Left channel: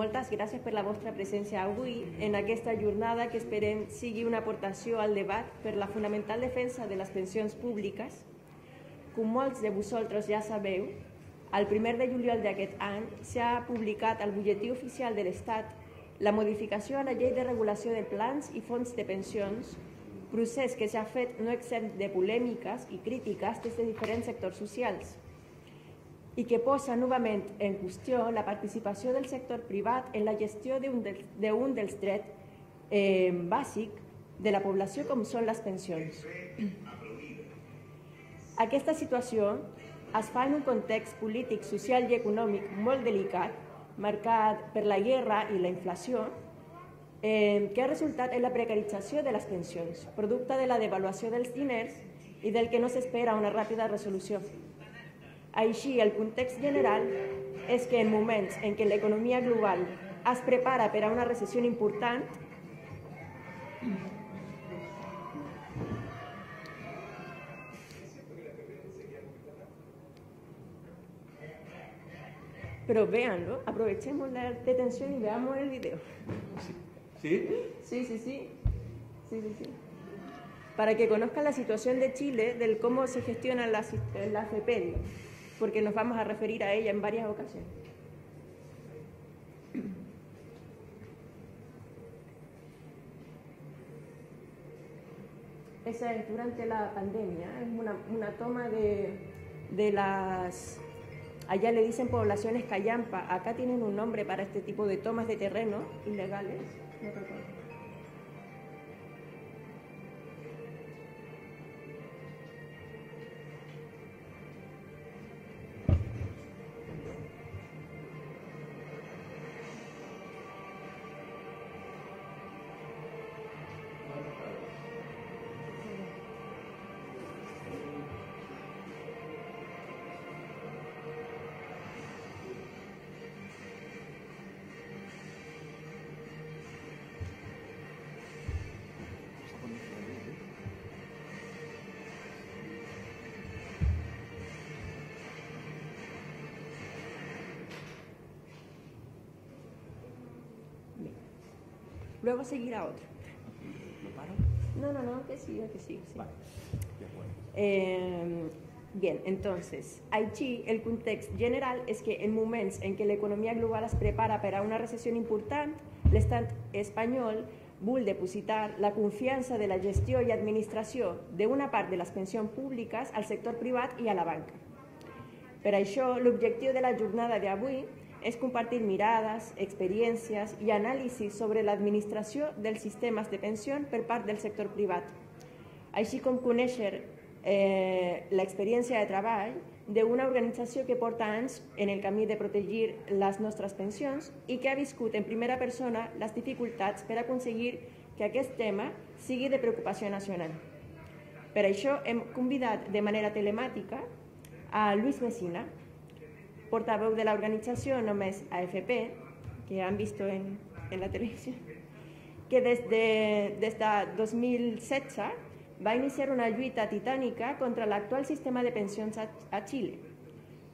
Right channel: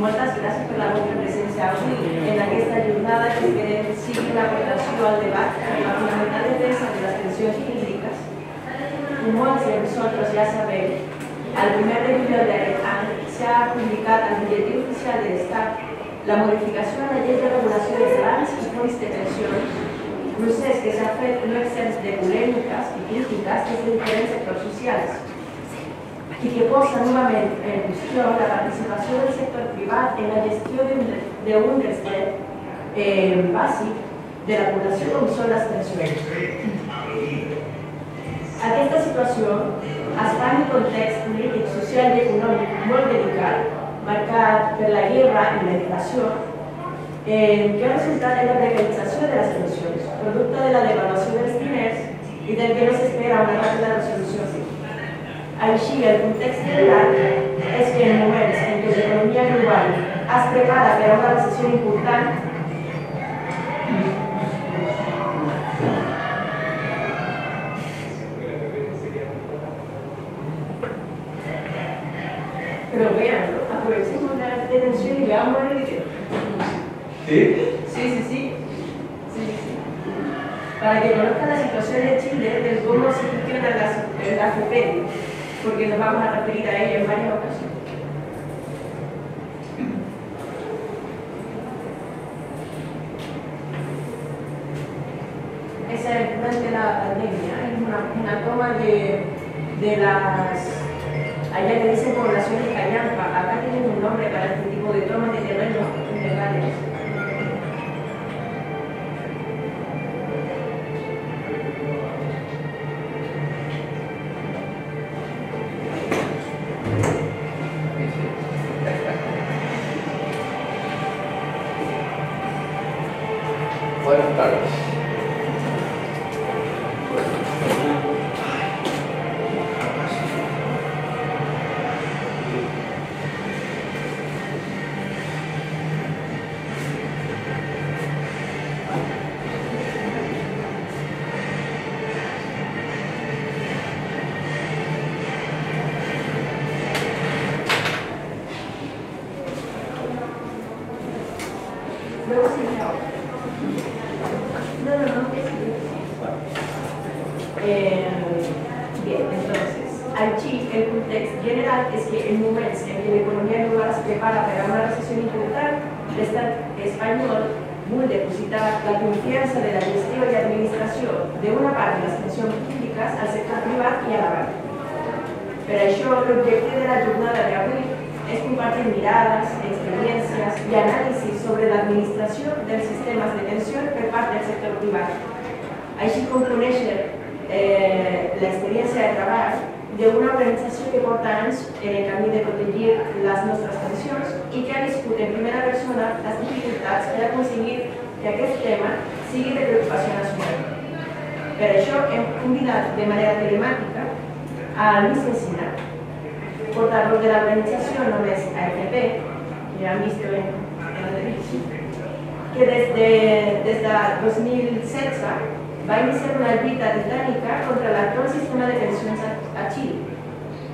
moltes gràcies per la vostra presència avui en aquesta jornada que sigui una aportació al debat amb la finalitat de defensa de les pensions jurídiques. Com molts de nosaltres ja sabem, el 1 de julio d'aquest any s'ha publicat al Butlletí Oficial de l'Estat la modificació de la llei de regulació de salaris i fons de pensions, procés que s'ha fet no exempt de polèmiques i crítiques des de diferents sectors socials, i que posa novament en qüestió la participació del sector privat en la gestió d'un dels drets bàsics de la població com són les pensions. Aquesta situació està en un context polític, social i econòmic molt delicat, marcat per la guerra i la inflació, que ha resultat en la precarització de les pensions, producte de la devaluació dels diners i del que no s'espera una ràpida resolució. Així, el context general és que en moments en què l'economia global es prepara per a una recessió important, pero vean, aprovechemos la atención y veamos el video. ¿Sí? Sí. Para que conozcan la situación de Chile, de cómo se funciona la FEDER, porque nos vamos a referir a ella en varias ocasiones. Esa es durante la pandemia, es una toma de las... Allá le dicen poblaciones callampa, acá tienen un nombre para este tipo de tomas de terrenos ilegales. Buenas tardes. Bien, entonces, allí el contexto general es que en moments en que l'economia global se prepara per a una recessió important, l'estat espanyol vol depositar la confiança de la gestió i administració d'una part de les pensions públiques al sector privat i a la banca. Per això, l'objecte de la jornada d'avui és compartir mirades, experiències i anàlisis sobre l'administració dels sistemes de pensió per part del sector privat, així com conèixer l'experiència de treball d'una organització que porta anys en el camí de protegir les nostres pensions i que ha viscut en primera persona les dificultats per aconseguir que aquest tema sigui de preocupació nacional. Per això hem convidat de manera telemàtica a Luis Messina, portador de l'organització només AFP, que han vist en el desig, que des de 2016 va iniciar una lluita titànica contra l'actual sistema de pensions a Xile,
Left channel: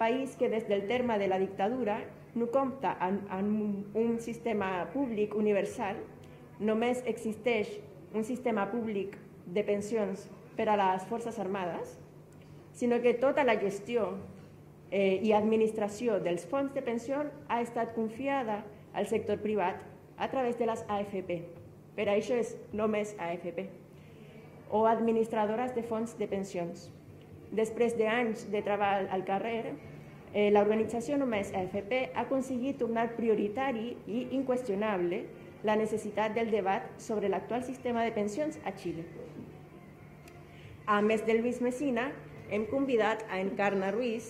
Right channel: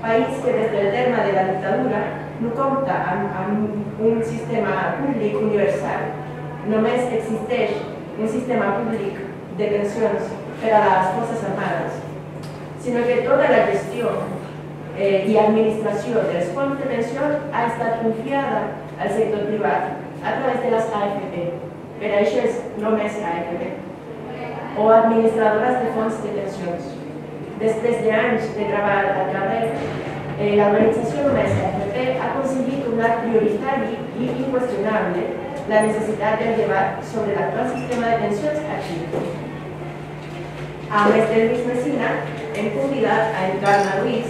país que des del terme de la dictadura no compta amb un sistema públic universal. Només existeix un sistema públic de pensions per a les Forces Armades, sinó que tota la gestió i administració dels fons de pensió ha estat confiada al sector privat a través de les AFP. Per això és només AFP. O administradores de fons de pensions. Després d'anys de treball al carrer, l'organització només AFP ha aconseguit un acte prioritari i inqüestionable la necessitat del debat sobre l'actual sistema de pensions a Xile. A més de Luis Messina, hem convidat a Encarna Ruiz,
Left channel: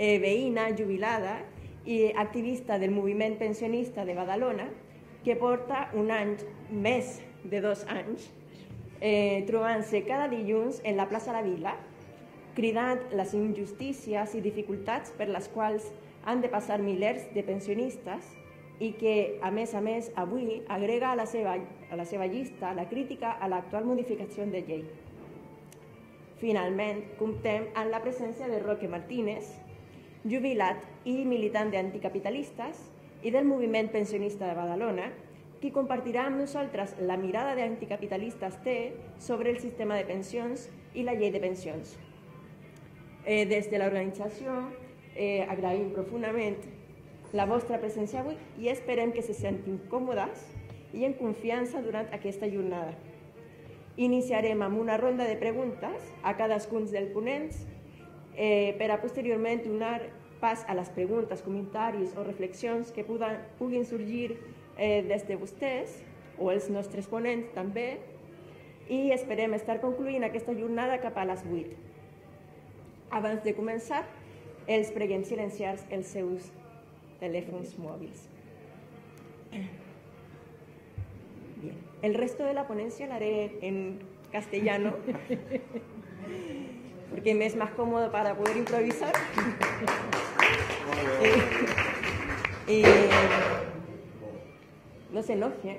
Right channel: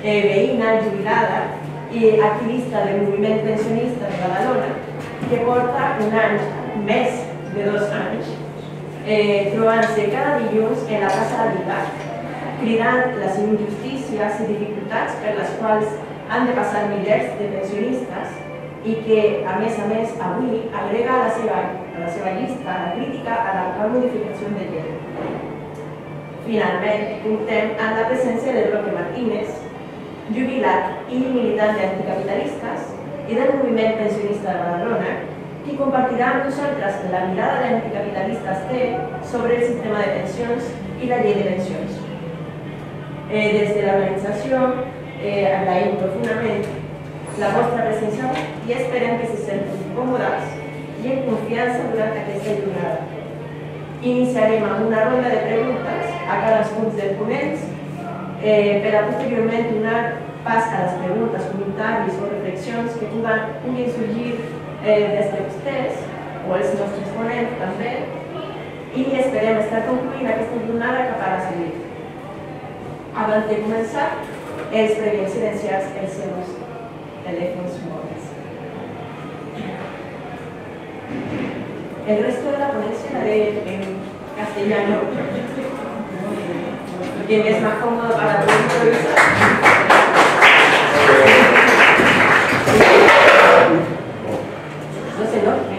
veïna, jubilada i activista del moviment pensionista de Badalona, que porta un any, més de 2 anys, trobant-se cada dilluns en la Casa Vila, cridant les injustícies i dificultats per les quals han de passar milers de pensionistes i que, a més, avui agrega a la seva llista la crítica a l'actual modificació de llei. Finalment, comptem amb la presència de Roque Martínez, jubilat i militant d'anticapitalistes, y del movimiento pensionista de Badalona, y compartirán nosotras la mirada de anticapitalistas sobre el sistema de pensiones y la ley de pensiones. Desde la organización agradecemos profundamente la vuestra presencia y esperan que se sientan cómodas y en confianza durante esta jornada. Iniciaremos una ronda de preguntas a cada uno de los ponentes, para posteriormente dar paso a las preguntas, comentarios o reflexiones que puedan surgir desde ustedes o de nuestros ponentes también, y esperemos estar concluida esta jornada para seguir. Antes de comenzar, es previo silenciar los teléfonos móviles. El resto de la ponencia la haré en castellano, que me es más cómodo para poder improvisar. No se enoje.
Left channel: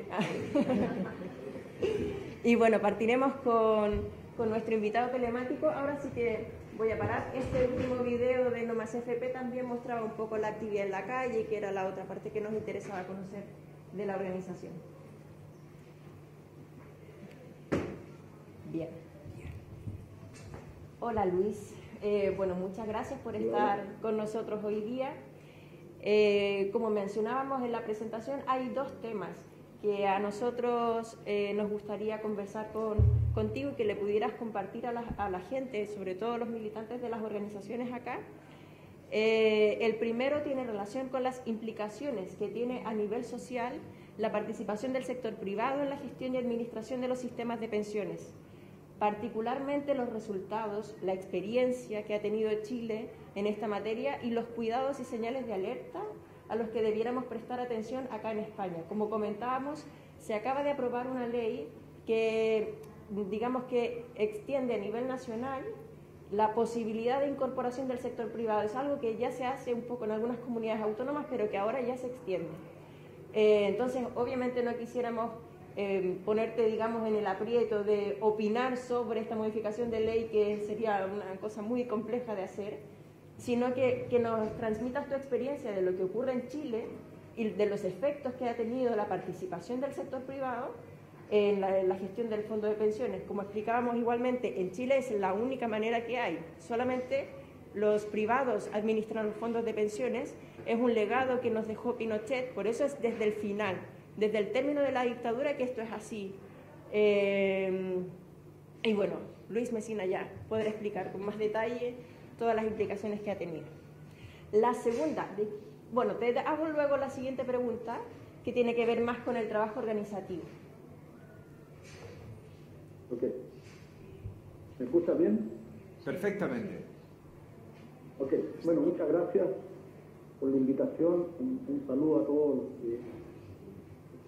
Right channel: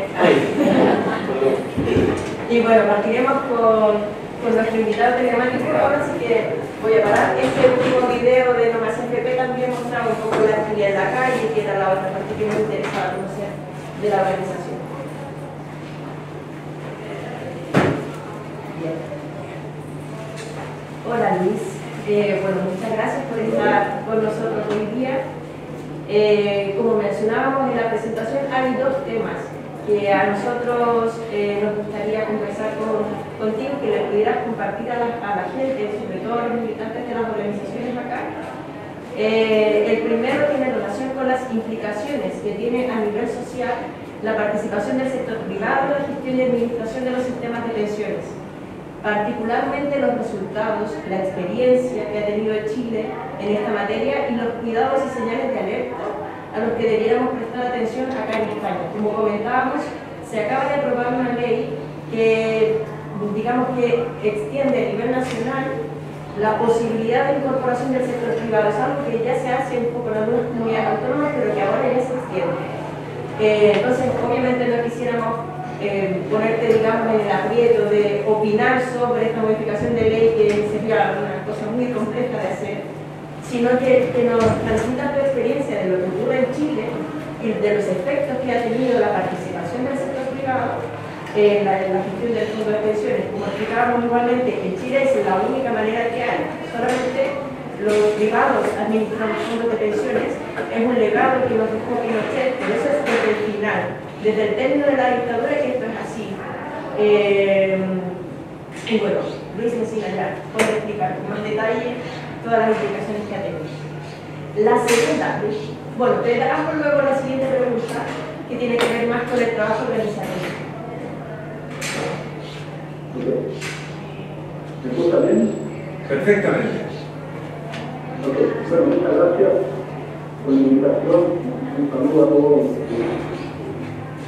Y bueno, partiremos con nuestro invitado telemático ahora, así que voy a parar. Este último video de Nomás FP también mostraba un poco la actividad en la calle, que era la otra parte que me interesaba conocer de la organización. Bien. Hola Luis, bueno, muchas gracias por estar con nosotros hoy día. Como mencionábamos en la presentación, hay dos temas que a nosotros nos gustaría conversar contigo, que le pudieras compartir a la gente, sobre todo a los militantes de las organizaciones acá. El primero tiene relación con las implicaciones que tiene a nivel social la participación del sector privado en la gestión y administración de los sistemas de pensiones, particularmente los resultados, la experiencia que ha tenido Chile en esta materia y los cuidados y señales de alerta a los que debiéramos prestar atención acá en España. Como comentábamos, se acaba de aprobar una ley que, digamos que extiende a nivel nacional la posibilidad de incorporación del sector privado. Es algo que ya se hace un poco en algunas comunidades autónomas, pero que ahora ya se extiende. Entonces, obviamente no quisiéramos ponerte, digamos, en el aprieto de opinar sobre esta modificación de ley, que sería una cosa muy compleja de hacer, sino que nos transmita tu experiencia de lo que ocurre en Chile y de los efectos que ha tenido la participación del sector privado en la gestión del fondo de pensiones. Como explicábamos igualmente, en Chile es la única manera que hay. Solamente los privados administran los fondos de pensiones. Es un legado que nos dejó Pinochet, pero eso es desde el final, desde el término de la dictadura, que esto es así. Y bueno, Luis enseñará cómo explicar con más detalle todas las implicaciones que ha tenido. La segunda, bueno, te damos luego la siguiente pregunta, que tiene que ver más con el trabajo organizativo. ¿Me gusta bien? Perfectamente. Bueno, muchas gracias por la invitación. Un saludo a todos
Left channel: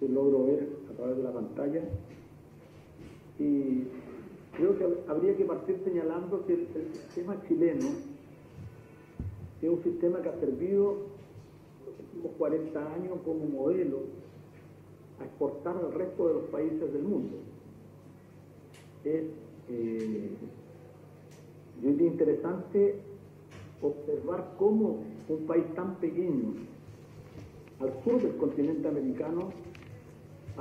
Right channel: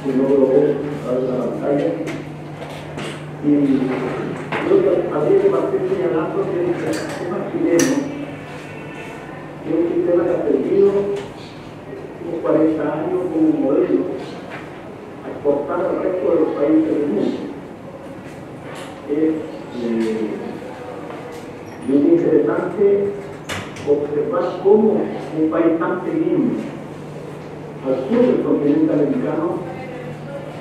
que no lo ven a través de la pantalla. Y creo que habría que partir señalando que el sistema chileno es un sistema que ha perdido por 40 años como modelo, exportando al resto de los países del mundo. Es interesante observar cómo un país tan pequeño al sur del continente americano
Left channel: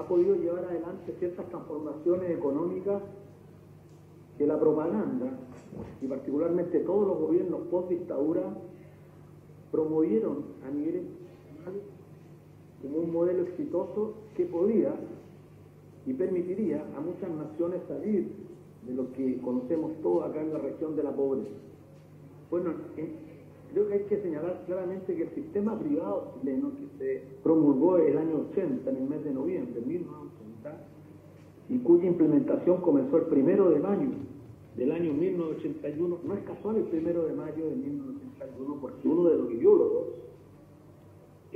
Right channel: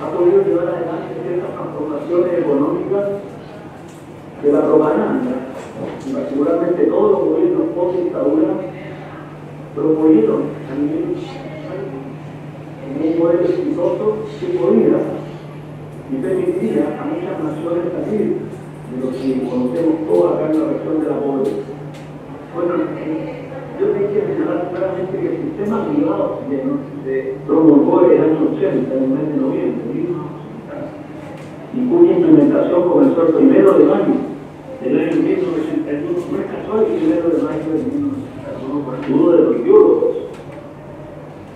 ha podido llevar adelante ciertas transformaciones económicas de la propaganda. Y particularmente todos los gobiernos post-dictadura promovieron a nivel un modelo exitoso que podía y permitía a muchas naciones salir de lo que conocemos todos acá en la región de la pobreza. Bueno, yo tengo que señalar claramente que el sistema privado se promulgó en el año 80, en el mes de noviembre, y cuya implementación comenzó el 1 de mayo del año 1981. No es casual que el 1 de mayo del 1981, uno de los ideólogos,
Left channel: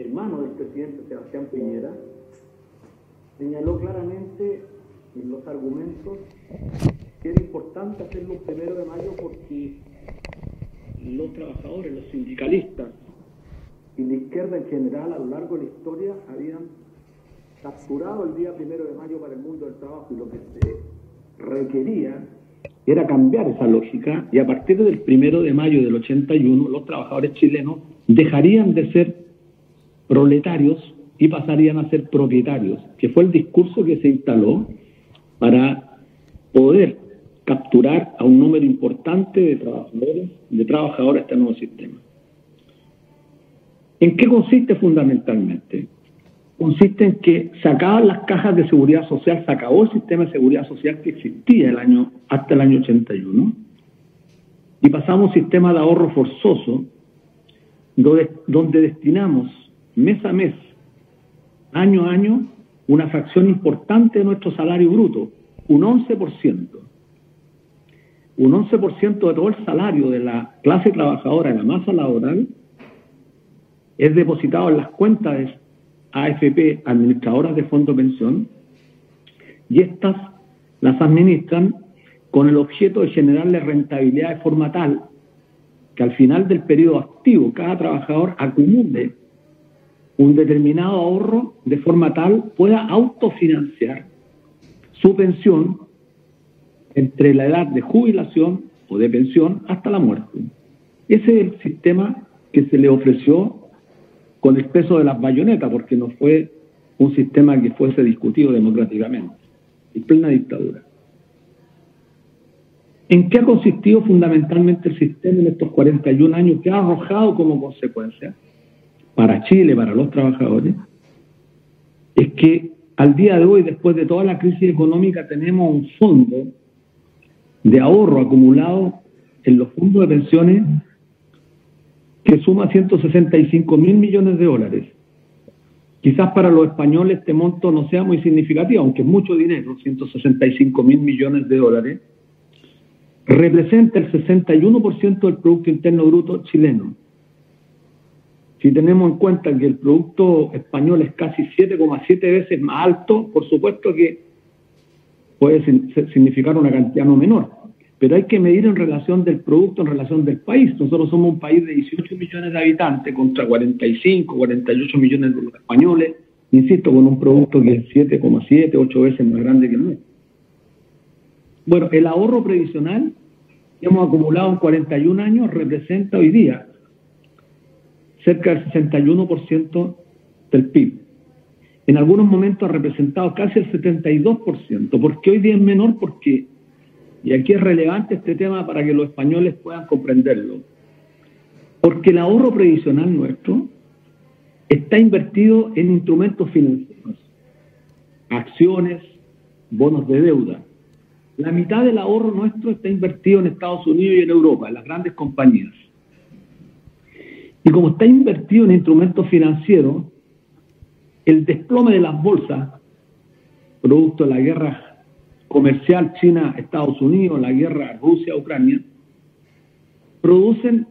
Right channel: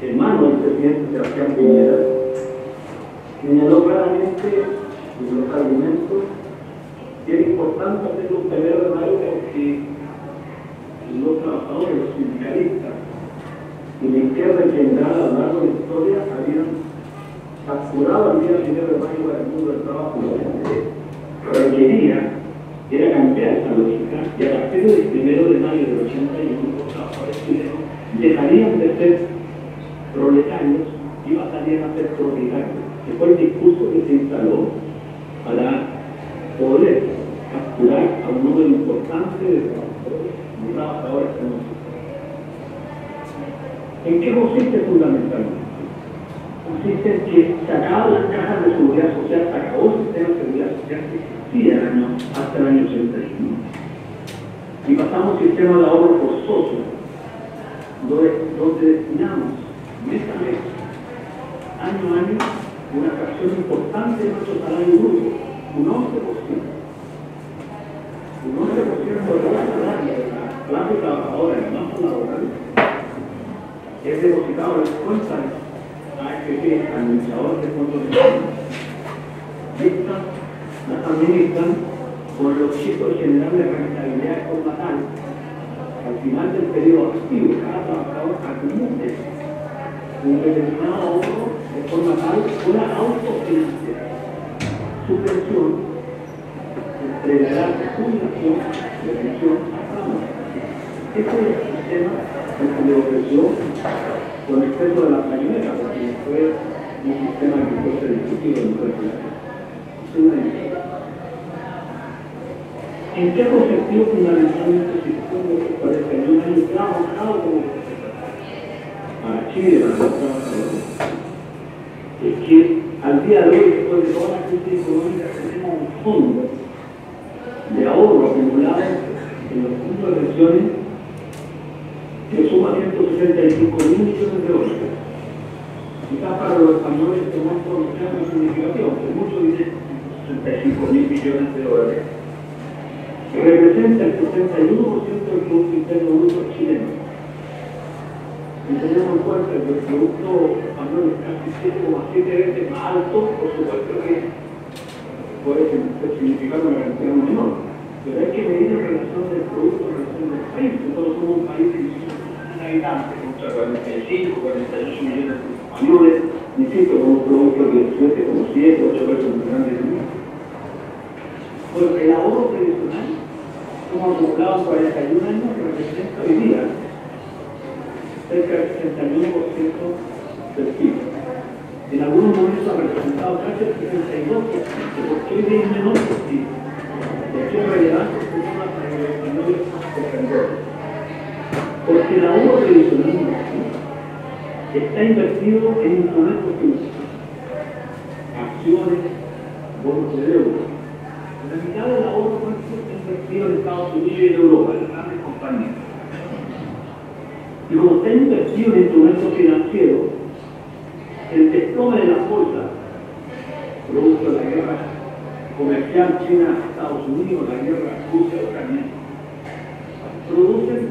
hermano del presidente Sebastián Piñera, señaló claramente en los argumentos que era importante hacer un 1 de mayo porque los trabajadores, los sindicalistas y la izquierda en general a lo largo de la historia habían capturado el día 1 de mayo para el mundo del trabajo. Lo que se requería era cambiar esa lógica, y a partir del 1 de mayo del 81 los trabajadores chilenos dejarían de ser proletarios y pasarían a ser propietarios, que fue el discurso que se instaló para poder capturar a un número importante de trabajadores de este nuevo sistema. ¿En qué consiste fundamentalmente? Consiste en que sacaban las cajas de seguridad social, se acabó el sistema de seguridad social que existía hasta el año 81 y pasamos a un sistema de ahorro forzoso donde destinamos mes a mes, año a año, una fracción importante de nuestro salario bruto, un 11%. Un 11% de todo el salario de la clase trabajadora en la masa laboral es depositado en las cuentas AFP, administradoras de fondo de pensión, y estas las administran con el objeto de generarle rentabilidad de forma tal que al final del periodo activo cada trabajador acumule un determinado ahorro de forma tal pueda autofinanciar su pensión entre la edad de jubilación o de pensión hasta la muerte. Ese es el sistema que se le ofreció con exceso de las bayonetas, porque no fue un sistema que fuese discutido democráticamente, en plena dictadura. ¿En qué ha consistido fundamentalmente el sistema en estos 41 años que ha arrojado como consecuencia para Chile, para los trabajadores? Es que al día de hoy, después de toda la crisis económica, tenemos un fondo de ahorro acumulado en los fondos de pensiones que suma 165.000 millones de dólares. Quizás para los españoles este monto no sea muy significativo, aunque es mucho dinero, 165.000 millones de dólares, representa el 61% del Producto Interno Bruto chileno. Si tenemos en cuenta que el Producto español es casi 7,7 veces más alto, por supuesto que puede significar una cantidad no menor, pero hay que medir en relación del producto, en relación del país. Nosotros somos un país de 18 millones de habitantes contra 45, 48 millones de españoles, insisto, con un producto que es 7,7, 8 veces más grande que nunca. Bueno, el ahorro previsional que hemos acumulado en 41 años representa hoy día cerca del 61% del PIB. En algunos momentos ha representado casi el 72%. ¿Por qué hoy día es menor? Porque, y aquí es relevante este tema para que los españoles puedan comprenderlo, porque el ahorro previsional nuestro está invertido en instrumentos financieros, acciones, bonos de deuda. La mitad del ahorro nuestro está invertido en Estados Unidos y en Europa, en las grandes compañías. Y como está invertido en instrumentos financieros, el desplome de las bolsas, producto de la guerra comercial China-Estados Unidos, la guerra Rusia-Ucrania, producen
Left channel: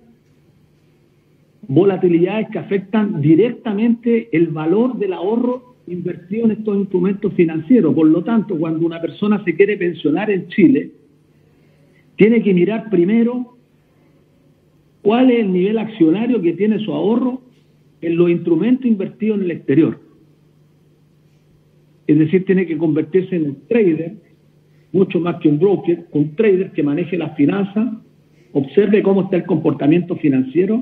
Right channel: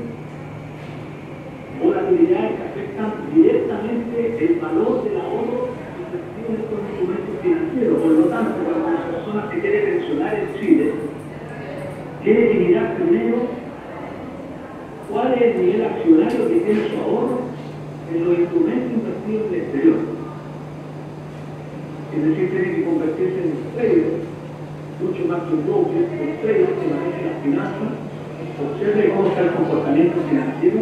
volatilidades que afectan directamente el valor del ahorro invertido en estos instrumentos financieros. Por lo tanto, cuando una persona se quiere pensionar en Chile, tiene que mirar primero cuál es el nivel accionario que tiene su ahorro en los instrumentos invertidos en el exterior. Es decir, tiene que convertirse en un trader, mucho más que un broker, un trader que maneje las finanzas, observe cómo está el comportamiento financiero,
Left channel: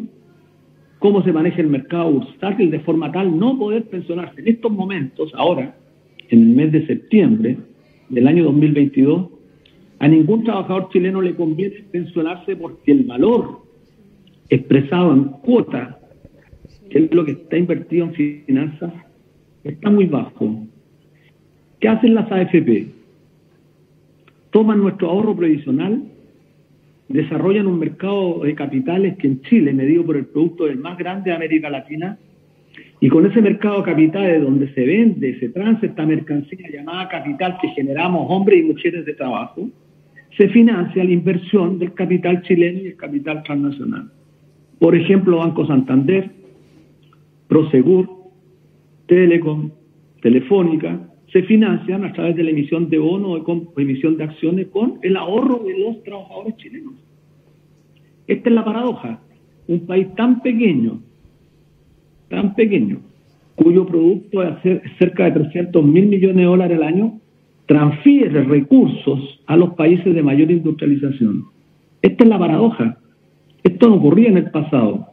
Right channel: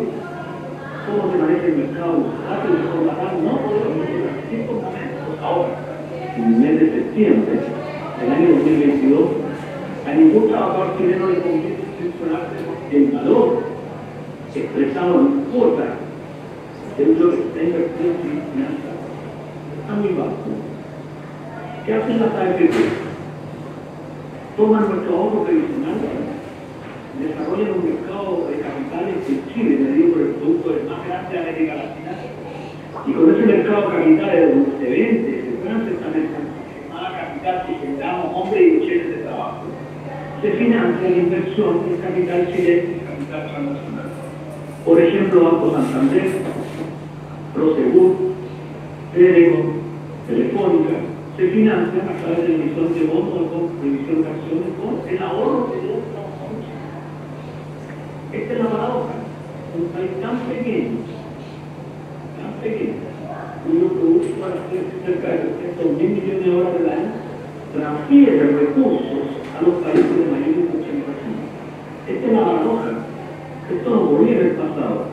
cómo se maneja el mercado bursátil, de forma tal no poder pensionar. En estos momentos, ahora, en el mes de septiembre del año 2022, a ningún trabajador chileno le conviene pensionarse porque el valor expresado en cuotas, que es lo que está invertido en finanzas, está muy bajo. ¿Qué hacen las AFP? Toman nuestro ahorro previsional, desarrollan un mercado de capitales que en Chile, medido por el producto del más grande de América Latina, y con ese mercado de capitales donde se vende, se transa esta mercancía llamada capital que generamos hombres y mujeres de trabajo, se financia la inversión del capital chileno, el capital transnacional. Por ejemplo, Banco Santander, Prosegur, Telecom, Telefónica, se financian a través de la emisión de bonos o con emisión de acciones con el ahorro de los trabajadores chilenos. Esta es la paradoja. Un país tan pequeño, cuyo producto es cerca de 300.000 millones de dólares al año, transfiere recursos a los países de mayor industrialización. Esta es la paradoja. Esto no ocurría en el pasado.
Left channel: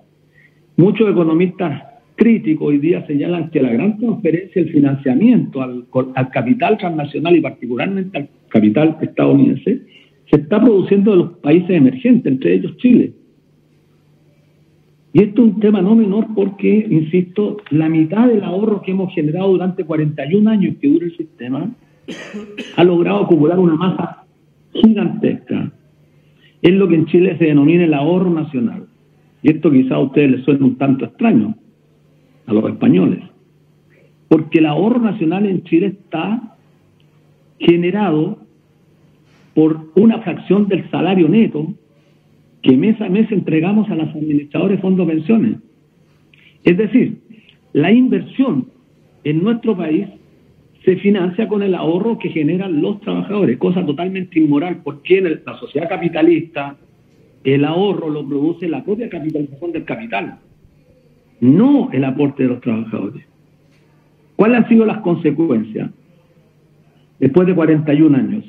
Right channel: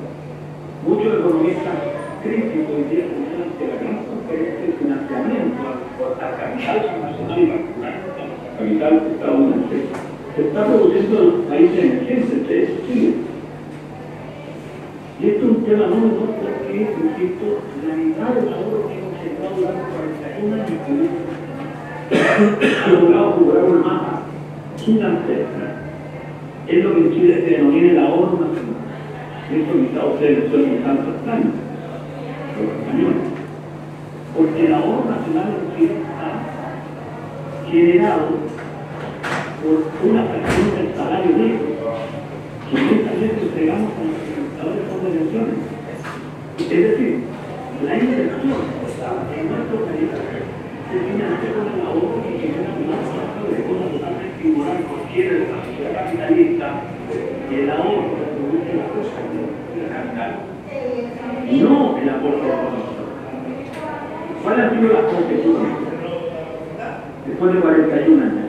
Muchos economistas críticos hoy día señalan que la gran transferencia del financiamiento al capital transnacional y particularmente al capital estadounidense se está produciendo en los países emergentes, entre ellos Chile. Y esto es un tema no menor porque, insisto, la mitad del ahorro que hemos generado durante 41 años que dura ese sistema ha logrado acumular una masa gigantesca. Es lo que en Chile se denomina el ahorro nacional. Y esto quizá a ustedes les suene un tanto extraño, a los españoles. Porque el ahorro nacional en Chile está generado por una fracción del salario neto que mes a mes entregamos a los administradores de fondos de pensiones. Es decir, la inversión en nuestro país se financia con el ahorro que generan los trabajadores, cosa totalmente inmoral porque en la sociedad capitalista el ahorro lo produce la propia capitalización del capital, no el aporte de los trabajadores. ¿Cuáles han sido las consecuencias? Después de 41 años,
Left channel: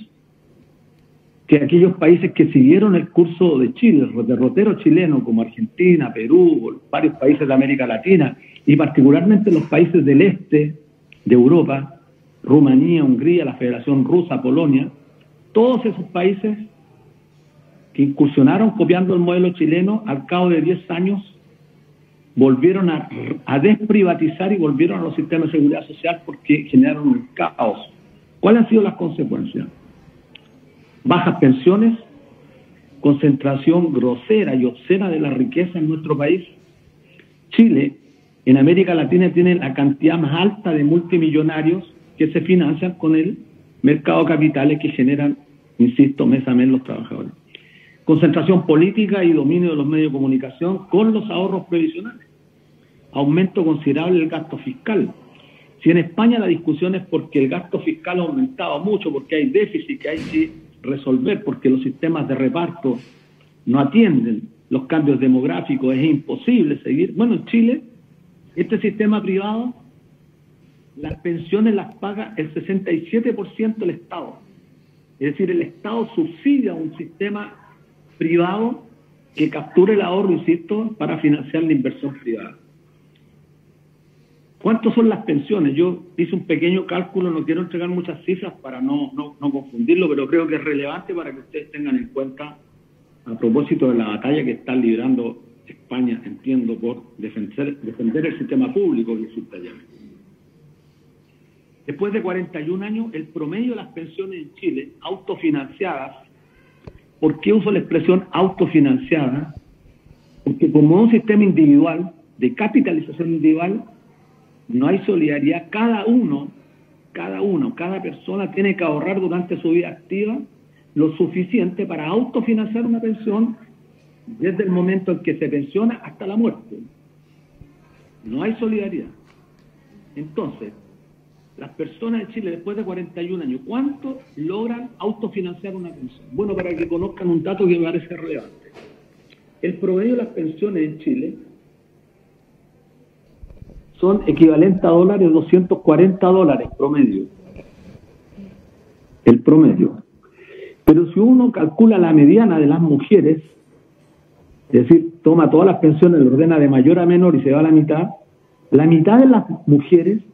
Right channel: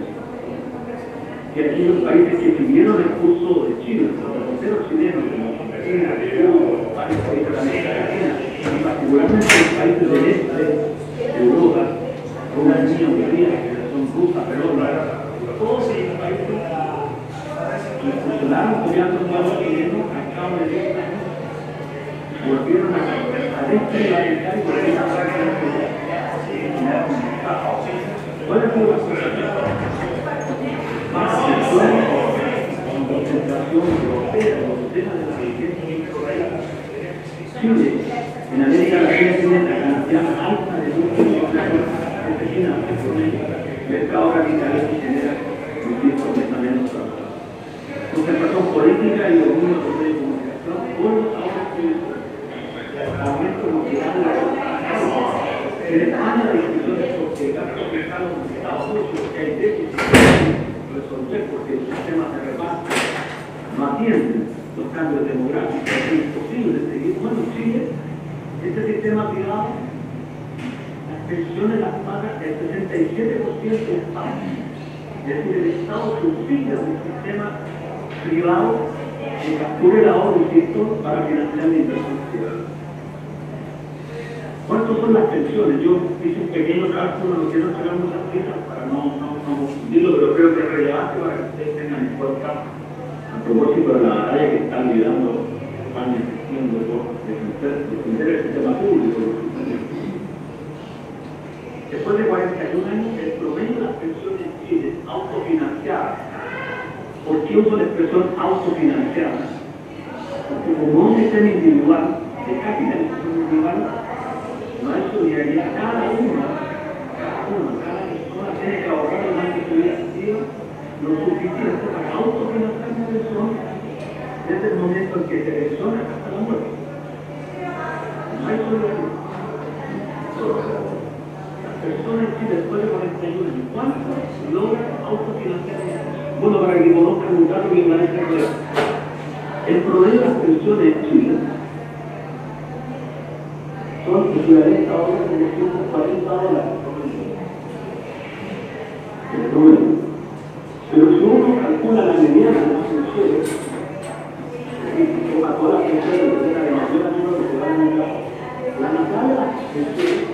que aquellos países que siguieron el curso de Chile, los derroteros chilenos como Argentina, Perú, varios países de América Latina y particularmente los países del este de Europa, Rumanía, Hungría, la Federación Rusa, Polonia, todos esos países que incursionaron copiando el modelo chileno, al cabo de 10 años volvieron a desprivatizar y volvieron a un sistema de seguridad social porque generaron un caos. ¿Cuáles han sido las consecuencias? Bajas pensiones, concentración grosera y obscena de la riqueza en nuestro país. Chile, en América Latina, tiene la cantidad más alta de multimillonarios que se financian con el mercado de capitales que generan, insisto, mes a mes los trabajadores. Concentración política y dominio de los medios de comunicación con los ahorros previsionales. Aumento considerable del gasto fiscal. Si en España la discusión es porque el gasto fiscal ha aumentado mucho, porque hay déficit que hay que resolver, porque los sistemas de reparto no atienden los cambios demográficos, es imposible seguir. Bueno, en Chile, este sistema privado, las pensiones las paga el 67% del Estado. Es decir, el Estado subsidia un sistema privado que capture el ahorro, insisto, para financiar la inversión privada. ¿Cuántas son las pensiones? Yo hice un pequeño cálculo, no quiero entregar muchas cifras para no confundirlo, pero creo que es relevante para que ustedes tengan en cuenta a propósito de la batalla que está liderando España, entiendo, por defender el sistema público. Después de 41 años, el promedio de las pensiones en Chile, autofinanciadas. ¿Por qué uso la expresión autofinanciada? Porque como un sistema individual, de capitalización individual, no hay solidaridad. Cada persona tiene que ahorrar durante su vida activa lo suficiente para autofinanciar una pensión desde el momento en que se pensiona hasta la muerte. No hay solidaridad. Entonces, las personas en Chile después de 41 años, ¿cuánto logran autofinanciar una pensión? Bueno, para que conozcan un dato que me parece claro. El promedio de las pensiones en Chile son equivalentes a dólares, $240 promedio. El promedio. Pero si uno calcula la mediana de las mujeres, es decir, toma todas las pensiones y ordena de mayor a menor y se va a la mitad de las mujeres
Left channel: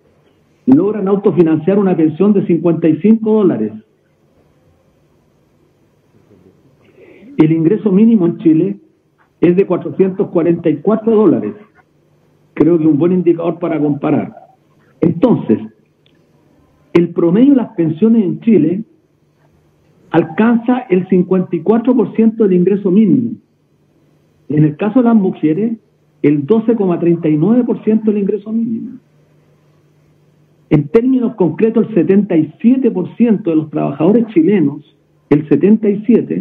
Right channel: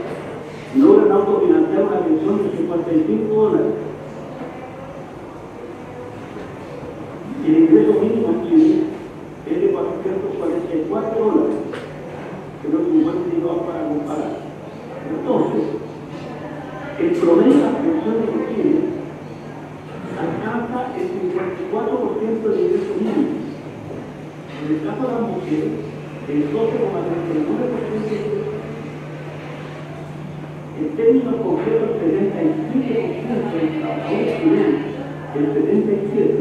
logran autofinanciar una pensión de $55. El ingreso mínimo en Chile es de $444. Creo que es un buen indicador para comparar. Entonces, el promedio de las pensiones en Chile alcanza el 54% del ingreso mínimo. En el caso de las mujeres, el 12,39% del ingreso mínimo. En términos concretos, el 77% de los trabajadores chilenos, el 77%,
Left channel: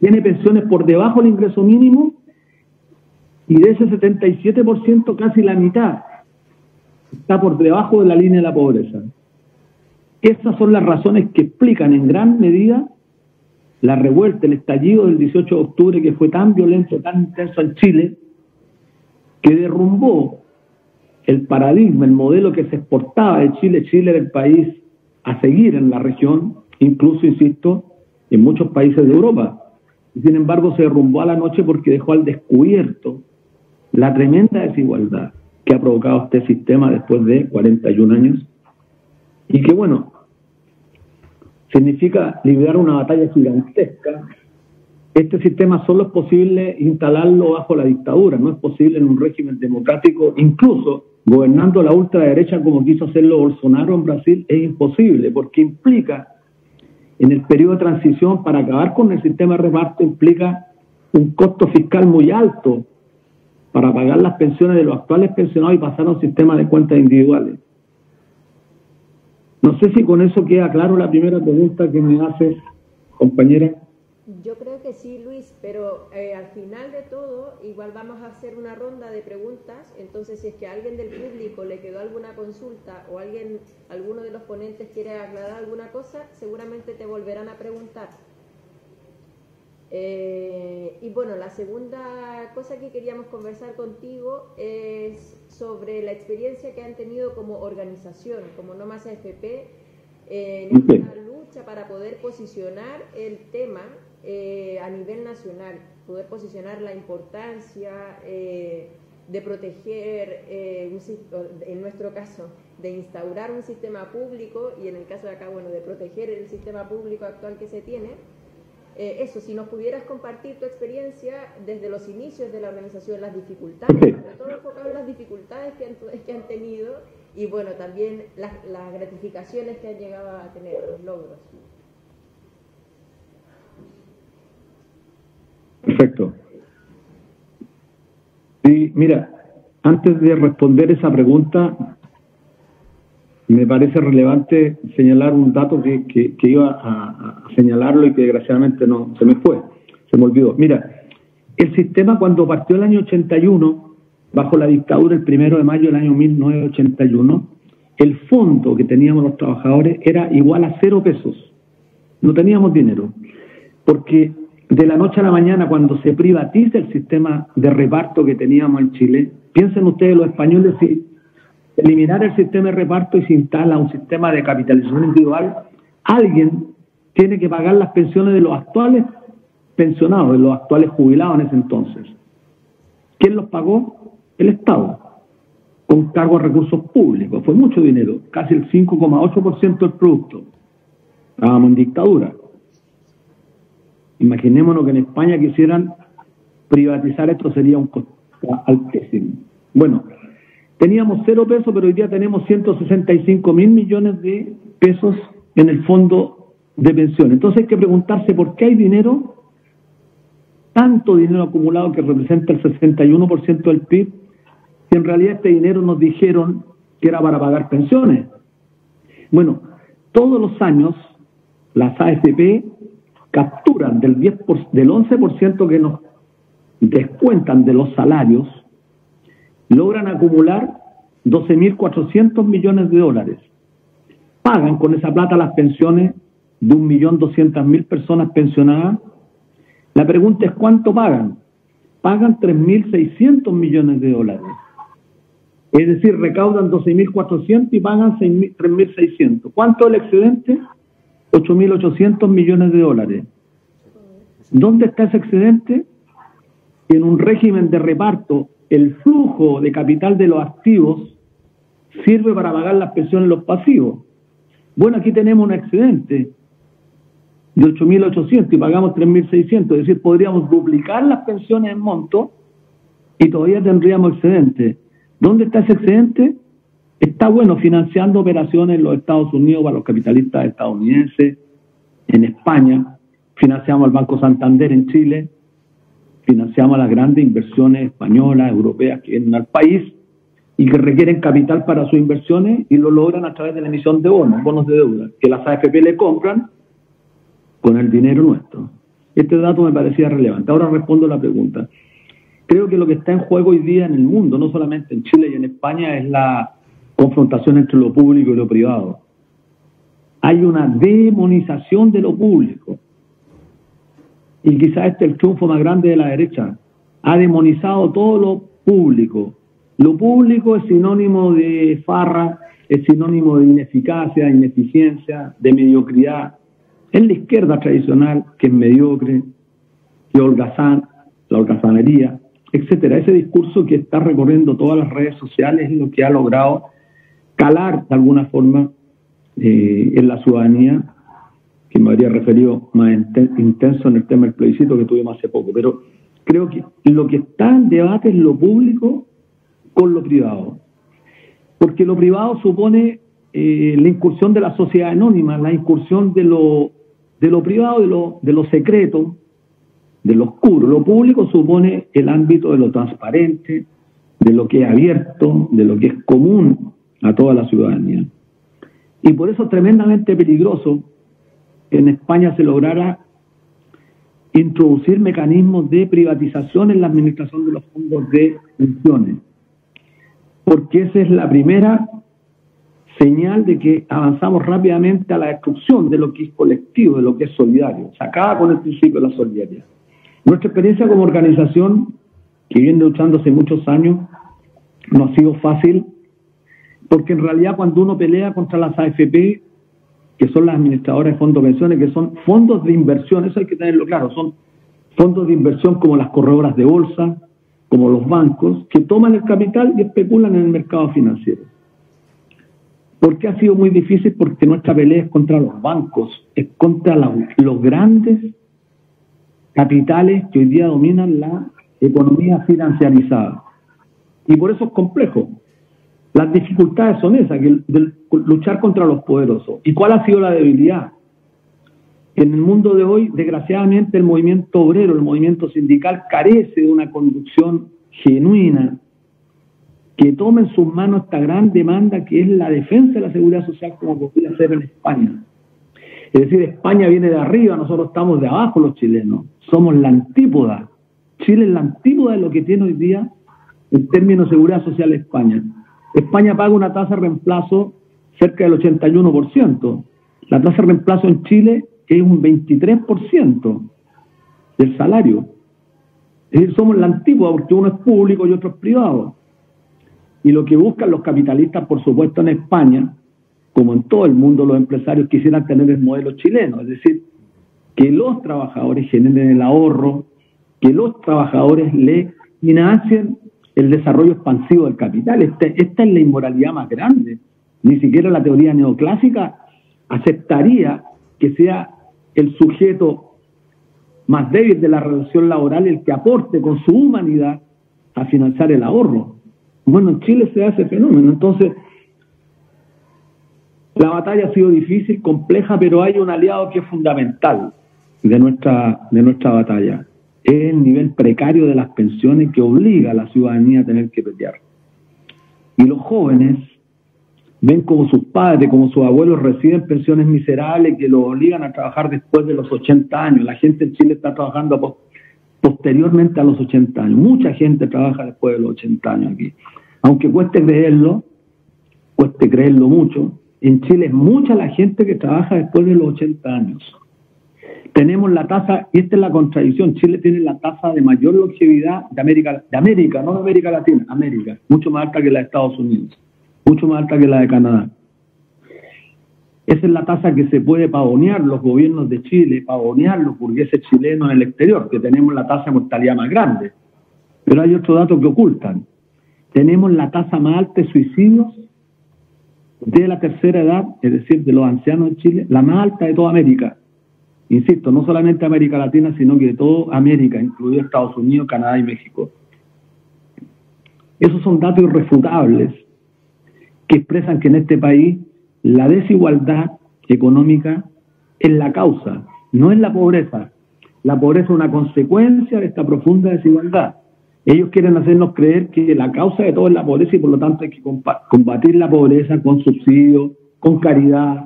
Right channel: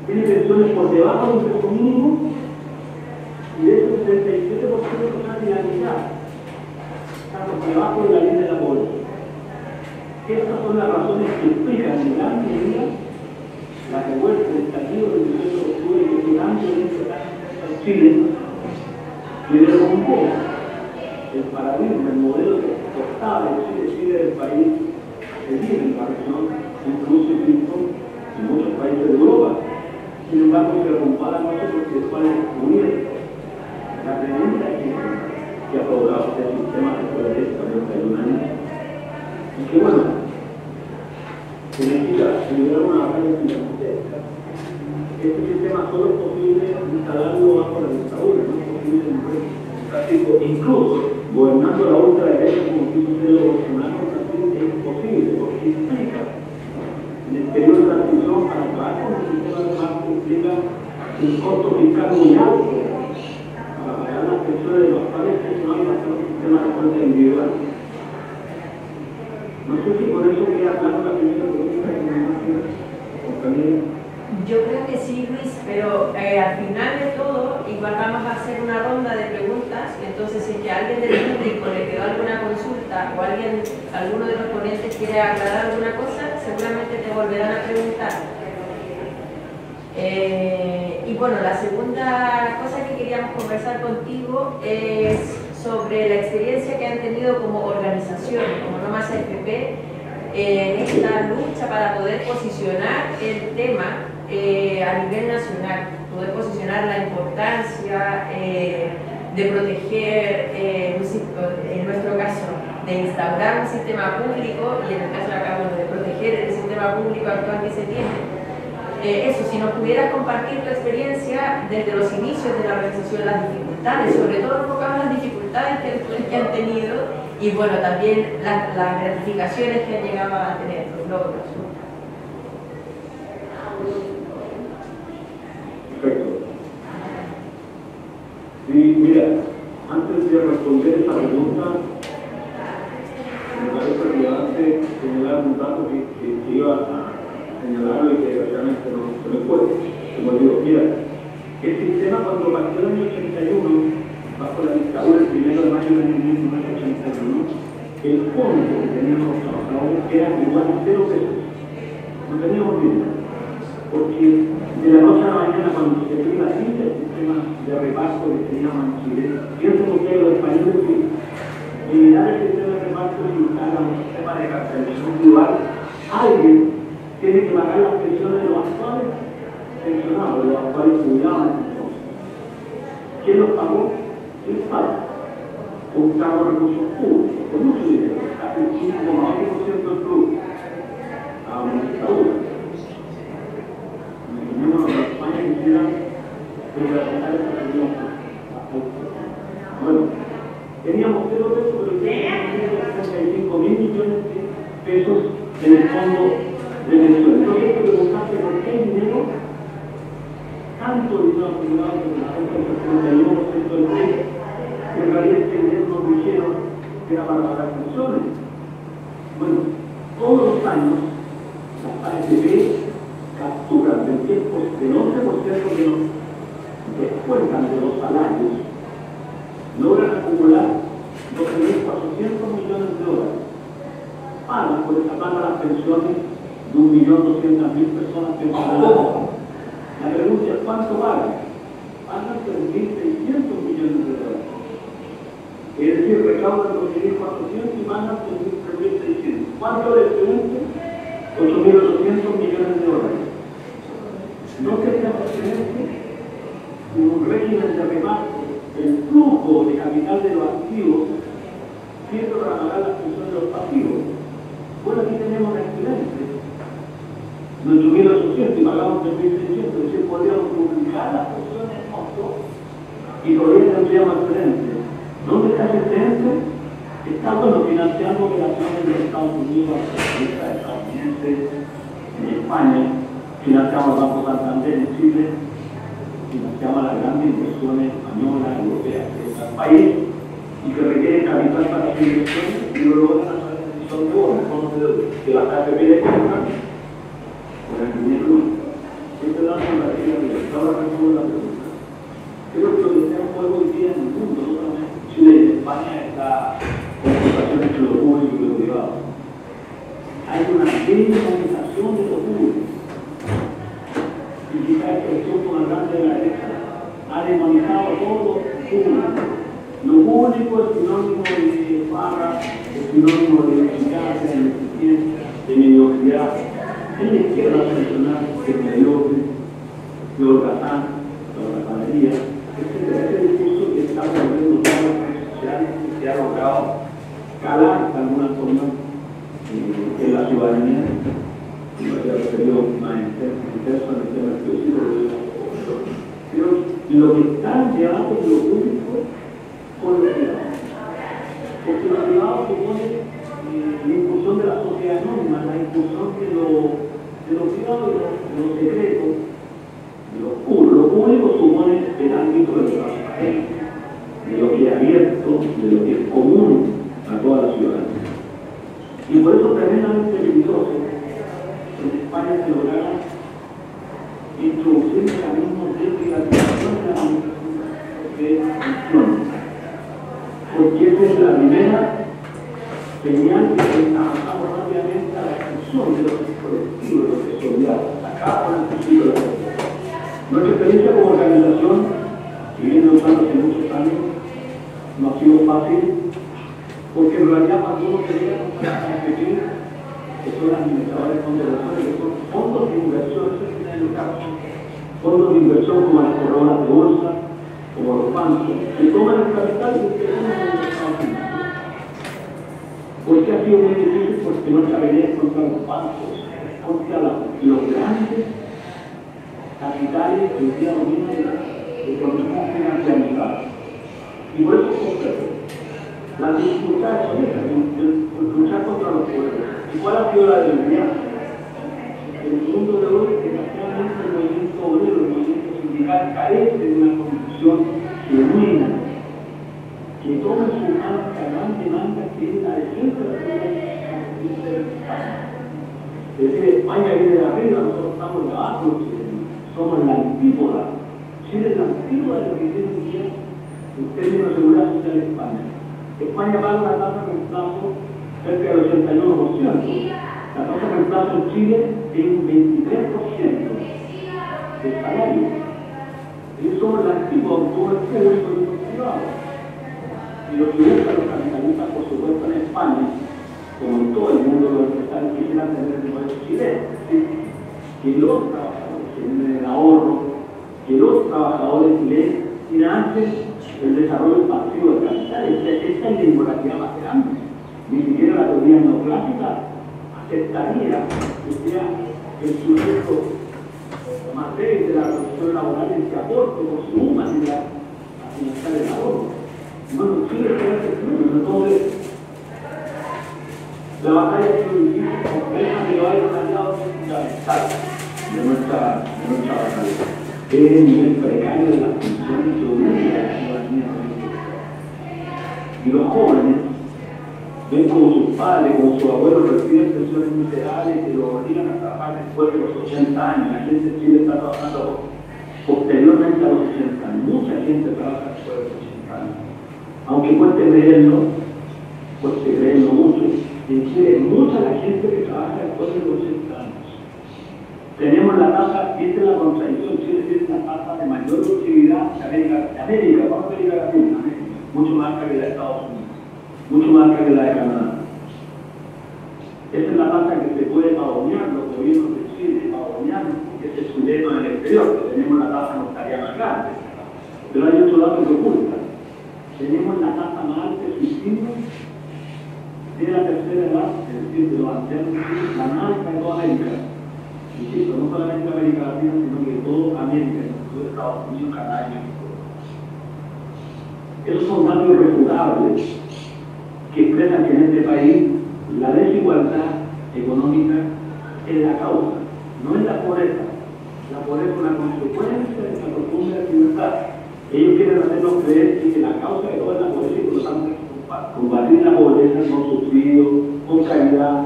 tiene pensiones por debajo del ingreso mínimo, y de ese 77% casi la mitad está por debajo de la línea de la pobreza. Estas son las razones que explican en gran medida la revuelta, el estallido del 18 de octubre, que fue tan violento, tan intenso en Chile, que derrumbó el paradigma, el modelo que se exportaba de Chile. Chile era el país a seguir en la región, incluso, insisto, en muchos países de Europa. Sin embargo, se derrumbó a la noche porque dejó al descubierto la tremenda desigualdad. que ha provocado este sistema después de 41 años y que, bueno, significa liberar una batalla gigantesca. Este sistema solo es posible instalarlo bajo la dictadura, no es posible en un régimen democrático, incluso gobernando la ultraderecha como quiso hacerlo Bolsonaro en Brasil, es imposible, porque implica, en el periodo de transición, para acabar con el sistema de reparto, implica un costo fiscal muy alto para pagar las pensiones de los actuales pensionados y pasar a un sistema de cuenta individual. No sé si con eso queda claro la primera pregunta que me hace, compañera. Yo creo que sí, Luis, pero al final de todo, igual vamos a hacer una ronda de preguntas, entonces si que alguien del público le quedó alguna consulta o alguno de los ponentes quiere aclarar alguna cosa, seguramente te volverán a preguntar. Y bueno, la segunda cosa que queríamos conversar contigo es sobre la experiencia que han tenido como organización, como No Más AFP, en esta lucha para poder posicionar el tema a nivel nacional, poder posicionar la importancia de proteger, en nuestro caso, de instaurar un sistema público y en el caso de acá, bueno, de proteger el sistema público actual que se tiene. Eso, si nos pudieras compartir tu experiencia desde los inicios de la organización, las dificultades, sobre todo enfocado en las dificultades que han tenido y bueno, también las gratificaciones que han llegado a tener, los logros. Perfecto. Sí, mira, antes de responder esa pregunta, me parece relevante señalar un dato que iba a señalarlo y que desgraciadamente no se me fue, se me olvidó. Mira, el sistema cuando partió el año 81, bajo la dictadura, el 1 de mayo del año 1981, el fondo que teníamos los trabajadores era igual a 0 pesos. No teníamos dinero, porque de la noche a la mañana, cuando se privatiza el sistema de reparto que teníamos en Chile, piensen ustedes los españoles, si eliminar el sistema de reparto y se instala un sistema de capitalización individual, alguien tiene que pagar las pensiones de los actuales pensionados, de los actuales jubilados en ese entonces. ¿Quién los pagó? El Estado, con cargo a recursos públicos, con mucho dinero, casi el 5,8% del producto. Estábamos en dictadura. Imaginémonos que en España quisieran privatizar esto, sería un costo altísimo. Bueno, teníamos 0 pesos, pero hoy día tenemos 165.000 millones de pesos en el fondo de pensión. Entonces hay que preguntarse por qué hay dinero, tanto dinero acumulado que representa el 71% del PIB, y en realidad este dinero nos dijeron que era para pagar pensiones. Bueno, todos los años las AFP capturan del 11% que nos descuentan de los salarios, logran acumular 12.400 millones de dólares. Pagan con esa plata las pensiones de 1.200.000 personas pensionadas. La pregunta es ¿cuánto pagan? Pagan 3.600 millones de dólares. Es decir, recaudan 12.400 y pagan 3.600. ¿Cuánto es el excedente? 8.800 millones de dólares. ¿Dónde está ese excedente? En un régimen de reparto, el flujo de capital de los activos sirve para pagar las pensiones de los pasivos. Bueno, aquí tenemos un excedente de 8.800 y pagamos 3.600, es decir, podríamos duplicar las pensiones en monto y todavía tendríamos excedente. ¿Dónde está ese excedente? Está, bueno, financiando operaciones en los Estados Unidos para los capitalistas estadounidenses, en España, financiamos al Banco Santander en Chile, financiamos las grandes inversiones españolas, europeas que vienen al país y que requieren capital para sus inversiones y lo logran a través de la emisión de bonos de deuda, que las AFP le compran con el dinero nuestro. Este dato me parecía relevante. Ahora respondo la pregunta. Creo que lo que está en juego hoy día en el mundo, no solamente en Chile y en España, es la confrontación entre lo público y lo privado. Hay una demonización de lo público. Y quizás este es el triunfo más grande de la derecha. Ha demonizado todo lo público. Lo público es sinónimo de farra, es sinónimo de ineficacia, de ineficiencia, de mediocridad. Es la izquierda tradicional que es mediocre, de holgazán, la holgazanería. etcétera. Ese discurso que está recorriendo todas las redes sociales y que ha logrado calar de alguna forma en la ciudadanía, que me habría referido más intenso en el tema del plebiscito que tuvimos hace poco. Pero creo que lo que está en debate es lo público con lo privado. Porque lo privado supone la incursión de la sociedad anónima, la incursión de lo privado, de lo secreto, de lo oscuro. Lo público supone el ámbito de lo transparente, de lo que es abierto, de lo que es común a toda la ciudadanía. Y por eso es tremendamente peligroso que en España se lograra introducir mecanismos de privatización en la administración de los fondos de pensiones, porque esa es la primera señal de que avanzamos rápidamente a la destrucción de lo que es colectivo, de lo que es solidario. Se acaba con el principio de la solidaridad. Nuestra experiencia como organización, que viene luchando hace muchos años, no ha sido fácil, porque en realidad cuando uno pelea contra las AFP, que son las administradoras de fondos de pensiones, que son fondos de inversión, eso hay que tenerlo claro, son fondos de inversión como las corredoras de bolsa, como los bancos, que toman el capital y especulan en el mercado financiero. ¿Por qué ha sido muy difícil? Porque nuestra pelea es contra los bancos, es contra los grandes capitales que hoy día dominan la economía financiarizada. Y por eso es complejo. Las dificultades son esas, luchar contra los poderosos. ¿Y cuál ha sido la debilidad? En el mundo de hoy, desgraciadamente, el movimiento obrero, el movimiento sindical, carece de una conducción genuina que tome en sus manos esta gran demanda que es la defensa de la seguridad social como podría ser en España. Es decir, España viene de arriba, nosotros estamos de abajo los chilenos. Somos la antípoda. Chile es la antípoda de lo que tiene hoy día en términos de seguridad social España. España paga una tasa de reemplazo cerca del 81%. La tasa de reemplazo en Chile es un 23% del salario. Es decir, somos la antigua porque uno es público y otro es privado. Y lo que buscan los capitalistas, por supuesto, en España, como en todo el mundo, los empresarios quisieran tener el modelo chileno. Es decir, que los trabajadores generen el ahorro, que los trabajadores le financien el desarrollo expansivo del capital. Esta es la inmoralidad más grande. Ni siquiera la teoría neoclásica aceptaría que sea el sujeto más débil de la relación laboral el que aporte con su humanidad a financiar el ahorro. Bueno, en Chile se da ese fenómeno. Entonces, la batalla ha sido difícil, compleja, pero hay un aliado que es fundamental de nuestra batalla. Es el nivel precario de las pensiones que obliga a la ciudadanía a tener que pelear. Y los jóvenes ven como sus padres, como sus abuelos reciben pensiones miserables que los obligan a trabajar después de los 80 años. La gente en Chile está trabajando posteriormente a los 80 años. Mucha gente trabaja después de los 80 años. Aunque cueste creerlo mucho, en Chile es mucha la gente que trabaja después de los 80 años. Tenemos la tasa, y esta es la contradicción, Chile tiene la tasa de mayor longevidad de América, no de América Latina, América, mucho más alta que la de Estados Unidos, mucho más alta que la de Canadá. Esa es la tasa que se puede pavonear los gobiernos de Chile, pavonear los burgueses chilenos en el exterior, que tenemos la tasa de mortalidad más grande. Pero hay otro dato que ocultan. Tenemos la tasa más alta de suicidio de la tercera edad, es decir, de los ancianos de Chile, la más alta de toda América. Insisto, no solamente América Latina, sino que de toda América, incluido Estados Unidos, Canadá y México. Esos son datos irrefutables que expresan que en este país la desigualdad económica es la causa, no es la pobreza. La pobreza es una consecuencia de esta profunda desigualdad. Ellos quieren hacernos creer que la causa de todo es la pobreza y por lo tanto hay que combatir la pobreza con subsidios, con caridad,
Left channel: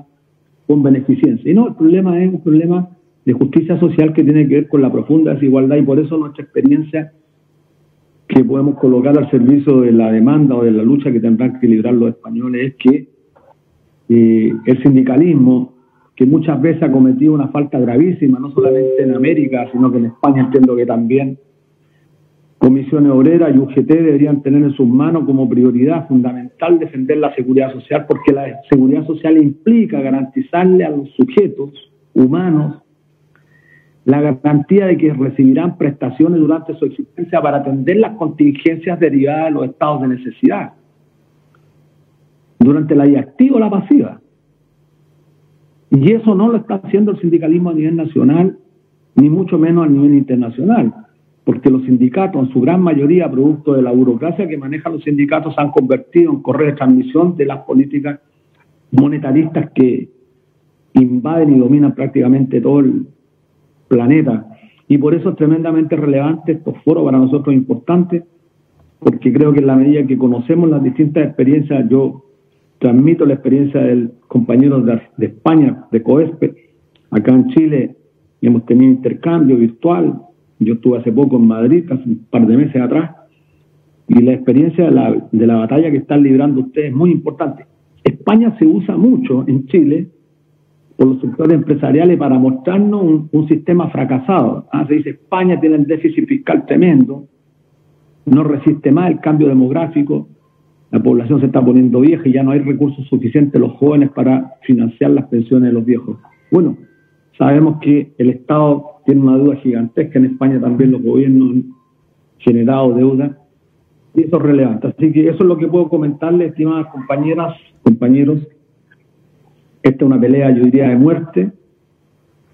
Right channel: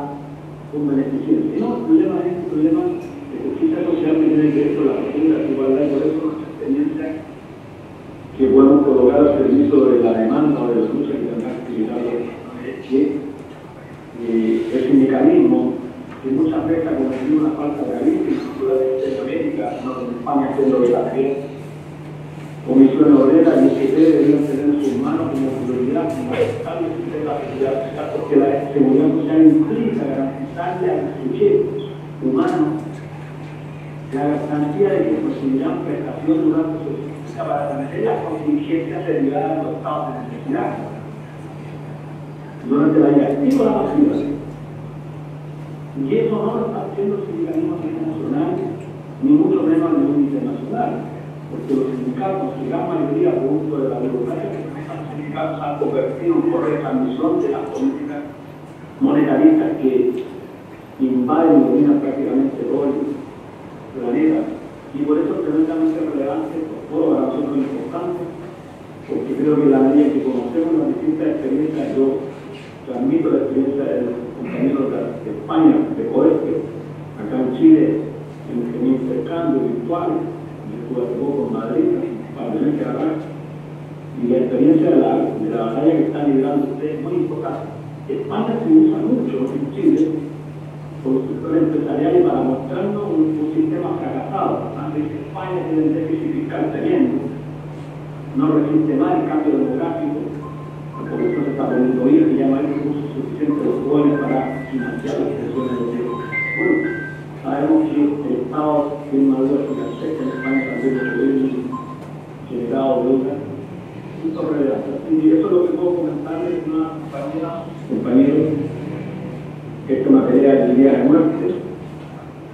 con beneficencia. Y no, el problema es un problema de justicia social que tiene que ver con la profunda desigualdad y por eso nuestra experiencia que podemos colocar al servicio de la demanda o de la lucha que tendrán que librar los españoles es que el sindicalismo, que muchas veces ha cometido una falta gravísima, no solamente en América, sino que en España entiendo que también, Comisión Obrera y UGT deberían tener en sus manos como prioridad fundamental defender la seguridad social, porque la seguridad social implica garantizarle a los sujetos humanos la garantía de que recibirán prestaciones durante su existencia para atender las contingencias derivadas de los estados de necesidad, durante la vida activa o la pasiva. Y eso no lo está haciendo el sindicalismo a nivel nacional, ni mucho menos a nivel internacional, porque los sindicatos, en su gran mayoría, producto de la burocracia que manejan los sindicatos, se han convertido en correa de transmisión de las políticas monetaristas que invaden y dominan prácticamente todo el planeta. Y por eso es tremendamente relevante estos foros, para nosotros importantes, porque creo que en la medida que conocemos las distintas experiencias, yo transmito la experiencia del compañero de España, de COESPE. Acá en Chile hemos tenido intercambio virtual. Yo estuve hace poco en Madrid, casi un par de meses atrás, y la experiencia de la batalla que están librando ustedes es muy importante. España se usa mucho en Chile por los sectores empresariales para mostrarnos un sistema fracasado. Se dice, España tiene el déficit fiscal tremendo, no resiste más el cambio demográfico, la población se está poniendo vieja y ya no hay recursos suficientes los jóvenes para financiar las pensiones de los viejos. Bueno, sabemos que el Estado tiene una deuda gigantesca en España, también los gobiernos han generado deuda, y esto es relevante. Así que eso es lo que puedo comentarles, estimadas compañeras, compañeros. Esta es una pelea de día de muerte.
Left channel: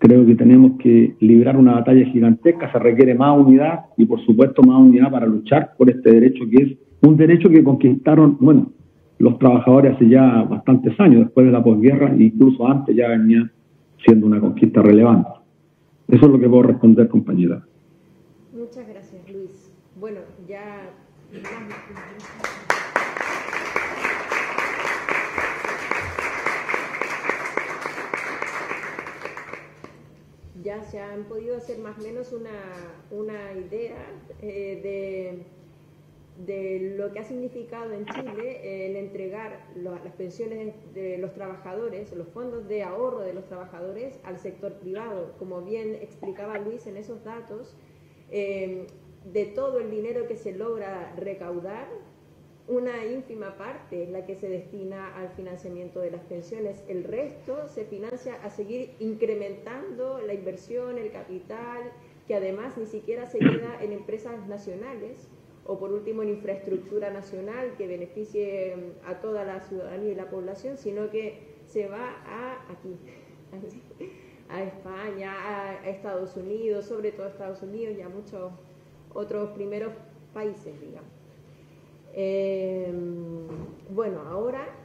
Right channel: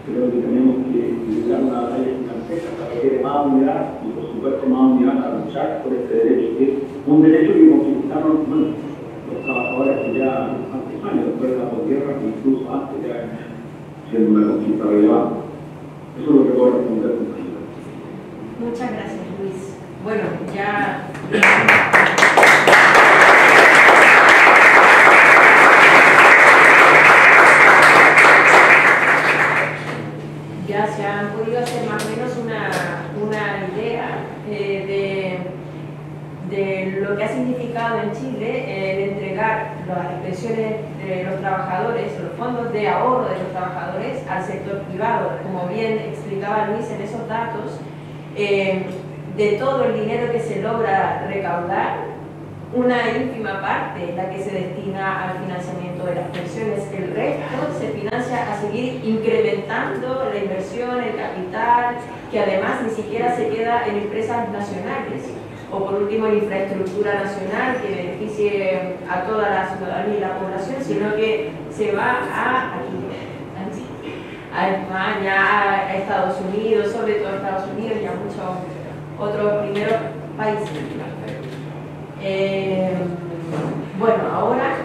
Creo que tenemos que librar una batalla gigantesca, se requiere más unidad y por supuesto más unidad para luchar por este derecho, que es un derecho que conquistaron, bueno, los trabajadores hace ya bastantes años, después de la posguerra, incluso antes ya venía siendo una conquista relevante. Eso es lo que puedo responder, compañera. Muchas gracias, Luis. Bueno, ya se han podido hacer más o menos una idea de lo que ha significado en Chile el entregar las pensiones de los trabajadores, los fondos de ahorro de los trabajadores al sector privado. Como bien explicaba Luis en esos datos, de todo el dinero que se logra recaudar, una ínfima parte es la que se destina al financiamiento de las pensiones. El resto se financia a seguir incrementando la inversión, el capital, que además ni siquiera se queda en empresas nacionales, o por último en infraestructura nacional que beneficie a toda la ciudadanía y la población, sino que se va a España, a Estados Unidos, sobre todo a Estados Unidos y a muchos otros primeros países. Bueno, ahora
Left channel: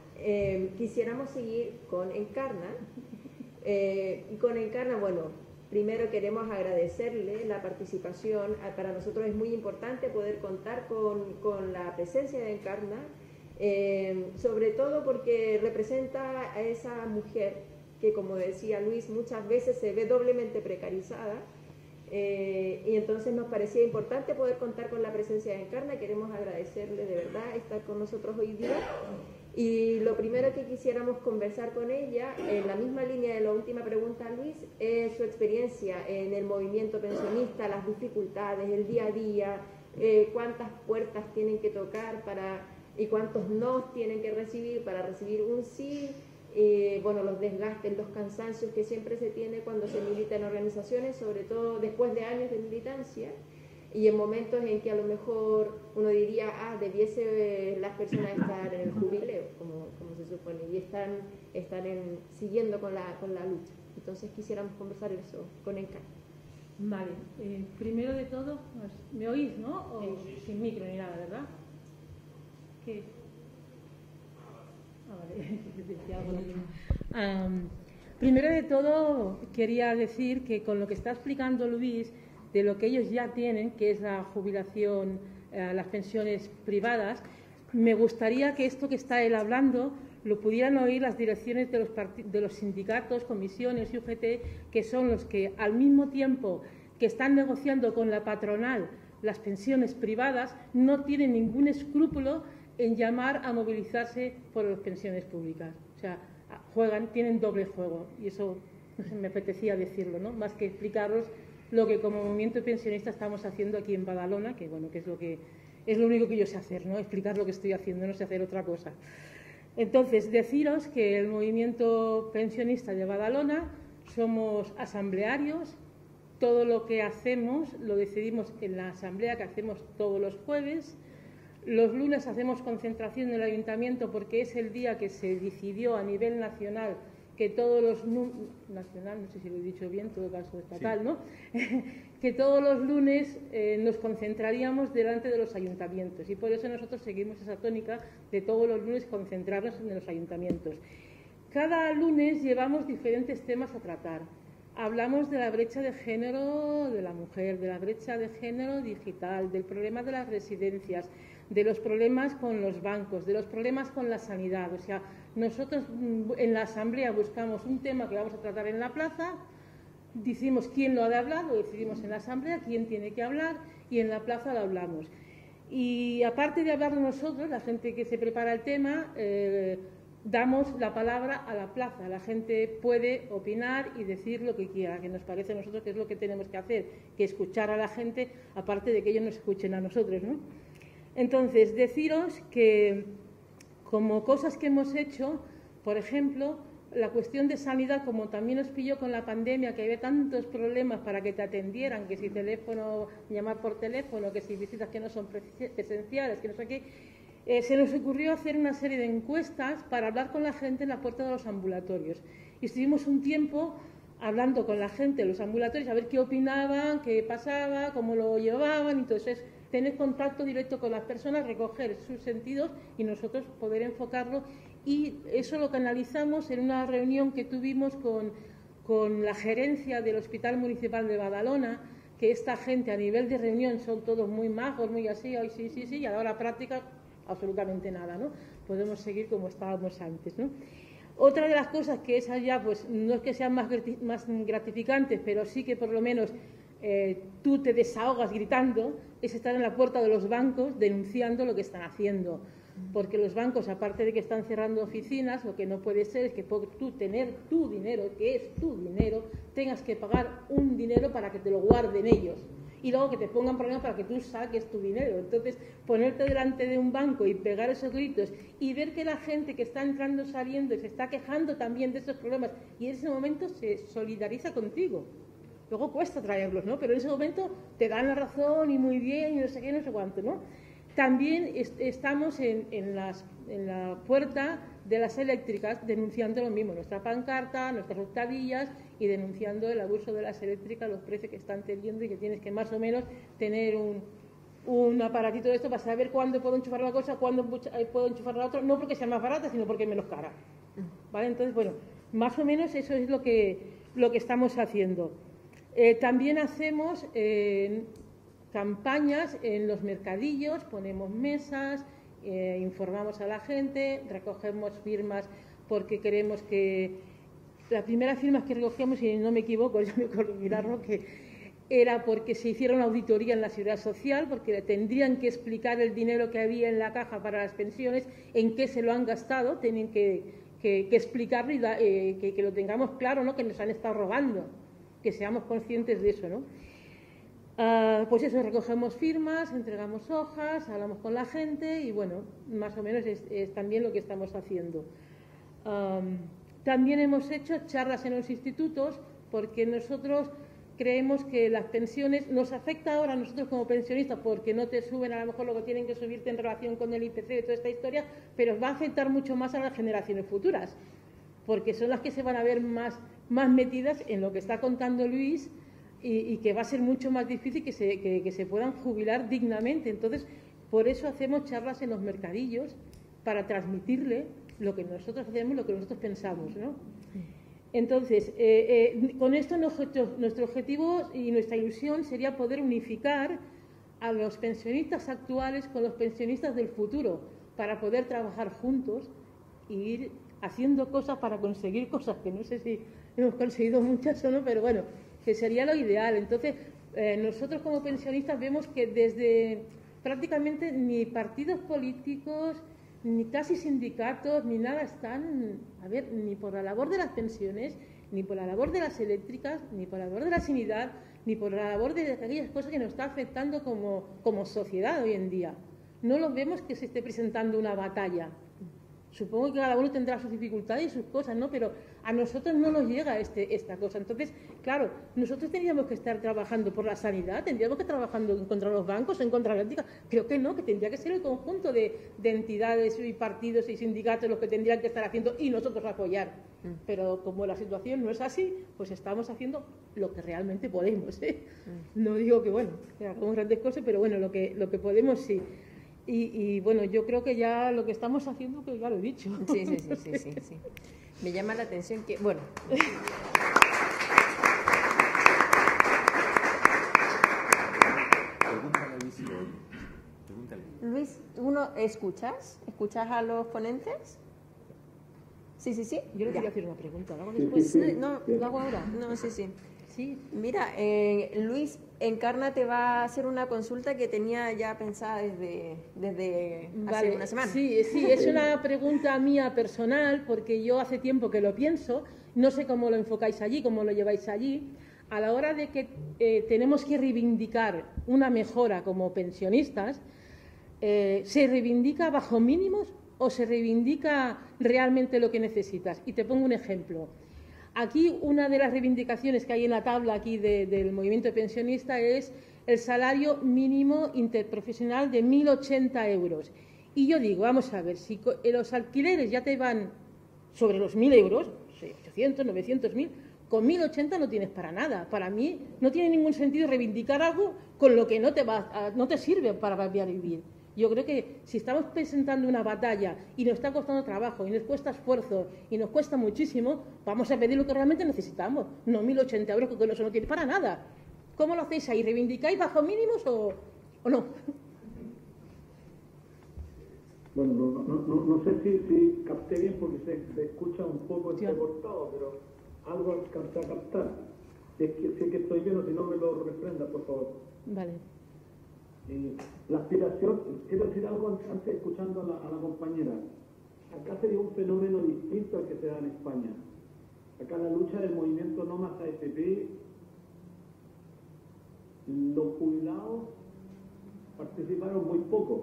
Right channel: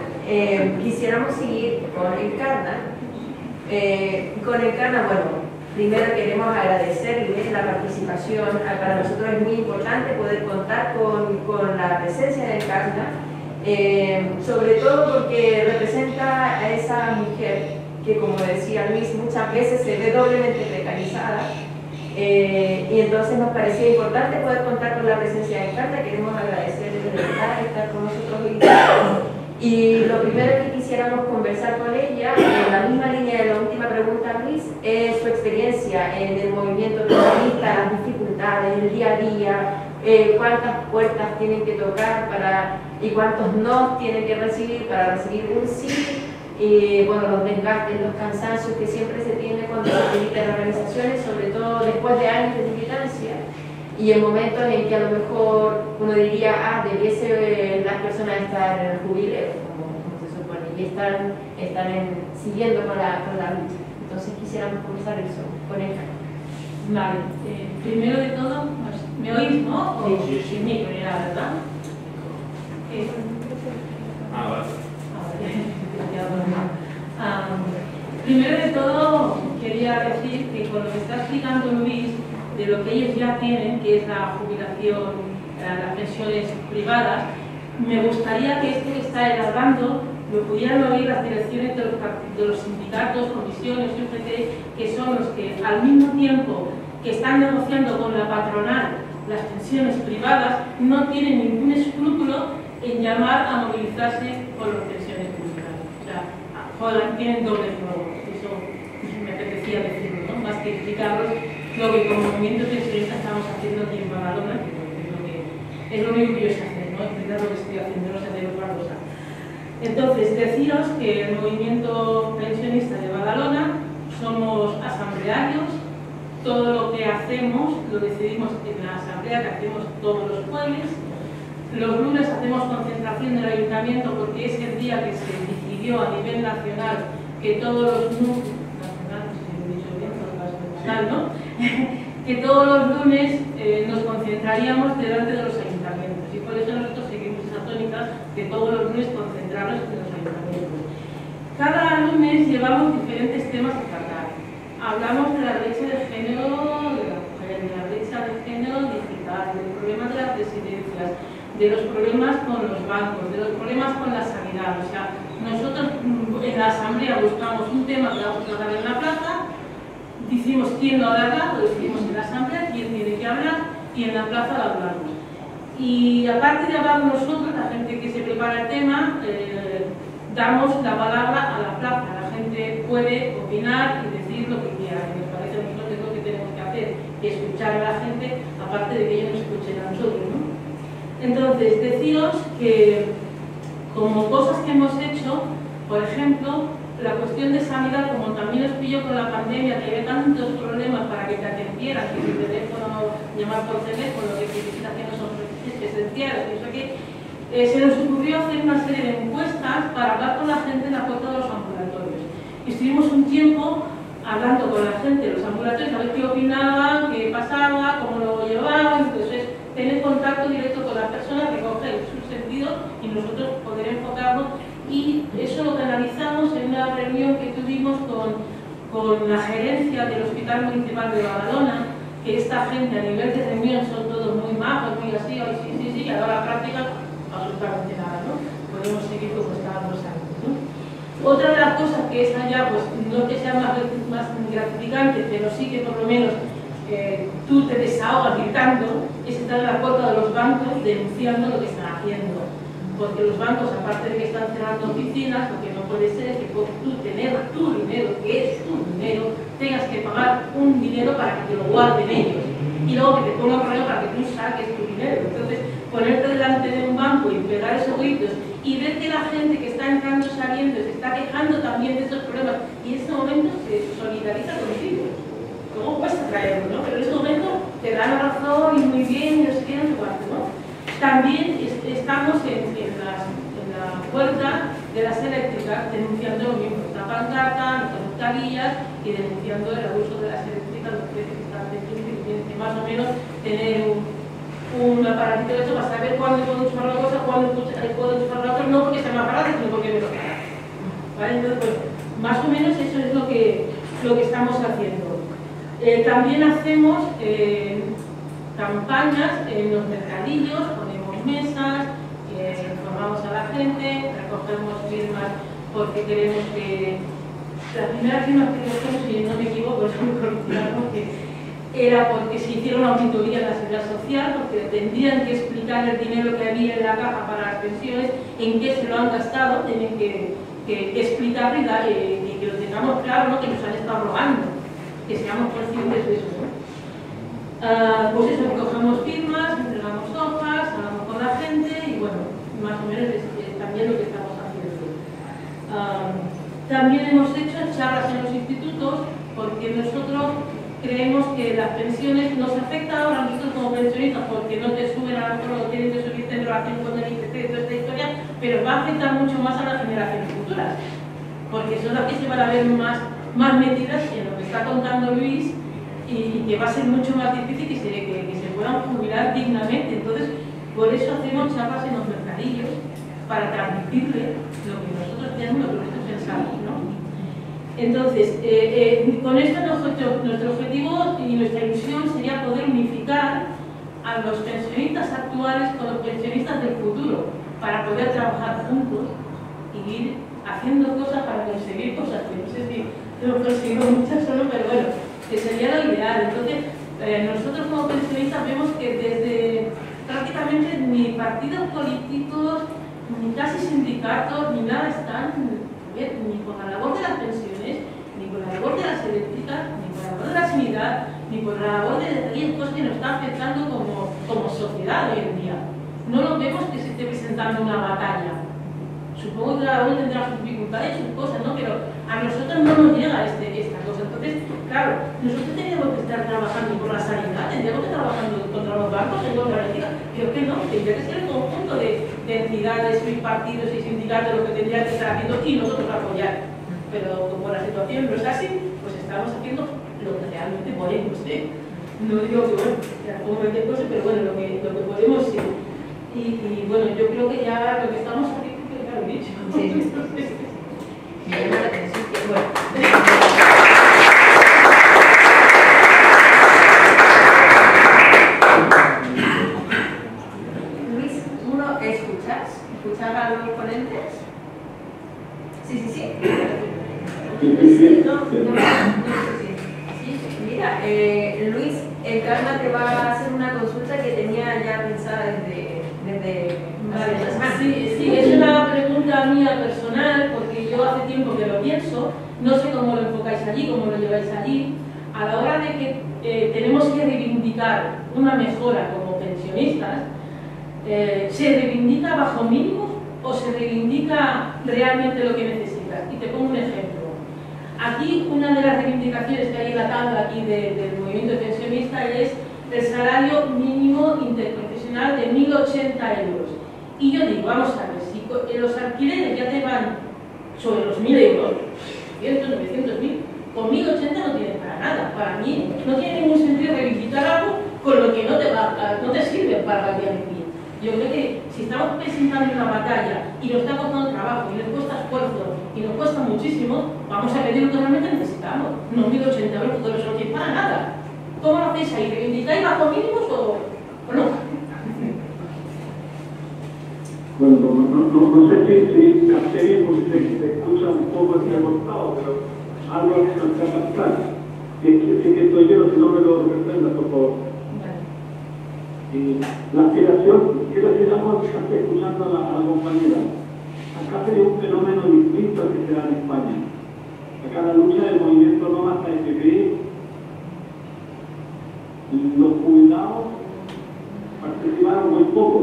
quisiéramos seguir con el Encarna. Bueno, primero queremos agradecerles la participación. Para nosotros es muy importante poder contar con la presencia del Encarna, sobre todo porque representa a esa mujer que, como decía Luis, muchas veces se ve doblemente precarizada. Y entonces nos parecía importante poder contar con la presencia de Encarna. Queremos agradecerles de verdad estar con nosotros hoy día. Y lo primero que quisiéramos conversar con ella, en la misma línea de la última pregunta, Luis, es su experiencia en el movimiento feminista, las dificultades, el día a día, cuántas puertas tienen que tocar y cuántos no tienen que recibir para recibir un sí. Y bueno, los desgastes, los cansancios que siempre se tienen cuando se militan organizaciones, sobre todo después de años de militancia, y en momentos en que a lo mejor uno diría, debiese las personas estar en el jubileo, como se supone, y están siguiendo con la lucha. Entonces quisiéramos comenzar eso con ella. Vale, primero de todo, ¿me oís, no? Sí. Sin micro, ya, ¿verdad? Primero de todo, quería decir que con lo que está explicando Luis, de lo que ellos ya tienen, que es la jubilación, las pensiones privadas, me gustaría que esto que está elaborando lo pudieran oír las direcciones de los sindicatos, comisiones, UGT, que son los que al mismo tiempo que están negociando con la patronal las pensiones privadas, no tienen ningún escrúpulo en llamar a movilizarse por las pensiones privadas. O sea, tienen doble juego. Eso me apetecía decirlo, ¿no? Más que explicaros lo que como movimiento pensionista estamos haciendo aquí en Badalona, que es lo único que yo sé hacer, ¿no? Intentar lo que estoy haciendo, no sé hacer otra cosa. Entonces, deciros que el movimiento pensionista de Badalona somos asamblearios, todo lo que hacemos lo decidimos en la asamblea que hacemos todos los jueves. Los lunes hacemos concentración del ayuntamiento porque es el día que se decidió a nivel nacional que todos los que todos los lunes nos concentraríamos delante de los ayuntamientos, y por eso nosotros seguimos esa tónica de todos los lunes concentrarnos en los ayuntamientos. Cada lunes llevamos diferentes temas a tratar. Hablamos de la brecha de género de la mujer, de la brecha de género digital, del problema de las residencias, de los problemas con los bancos, de los problemas con la sanidad. O sea, nosotros en la asamblea buscamos un tema que vamos a tratar en la plaza, decimos quién lo hará, lo decidimos en la asamblea, quién tiene que hablar, y en la plaza lo hablamos. Y aparte de hablar nosotros, la gente que se prepara el tema, damos la palabra a la plaza. La gente puede opinar y decir lo que quiera. Me parece a nosotros lo que tenemos que hacer, que escuchar a la gente, aparte de que ellos nos escuchen a nosotros, ¿no? Entonces, deciros que como cosas que hemos hecho, por ejemplo, la cuestión de sanidad, como también nos pilló con la pandemia, que había tantos problemas para que te atendieran, que tu teléfono, llamar por teléfono, que visitaciones son esenciales, se nos ocurrió hacer una serie de encuestas para hablar con la gente en la puerta de los ambulatorios. Y estuvimos un tiempo hablando con la gente de los ambulatorios, a ver qué opinaban, qué pasaba, cómo lo llevaban. Entonces, tener contacto directo con la persona que coge su sentido y nosotros poder enfocarlo. Y eso lo analizamos en una reunión que tuvimos con la gerencia del Hospital Municipal de Badalona, que esta gente a nivel de reunión son todos muy majos, muy así, sí, a la práctica, absolutamente nada, ¿no? Podemos seguir como estábamos antes, ¿no? Otra de las cosas que es allá, pues no que sea más gratificante, pero sí que por lo menos tú te desahogas gritando, es estar en la puerta de los bancos denunciando lo que están haciendo. Porque los bancos, aparte de que están cerrando oficinas, lo que no puede ser es que tú tener tu dinero, que es tu dinero, tengas que pagar un dinero para que te lo guarden ellos. Y luego que te pongan problema para que tú saques tu dinero. Entonces, ponerte delante de un banco y pegar esos gritos y ver que la gente que está entrando y saliendo se está quejando también de esos problemas y en ese momento se solidariza contigo. ¿Cómo cuesta traerlo, no? Pero en ese momento te dan la razón y muy bien, y no sé qué, ¿no? También estamos en la puerta de las eléctricas denunciando lo mismo, esta pancarta, nuestras tablillas y denunciando el abuso de las eléctricas, los que están que más o menos tener un aparatito de hecho para saber cuándo puedo usar una cosa, cuándo puedo usar la otra, no porque sea más barato, sino porque me lo paga. ¿Vale? Entonces, pues, más o menos eso es lo que estamos haciendo. También hacemos campañas en los mercadillos, ponemos mesas, informamos a la gente, recogemos firmas porque queremos que... La primera firma que recogemos, si no me equivoco, es muy pronunciada, era porque se hicieron una auditoría de la seguridad social, porque tendrían que explicar el dinero que había en la caja para las pensiones, en qué se lo han gastado, tienen que explicar y que lo tengamos claro, ¿no? Que nos han estado robando, que seamos conscientes de eso, ¿no? Pues eso, recogemos firmas, entregamos hojas, hablamos con la gente y bueno, más o menos es también lo que estamos haciendo. También hemos hecho charlas en los institutos porque nosotros creemos que las pensiones nos afectan a nosotros como pensionistas porque no te suben a la forma, no tienen que subir en relación con el IPC y toda esta historia, pero va a afectar mucho más a las generaciones futuras porque son las que se van a ver más metidas en lo que está contando Luis y que va a ser mucho más difícil que se puedan jubilar dignamente. Entonces, por eso hacemos charlas en los mercadillos para transmitirle lo que nosotros tenemos, lo que nosotros pensamos, ¿no? Entonces, con esto nuestro objetivo y nuestra ilusión sería poder unificar a los pensionistas actuales con los pensionistas del futuro para poder trabajar juntos y ir haciendo cosas para conseguir cosas. No sé si lo conseguimos muchas solo, pero bueno, que sería lo ideal. Entonces, nosotros como pensionistas vemos que desde prácticamente ni partidos políticos, ni casi sindicatos, ni nada están ni con la labor de las pensiones, ni con la labor de las eléctricas, ni con la labor de la sanidad, ni con la labor de riesgos que nos está afectando como sociedad hoy en día. No lo vemos que se esté presentando una batalla. Supongo que cada uno tendrá sus dificultades y sus cosas, ¿no? Pero a nosotros no nos llega esta cosa. Entonces, claro, nosotros tenemos que estar trabajando por la sanidad, tenemos que estar trabajando contra los bancos, contra la energía. Creo que no, que debe ser el conjunto de entidades y partidos y sindicatos lo que tendría que estar haciendo y nosotros apoyar. Pero como la situación no es así, pues estamos haciendo lo que realmente podemos. No digo que bueno, como cualquier cosa, pero bueno, lo que podemos sí. Y bueno, yo creo que ya lo que estamos haciendo es lo mismo. Sí. Me llama la atención que bueno. Luis, ¿uno escuchas? ¿Escuchas a los ponentes? Sí. Sí, no, sí. Mira, Luis, Carla te va a hacer una consulta que tenía ya pensada desde Sí, es una pregunta mía personal, porque yo hace tiempo que lo pienso, no sé cómo lo enfocáis allí, cómo lo lleváis allí, a la hora de que tenemos que reivindicar una mejora como pensionistas, ¿se reivindica bajo mínimos o se reivindica realmente lo que necesitas? Y te pongo un ejemplo. Aquí una de las reivindicaciones que hay atada aquí del movimiento pensionista es el salario mínimo interprofesional de 1.080 euros. Y yo digo, vamos a ver, si los alquileres ya tengan sobre los 1.000 euros, 800, 900.000, con 1.080 no tienen para nada. Para mí no tiene ningún sentido reivindicar algo con lo que no te sirve para la vida vivir. Yo creo que si estamos presentando una batalla y nos está costando trabajo y nos cuesta esfuerzo y nos cuesta muchísimo, vamos a ver lo que realmente necesitamos. No 1.080 euros, todo eso no tiene para nada. ¿Cómo lo hacéis ahí? ¿Reivindicáis bajo mínimos o no? Bueno, no sé si la serie se escucha un poco entrecortado, pero algo que no sea pasar. Es que estoy yo, si no me lo representa, por favor. Y la aspiración, quiero decir algo que está escuchando a la compañera. Acá se dio un fenómeno distinto al que se da en España. Acá la lucha del movimiento no hasta el FPI, los jubilados participaron muy poco,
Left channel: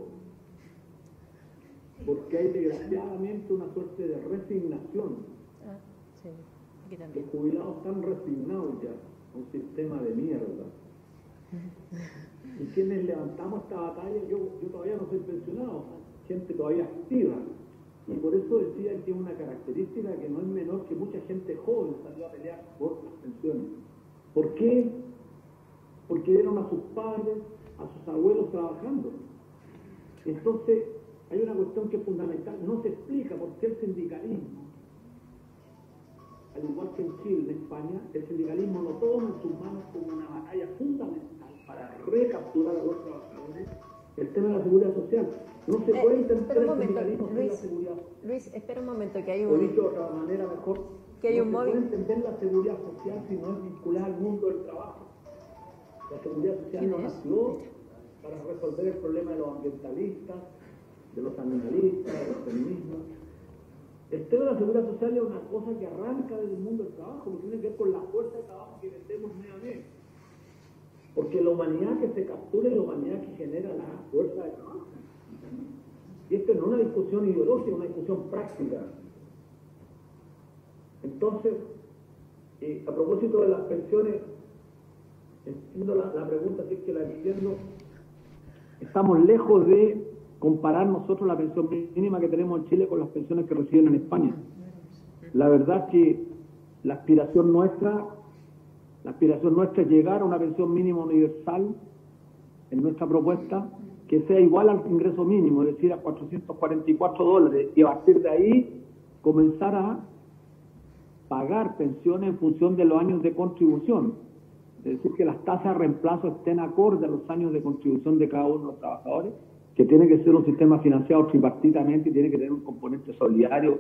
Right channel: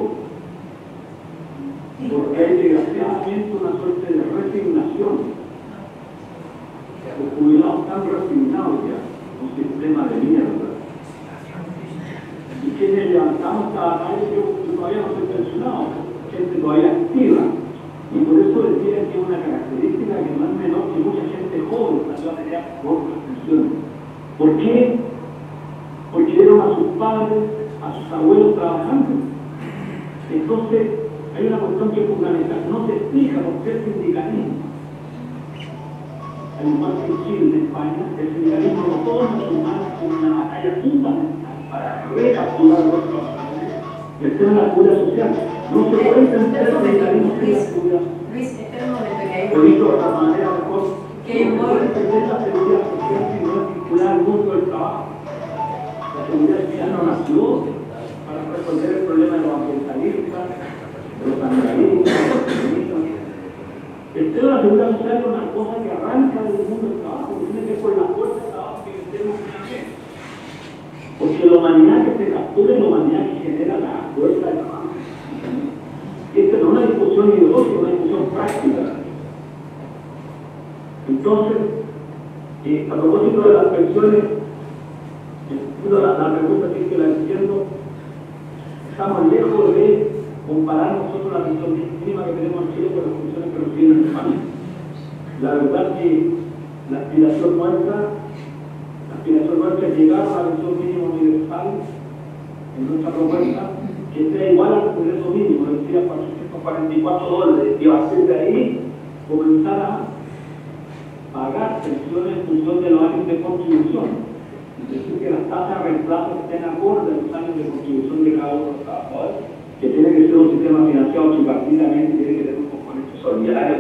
porque hay desgraciadamente una suerte de resignación. Los jubilados están resignados ya, un sistema de mierda. Y quienes levantamos cada vez, yo todavía no soy pensionado, gente todavía activa. Y por eso decía que es una característica que no es menor que mucha gente joven también tenía otras pensiones. ¿Por qué? Porque vieron a sus padres, a sus abuelos trabajando. Entonces, hay una cuestión que es fundamental. No se explica por qué el sindicalismo, al igual que en Chile, en España, el sindicalismo no toma su mano como una batalla fundamental para recapturar los trabajadores. El tema de la seguridad social. No se puede entender el sindicalismo sin la seguridad social. Luis, espera un momento que hay Lo dicho de otra manera mejor. No puede entender la seguridad social si no es vincular al mundo del trabajo. La seguridad social no nació para resolver el problema de los ambientalistas, de los ambientalistas, de los feministas. El tema de la seguridad social es una cosa que arranca del mundo del trabajo, que tiene que ver con la fuerza de trabajo que tenemos que hacer. Porque la humanidad que se captura es la humanidad que genera la fuerza de trabajo. Y esta no es una discusión ideológica, es una discusión práctica. Entonces, a propósito de las pensiones, la pregunta sí que la entiendo, estamos lejos de comparar nosotros la visión mínima que tenemos aquí con las pensiones que reciben en España. La verdad que la aspiración nuestra es llegar a la visión mínima universal en nuestra propuesta, que sea igual al ingreso mínimo, es decir, a $444, y a partir de ahí comenzar a pagar pensiones en función de los años de contribución. Es decir, que las tasas de reemplazo estén acorde a los años de contribución de cada uno de los trabajadores, que tiene que ser un sistema financiado tripartitamente, tiene que tener un componente solidario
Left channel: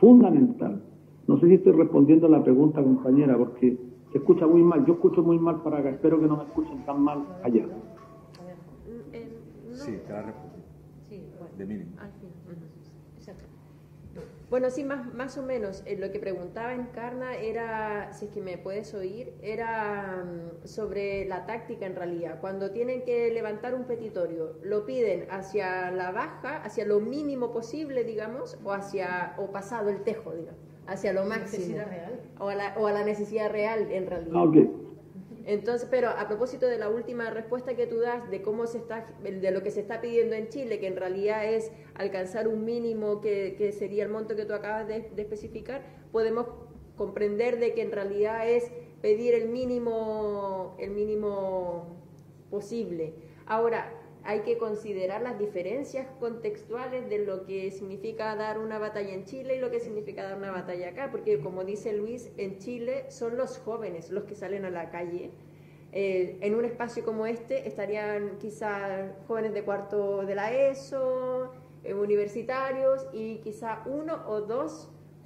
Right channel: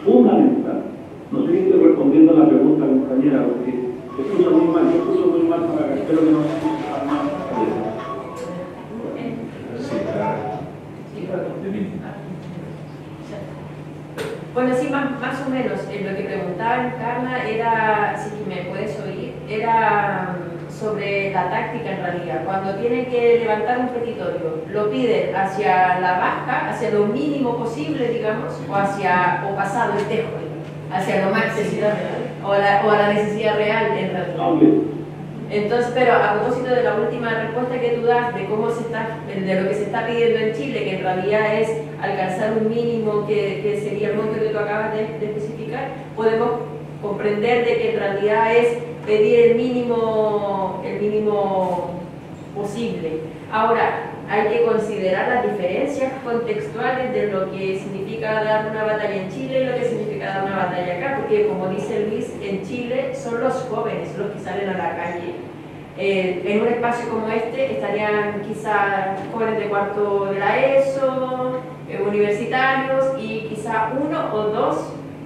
fundamental. No sé si estoy respondiendo a la pregunta de la compañera, porque escucho muy mal, yo escucho muy mal para que espero que no se escucha mal. Bueno, sí, más o menos. Lo que preguntaba Carla era, si me puedes oír, era sobre la táctica en realidad. Cuando tienen que levantar un petitorio, ¿lo piden hacia la baja, hacia lo mínimo posible, digamos, o pasado el tejo, hacia lo máximo? o a la necesidad real en realidad. Entonces, pero a propósito de la última respuesta que tú das de cómo de lo que se está pidiendo en Chile, que en realidad es alcanzar un mínimo que sería el monto que tú acabas de especificar, podemos comprender de que en realidad es pedir el mínimo posible. Ahora, hay que considerar las diferencias contextuales de lo que significa dar una batalla en Chile y lo que significa dar una batalla acá, porque como dice Luis, en Chile son los jóvenes los que salen a la calle. En un espacio como este estarían quizá jóvenes de cuarto de la ESO, universitarios y quizá 1 o 2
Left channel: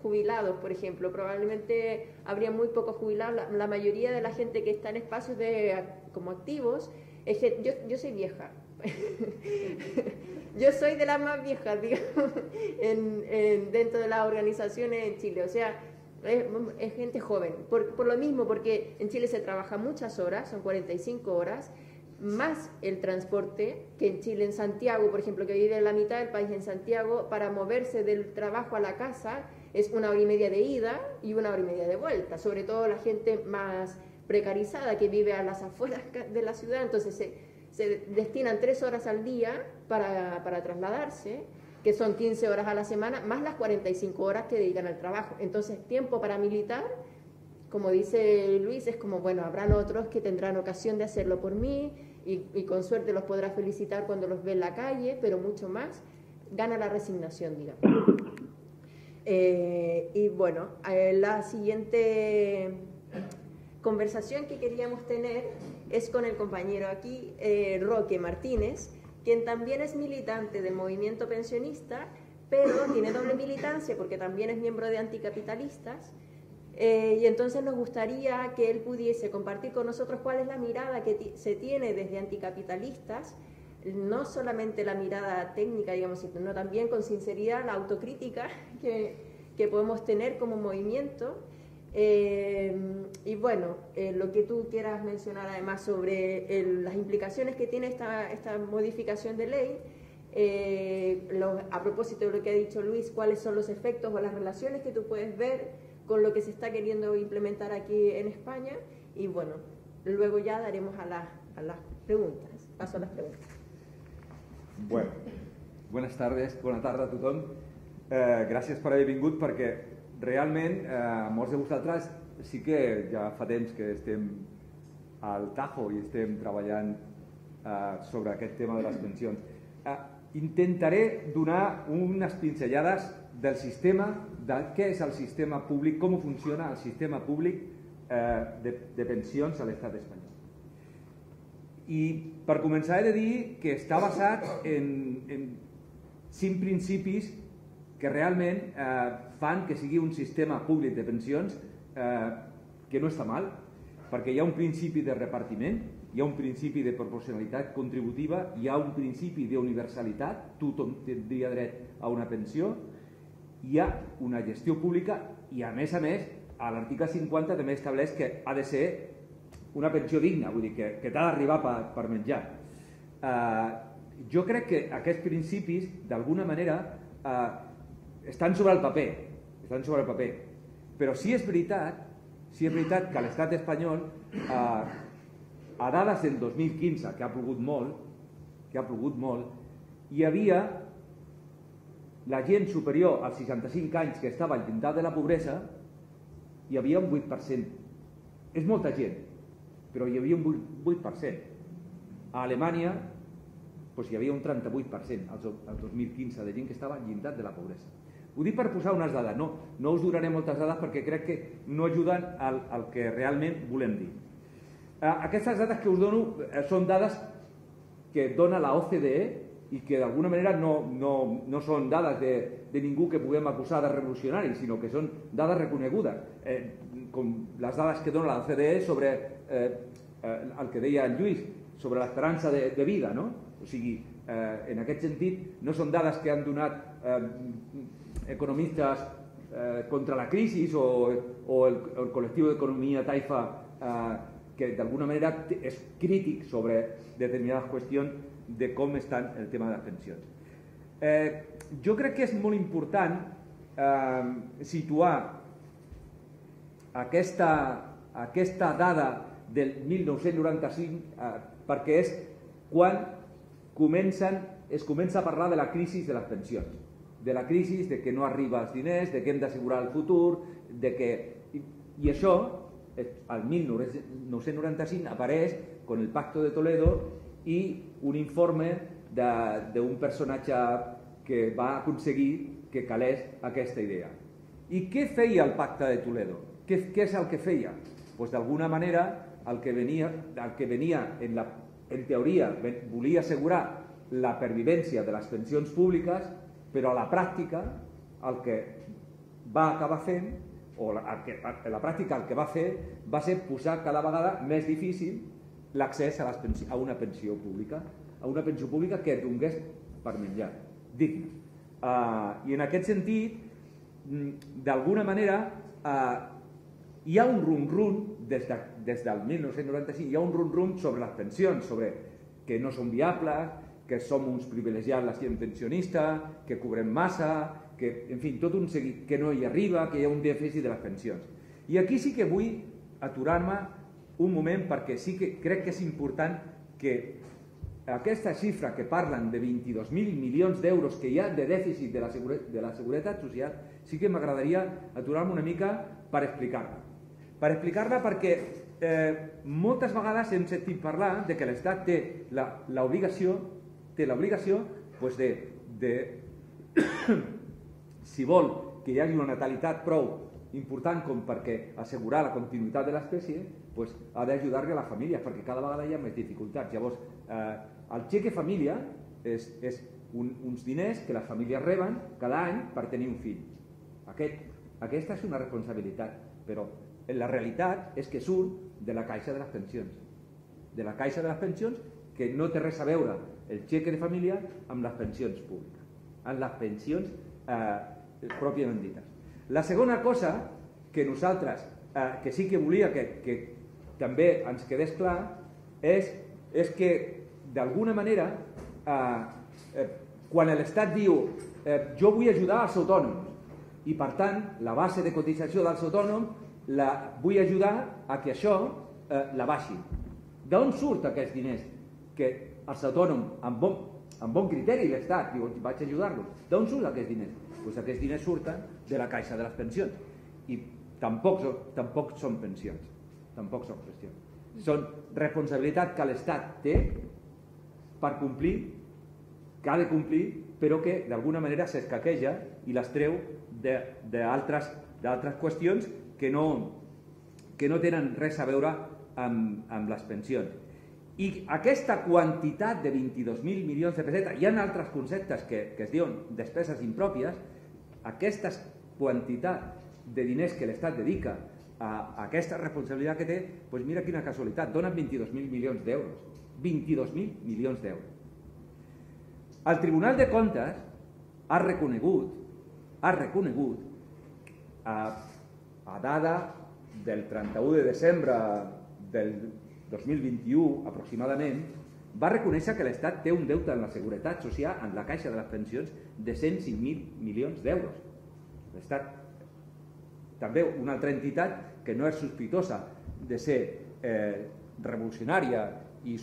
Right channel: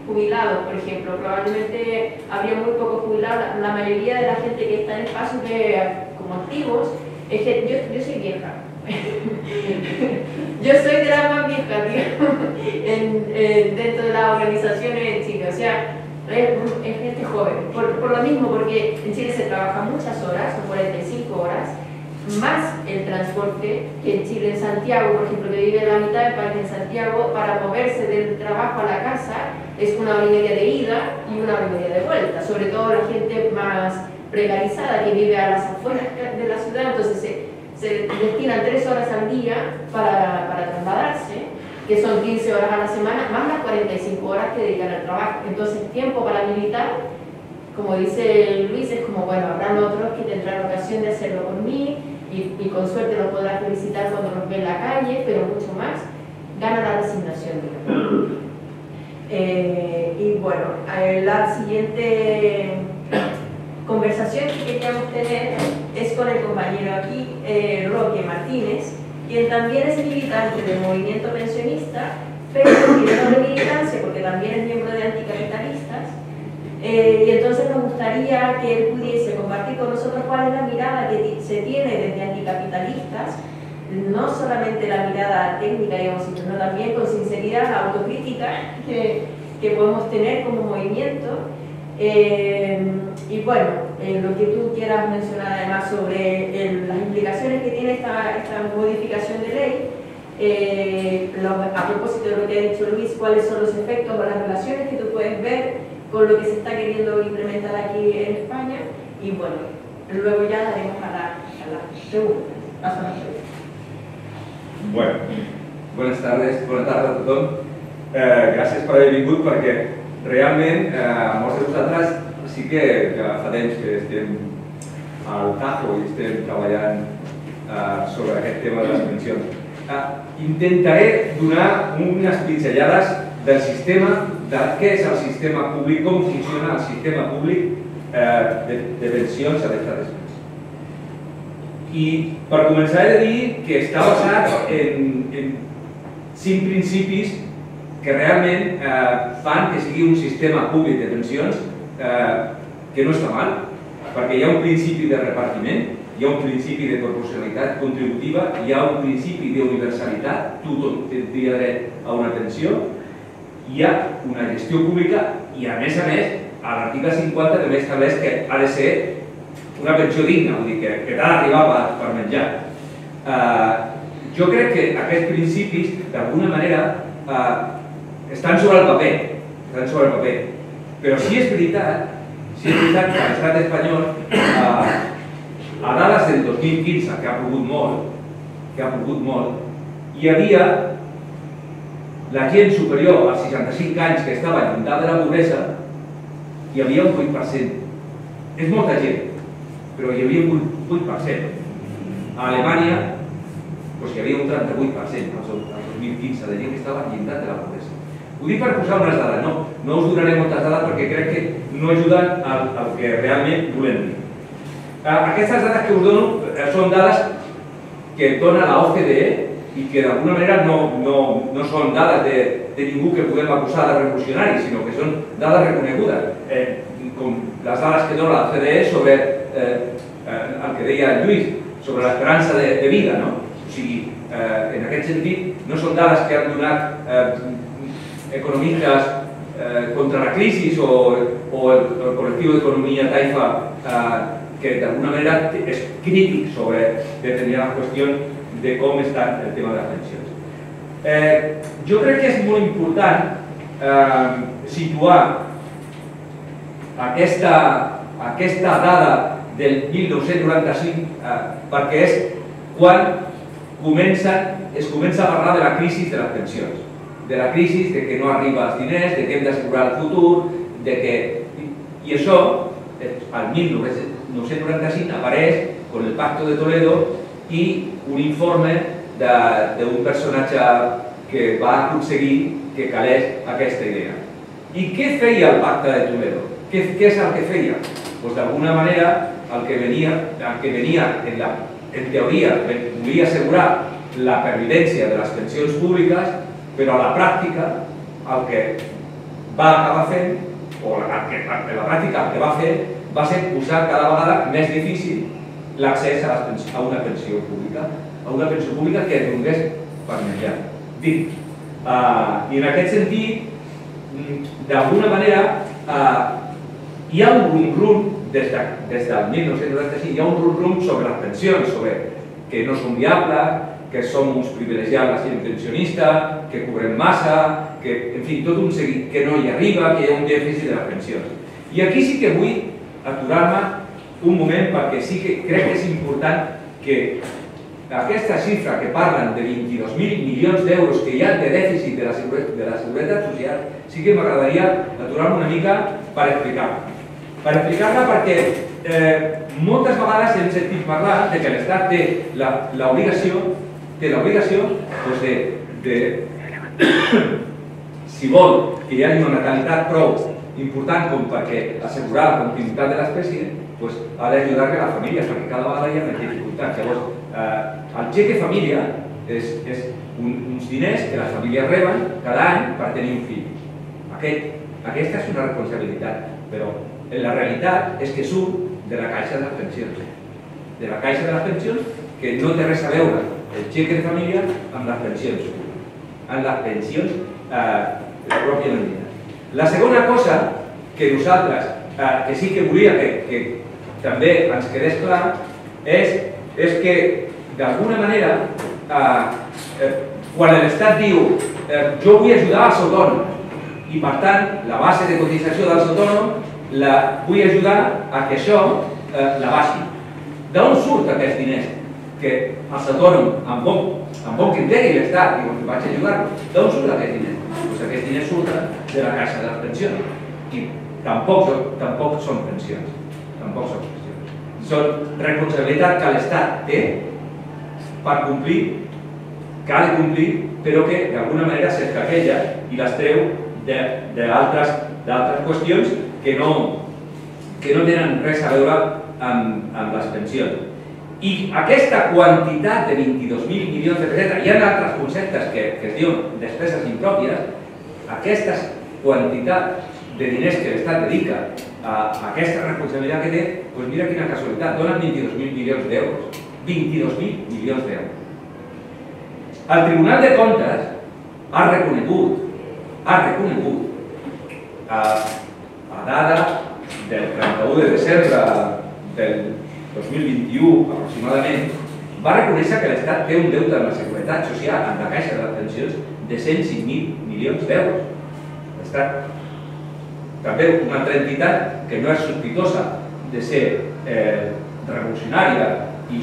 jubilados, por ejemplo. Probablemente habría muy pocos jubilados. La mayoría de la gente que está en espacios como activos, es que yo soy vieja. Yo soy de la más vieja, digamos, dentro de las organizaciones en Chile. O sea, es gente joven. Por lo mismo, porque en Chile se trabaja muchas horas, son 45 horas, más el transporte. En Chile, en Santiago, por ejemplo, que vive la mitad del país en Santiago, para moverse del trabajo a la casa es 1 hora y media de ida y 1 hora y media de vuelta. Sobre todo la gente más precarizada que vive a las afueras de la ciudad, entonces se destinan 3 horas al día para trasladarse, que son 15 horas a la semana, más las 45 horas que dedican al trabajo. Entonces, tiempo para militar, como dice Luis, es como, bueno, habrá otros que tendrán ocasión de hacerlo por mí y con suerte los podrán felicitar cuando los ve en la calle, pero mucho más, gana la resignación, digamos. Y bueno, la siguiente conversación que queríamos tener es con el compañero aquí, Roque Martínez, quien también es militante del movimiento pensionista, pero tiene doble militancia porque también es miembro de Anticapitalistas. Y entonces nos gustaría que él pudiese compartir con nosotros cuál es la mirada que se tiene desde Anticapitalistas, no solamente la mirada técnica, digamos, sino también con sinceridad la autocrítica que podemos tener como movimiento. Y bueno, lo que tú quieras mencionar además sobre las implicaciones que tiene esta modificación de ley, a propósito de lo que ha dicho Luis, cuáles son los efectos o las relaciones que tú puedes ver con lo que se está queriendo implementar aquí en España, y bueno, luego ya daremos a las preguntas. Bueno, buenas tardes a tothom. Gràcies per haver vingut, perquè realment molts de vosaltres sí que fa temps que estem al tajo i estem treballant sobre aquest tema de les pensions. Intentaré donar unes pinzellades del sistema, de què és el sistema públic, com funciona el sistema públic de pensions a l'estat espanyol. I per començar he de dir que està basat en 5 principis que realment fan que sigui un sistema públic de pensions que no està mal, perquè hi ha un principi de repartiment, hi ha un principi de proporcionalitat contributiva, hi ha un principi d'universalitat, tothom tindria dret a una pensió, hi ha una gestió pública i, a més, a l'article 50 també estableix que ha de ser una pensió digna, vull dir que ha d'arribar per menjar. Jo crec que aquests principis, d'alguna manera, estan sobre el paper, però sí és veritat que l'estat espanyol, a dades del 2015, que ha plogut molt, hi havia la gent superior als 65 anys que estava al llindar de la pobresa, hi havia un 8%. És molta gent, però hi havia un 8%. A Alemanya hi havia un 38% al 2015 de gent que estava al llindar de la pobresa. Ho dic per posar unes dades, no us donaré moltes dades perquè crec que no ajuden al que realment volem dir. Aquestes dades que us dono són dades que dona la OCDE i que d'alguna manera no són dades de ningú que podem acusar de revolucionari, sinó que són dades reconegudes, com les dades que dona la OCDE sobre el que deia Lluís, sobre l'esperança de vida. O sigui, en aquest sentit, no són dades que han donat economistas contra la crisis o el colectivo de economía Taifa, que de alguna manera es crítico sobre determinada cuestión de cómo está el tema de las pensiones. Yo creo que es muy importante situar aquesta dada del 1995 perquè és quan es comença a parlar de la crisi de les pensions, de la crisi de que no arriba els diners, de que hem d'assegurar el futur, i això, al 1995, apareix con el Pacto de Toledo i un informe d'un personatge que va aconseguir que calés aquesta idea. I què feia el Pacte de Toledo? Què és el que feia? Doncs d'alguna manera el que venia en teoria volia assegurar la pervivència de les pensions públiques, però a la pràctica el que va acabar fent, o la pràctica el que va fer, va ser posar cada vegada més difícil l'accés a una pensió pública que donés per menjar. I en aquest sentit, d'alguna manera, hi ha un rum-rum des del 1995, hi ha un rum-rum sobre les pensions, sobre que no són viables, que som uns privilegiats la gent pensionista, que cobrem massa, que, en fi, tot un seguit, que no hi arriba, que hi ha un dèficit de les pensions. I aquí sí que vull aturar-me un moment perquè sí que crec que és important que aquesta xifra que parlen de 22.000 milions d'euros que hi ha de dèficit de la Seguretat Social, sí que m'agradaria aturar-me una mica per explicar-la. Per explicar-la perquè moltes vegades hem sentit parlar de que l'Estat té l'obligació de, si vol que hi hagi una natalitat prou important com perquè assegurar la continuïtat de l'espècie, ha d'ajudar que la família, perquè cada vegada hi ha més dificultats. Llavors, el xeque família és uns diners que les famílies reben cada any per tenir un fill. Aquesta és una responsabilitat, però la realitat és que surt de la caixa de les pensions. De la caixa de les pensions que no té res a veure el xeque de família amb les pensions, amb les pensions pròpiament dites. La segona cosa que nosaltres, que sí que volia que també ens quedés clar, és que d'alguna manera, quan l'Estat diu jo vull ajudar als autònoms i per tant la base de cotització dels autònoms vull ajudar a que això la baixi. D'on surt aquests diners? Que els autònoms, amb bon criteri l'Estat diu que vaig ajudar-los, d'on surt aquests diners? Doncs aquests diners surten de la caixa de les pensions i tampoc són pensions. Són responsabilitat que l'Estat té per complir, que ha de complir, però que d'alguna manera s'escaqueja i les treu d'altres qüestions que no tenen res a veure amb les pensions. I aquesta quantitat de 22.000 milions de pessetes, hi ha altres conceptes que es diuen despeses impròpies, aquesta quantitat de diners que l'Estat dedica a aquesta responsabilitat que té, doncs mira quina casualitat, donen 22.000 milions d'euros. 22.000 milions d'euros. El Tribunal de Comptes ha reconegut a data del 31 de desembre del 2021 aproximadament, va reconèixer que l'Estat té un deute amb la Seguretat Social, amb la Caixa de les Pensions, de 105.000 milions d'euros. L'Estat, també una altra entitat que no és sospitosa de ser revolucionària i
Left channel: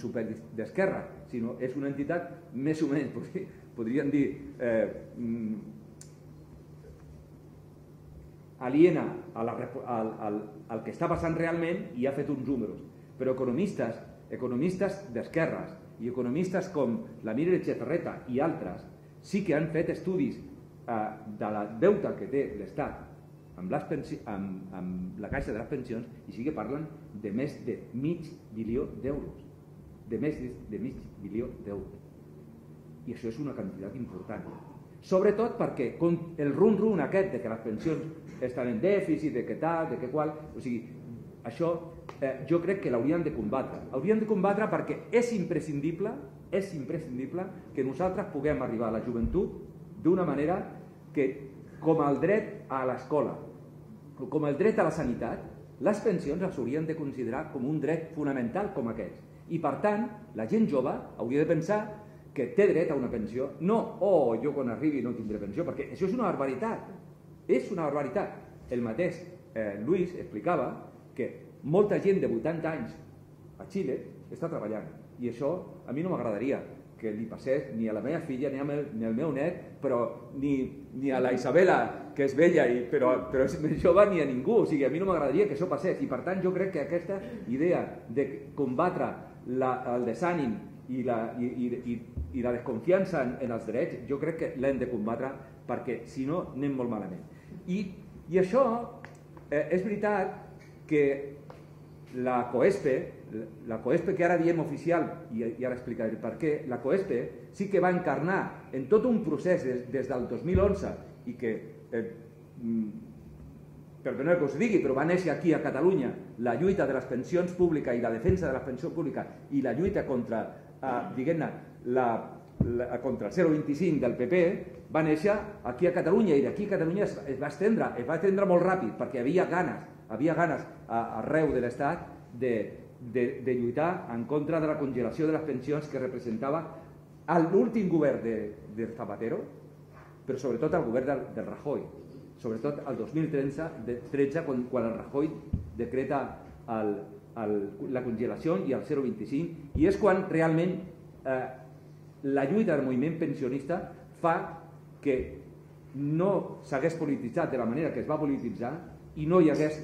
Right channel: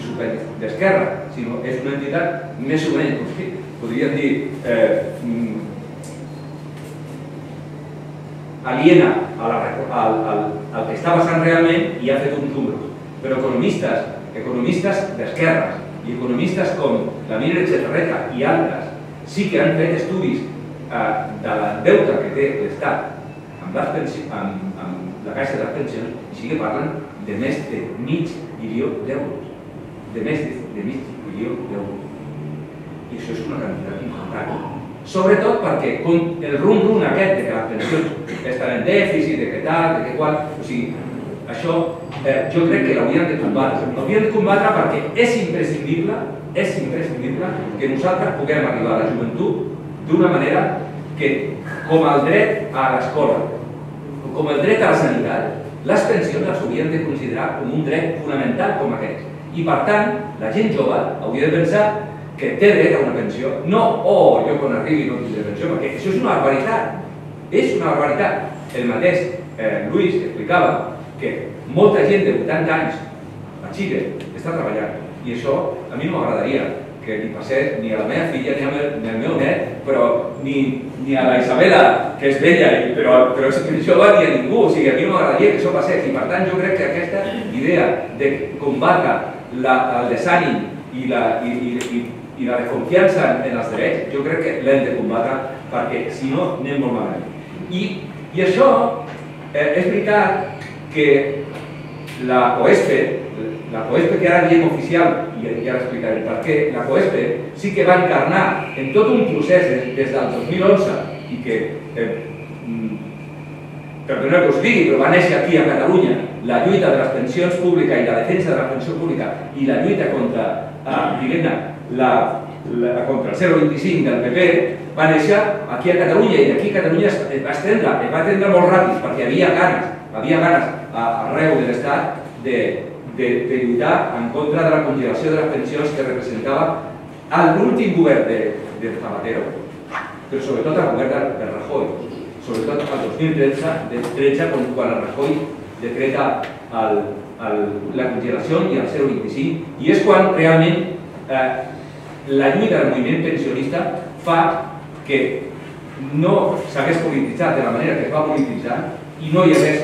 d'esquerra, sinó és una entitat més o menys, podríem dir, aliena al que està passant realment i ha fet uns números. Però economistes d'esquerres i economistes com la Mira Echevarreta i altres sí que han fet estudis del deute que té l'Estat amb la Caixa de les Pensions i sí que parlen de més de mig bilió d'euros. De més de mig bilió d'euros. I això és una quantitat important. Sobretot perquè el rum-rum aquest de que les pensions estan en dèficit, de que tal, de que qual, o sigui, això jo crec que l'hauríem de combatre. L'hauríem de combatre perquè és imprescindible que nosaltres puguem arribar a la joventut d'una manera que, com el dret a l'escola, com el dret a la sanitat, les pensions les hauríem de considerar com un dret fonamental com aquest. I per tant, la gent jove hauria de pensar que té dret a una pensió. No, jo quan arribi no tindré pensió, perquè això és una barbaritat. És una barbaritat. El mateix Luis explicava que molta gent de 80 anys a Xile està treballant i això a mi no m'agradaria que li passés ni a la meva filla ni al meu net, però ni a la Isabela, que és vella, però si això no va dir a ningú, o sigui, a mi no m'agradaria que això passés i per tant jo crec que aquesta idea de combatre el desànim i la desconfiança en els drets, jo crec que l'hem de combatre perquè si no anem molt malament. I això és veritat que la COESPE que ara diem oficial, i ja l'explicaré per què, la COESPE sí que va encarnar en tot un procés des del 2011 i que, perdoneu que us digui, però va néixer aquí a Catalunya la lluita de les pensions públiques i la defensa de la pensió pública i la lluita contra, contra el 0,25 del PP, va néixer aquí a Catalunya i d'aquí a Catalunya es va estendre molt ràpid perquè hi havia ganes arreu de l'Estat de lluitar en contra de la congelació de les pensions que representava l'últim govern de Zapatero, però sobretot el govern de Rajoy, sobretot el 2013, quan el Rajoy decreta la congelació i el 0,25, i és quan realment la lluita del moviment pensionista fa que no s'hagués polititzat de la manera que es va polititzar i no hi hagués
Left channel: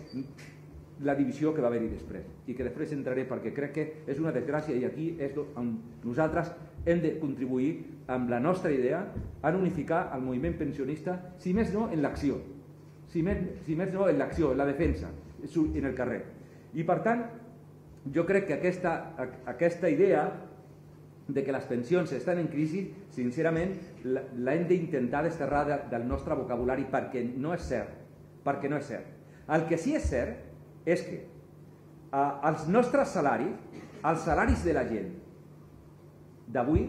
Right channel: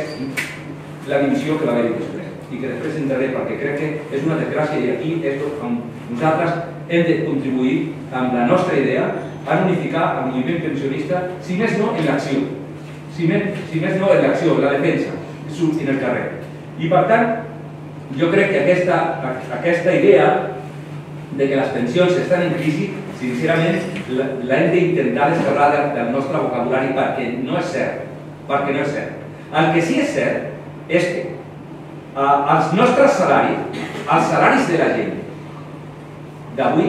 la divisió que va haver-hi després. I que després entraré perquè crec que és una desgràcia i aquí és on nosaltres hem de contribuir amb la nostra idea a unificar el moviment pensionista, si més no en l'acció, si més no en l'acció, en la defensa, sortint al carrer. I per tant, jo crec que aquesta idea de que les pensions estan en crisi, sincerament, l'hem d'intentar descarregar del nostre vocabulari perquè no és cert. El que sí és cert és que els nostres salaris, els salaris de la gent d'avui,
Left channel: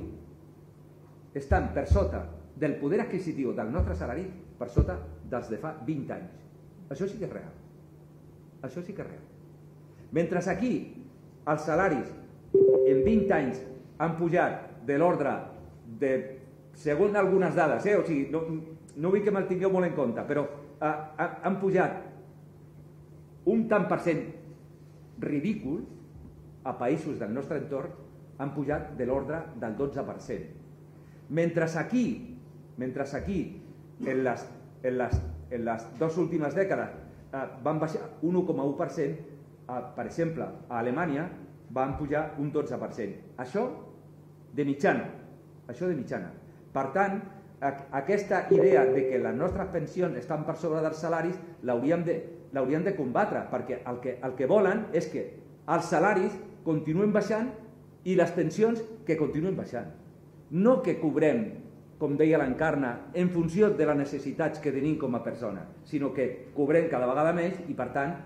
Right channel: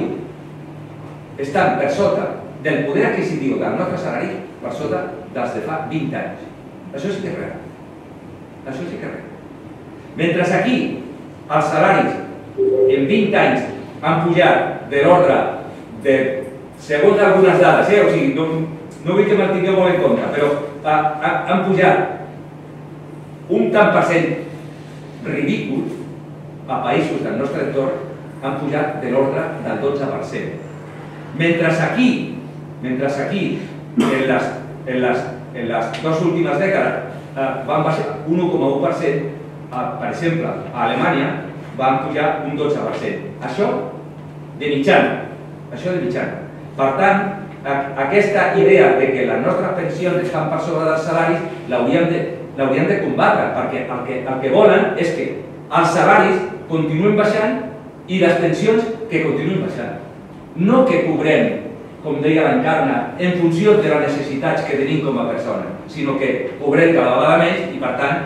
estan per sota del poder adquisitiu del nostre salari, per sota dels de fa 20 anys. Això sí que és real. Mentre aquí els salaris en 20 anys han pujat de l'ordre de, segons algunes dades, o sigui, no vull que me'l tingueu molt en compte, però han pujat un tant per cent ridícul a països del nostre entorn, han pujat de l'ordre del 12%. Mentre aquí, en les dues últimes dècades, van baixar un 1,1%, per exemple, a Alemanya van pujar un 12%. Això de mitjana. Per tant, aquesta idea de que les nostres pensions estan per sobre dels salaris l'hauríem de combatre, perquè el que volen és que els salaris continuïn baixant i les pensions que continuïn baixant. No que cobrem, com deia l'Encarna, en funció de les necessitats que tenim com a persona, sinó que cobrem cada vegada més i, per tant,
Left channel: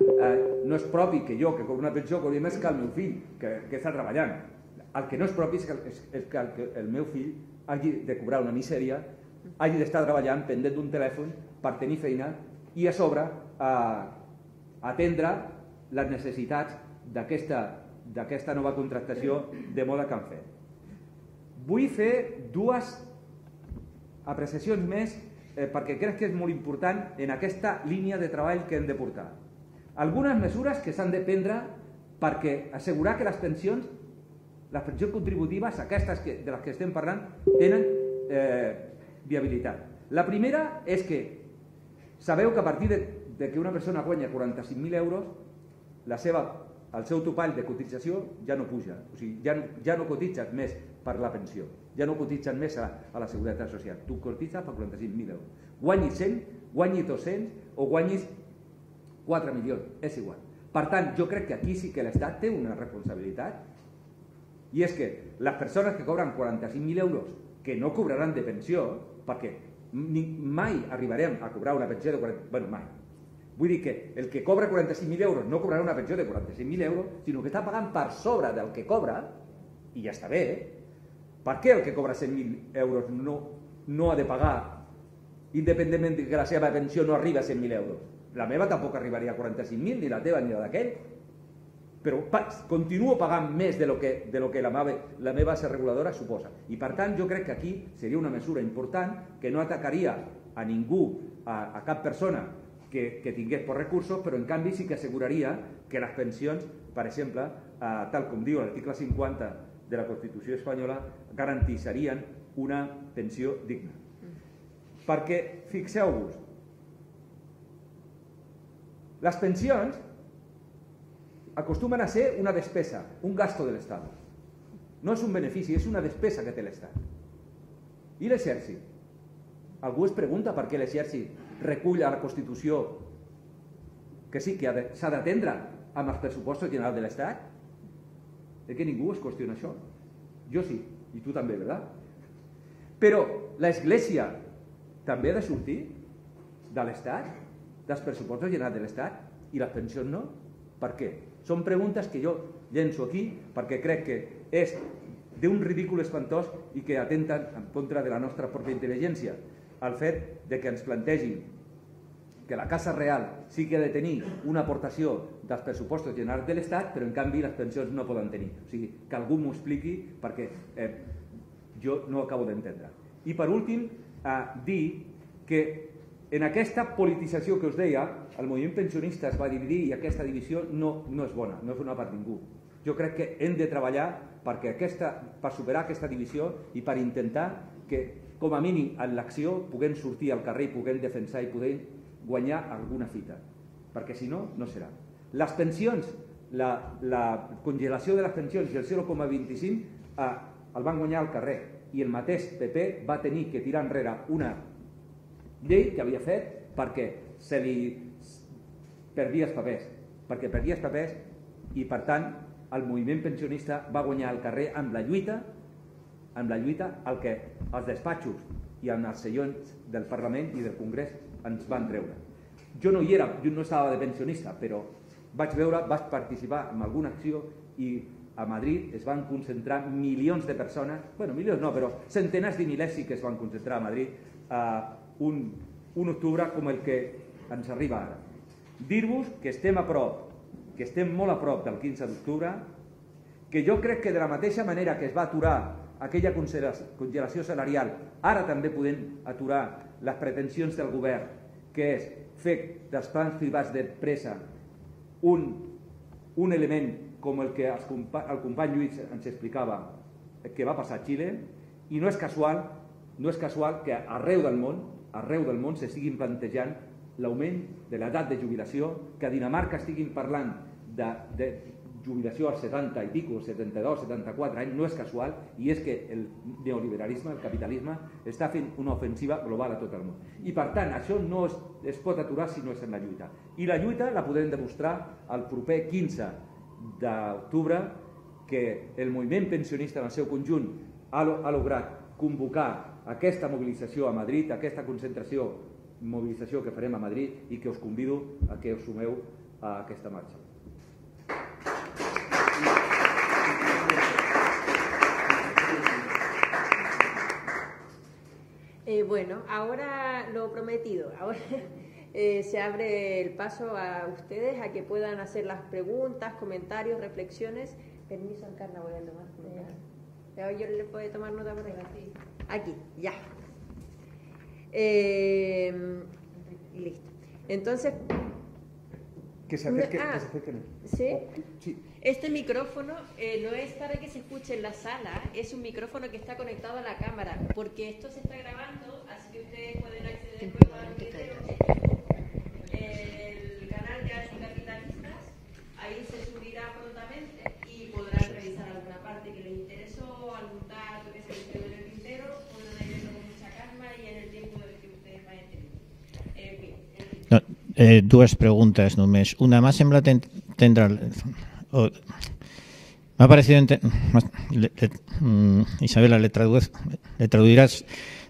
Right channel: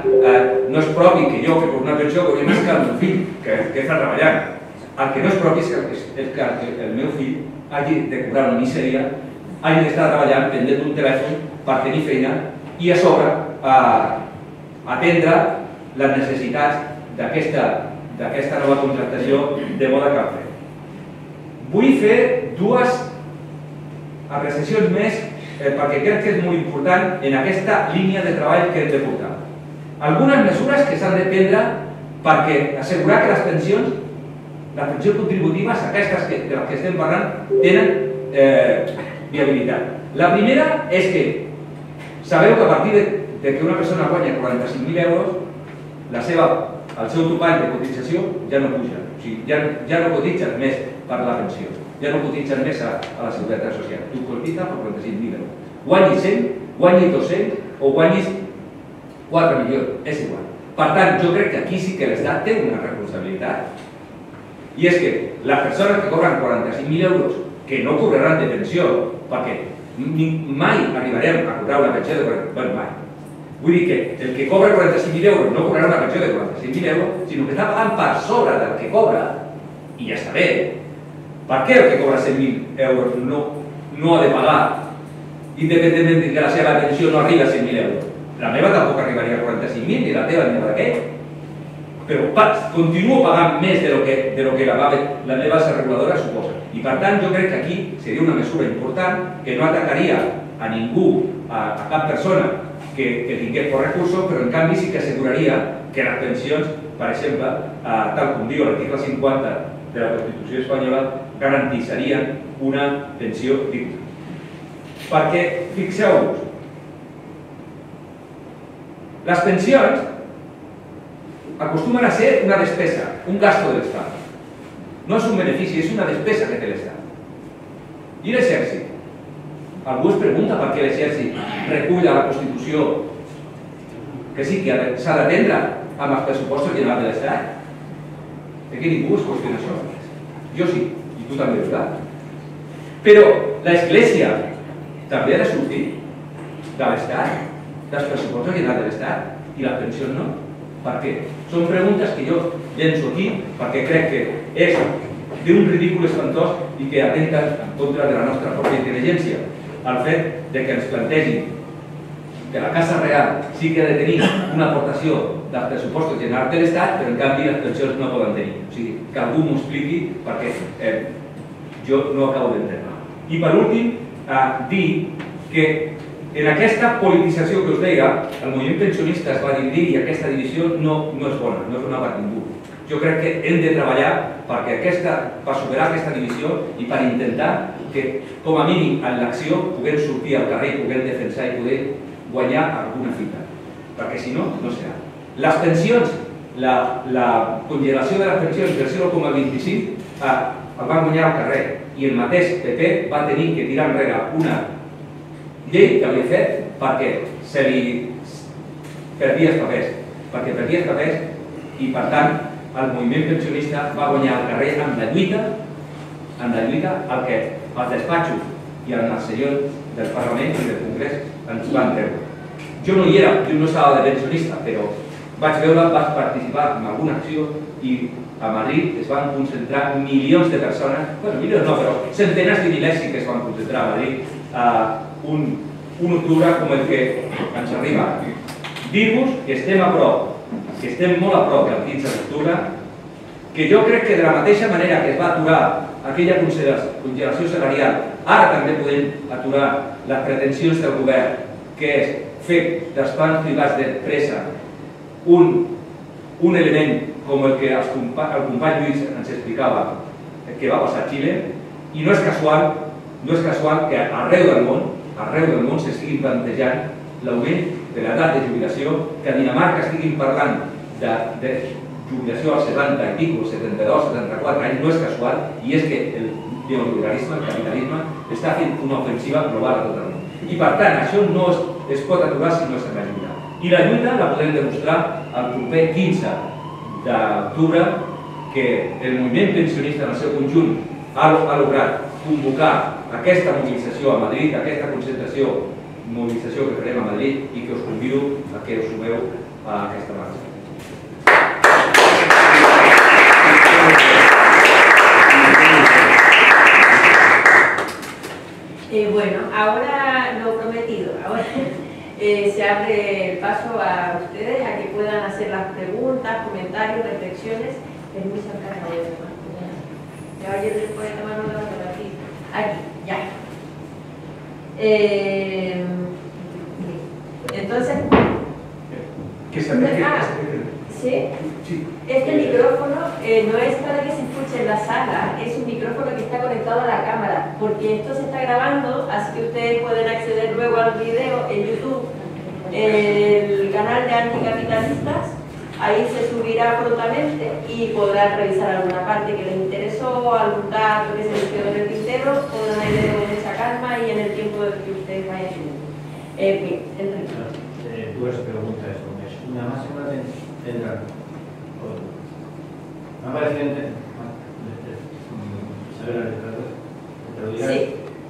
no és propi que jo, que per una pensió, cobrem més que el meu fill, que està treballant. El que no és propi és que el meu fill hagi de cobrar una misèria, hagi d'estar treballant pendent d'un telèfon per tenir feina i a sobre atendre les necessitats d'aquesta nova contractació de moda que han fet. Vull fer dues apreciacions més perquè crec que és molt important en aquesta línia de treball que hem de portar. Algunes mesures que s'han de prendre perquè assegurar que les pensions contributives, aquestes de les que estem parlant, tenen viabilitat. La primera és que sabeu que a partir de que una persona guanya 45.000 euros, el seu topall de cotització ja no puja. O sigui, ja no cotitzen més per la pensió, ja no cotitzen més a la Seguretat Social. Tu cotitzes per 45.000 euros. Guanyis 100, guanyis 200 o guanyis 4 milions, és igual. Per tant, jo crec que aquí sí que l'Estat té una responsabilitat. I és que les persones que cobren 45.000 euros, que no cobraran de pensió, perquè mai arribarem a cobrar una pensió de 45.000 mai. Vull dir que el que cobra 45.000 euros no cobrarà una pensió de 45.000 euros, sinó que està pagant per sobre del que cobra, i ja està bé. Per què el que cobra 100.000 euros no ha de pagar, independentment de que la seva pensió no arriba a 100.000 euros? La meva tampoc arribaria a 45.000, ni la teva ni la d'aquell. Però continuo pagant més de lo que la meva asseguradora suposa. I per tant jo crec que aquí seria una mesura important que no atacaria a ningú a cap persona que tingués poc recursos, però en canvi sí que asseguraria que les pensions, per exemple, tal com diu l'article 50 de la Constitució espanyola, garantisserien una pensió digna. Perquè, fixeu-vos, les pensions acostumen a ser una despesa, un gasto de l'Estat. No és un benefici, és una despesa que té l'Estat. I l'exèrcit? Algú es pregunta per què l'exèrcit recull a la Constitució que sí que s'ha d'atendre amb els pressupostos generals de l'Estat? Que ningú es qüestiona això. Jo sí, i tu també, ¿verdad? Però l'Església també ha de sortir de l'Estat, dels pressupostos generals de l'Estat, i les pensions no. Per què? Són preguntes que jo llenço aquí perquè crec que és d'un ridícul espantós i que atenten en contra de la nostra pròpia intel·ligència. El fet que ens plantegin que la Casa Real sí que ha de tenir una aportació dels pressupostos generals de l'Estat, però en canvi les pensions no poden tenir. O sigui, que algú m'ho expliqui perquè jo no acabo d'entendre. I per últim, dir que en aquesta politització que us deia, el moviment pensionista es va dividir i aquesta divisió no és bona, no és bona per ningú. Jo crec que hem de treballar per superar aquesta divisió i per intentar que, com a mínim, en l'acció puguem sortir al carrer, puguem defensar i poder guanyar alguna fita. Perquè si no, no serà. Les pensions, la congelació de les pensions del 0,25 el van guanyar al carrer i el mateix PP va tenir que tirar enrere una llei que havia fet perquè se li perdia els papers i per tant el moviment pensionista va guanyar al carrer amb la lluita el que els despatxos i els senyors del Parlament i del Congrés ens van treure. Jo no hi era, jo no estava de pensionista, però vaig participar en alguna acció i a Madrid es van concentrar milions de persones, bueno, milions no, però centenars de milers sí que es van concentrar a Madrid un octubre com el que ens arriba. Dir-vos que estem a prop, que estem molt a prop del 15 d'octubre, que jo crec que de la mateixa manera que es va aturar aquella congelació salarial, ara també podem aturar les pretensions del govern, que és fer dels plans privats d'empresa un element com el que el company Lluís ens explicava que va passar a Xile, i no és casual que arreu del món s'estiguin plantejant l'augment de l'edat de jubilació, que a Dinamarca estiguin parlant de jubilació als 70 i pico, 72, 74 anys, no és casual, i és que el neoliberalisme, el capitalisme, està fent una ofensiva global a tot el món. I per tant, això no es pot aturar si no s'ha d'ajuda. I la lluita la podem demostrar el proper 15 d'octubre, que el moviment pensionista en el seu conjunt ha lograt convocar aquesta mobilització a Madrid, aquesta mobilització que farem a Madrid, i que us convido a que us sumeu a aquesta marxa. Bueno, ahora lo prometido. Ahora se abre el paso a ustedes a que puedan hacer las preguntas, comentarios, reflexiones. Es muy sacado de la mano. Caballero, puede tomar una fotografía. Aquí, ya. Entonces, ¿sí? Este micrófono no es para que se escuche en la sala, es un micrófono que está conectado a la cámara, porque esto se está grabando, así que ustedes pueden acceder luego al video en YouTube, el canal de Anticapitalistas. Ahí se subirá prontamente y podrán revisar alguna parte que les interesó, algún dato que se les quedó en el tintero, podrán leerlo con mucha calma y en el tiempo que ustedes vayan. Dues preguntes només. Una, m'ha semblat entendre... M'ha parecido... Isabela, le traduiràs?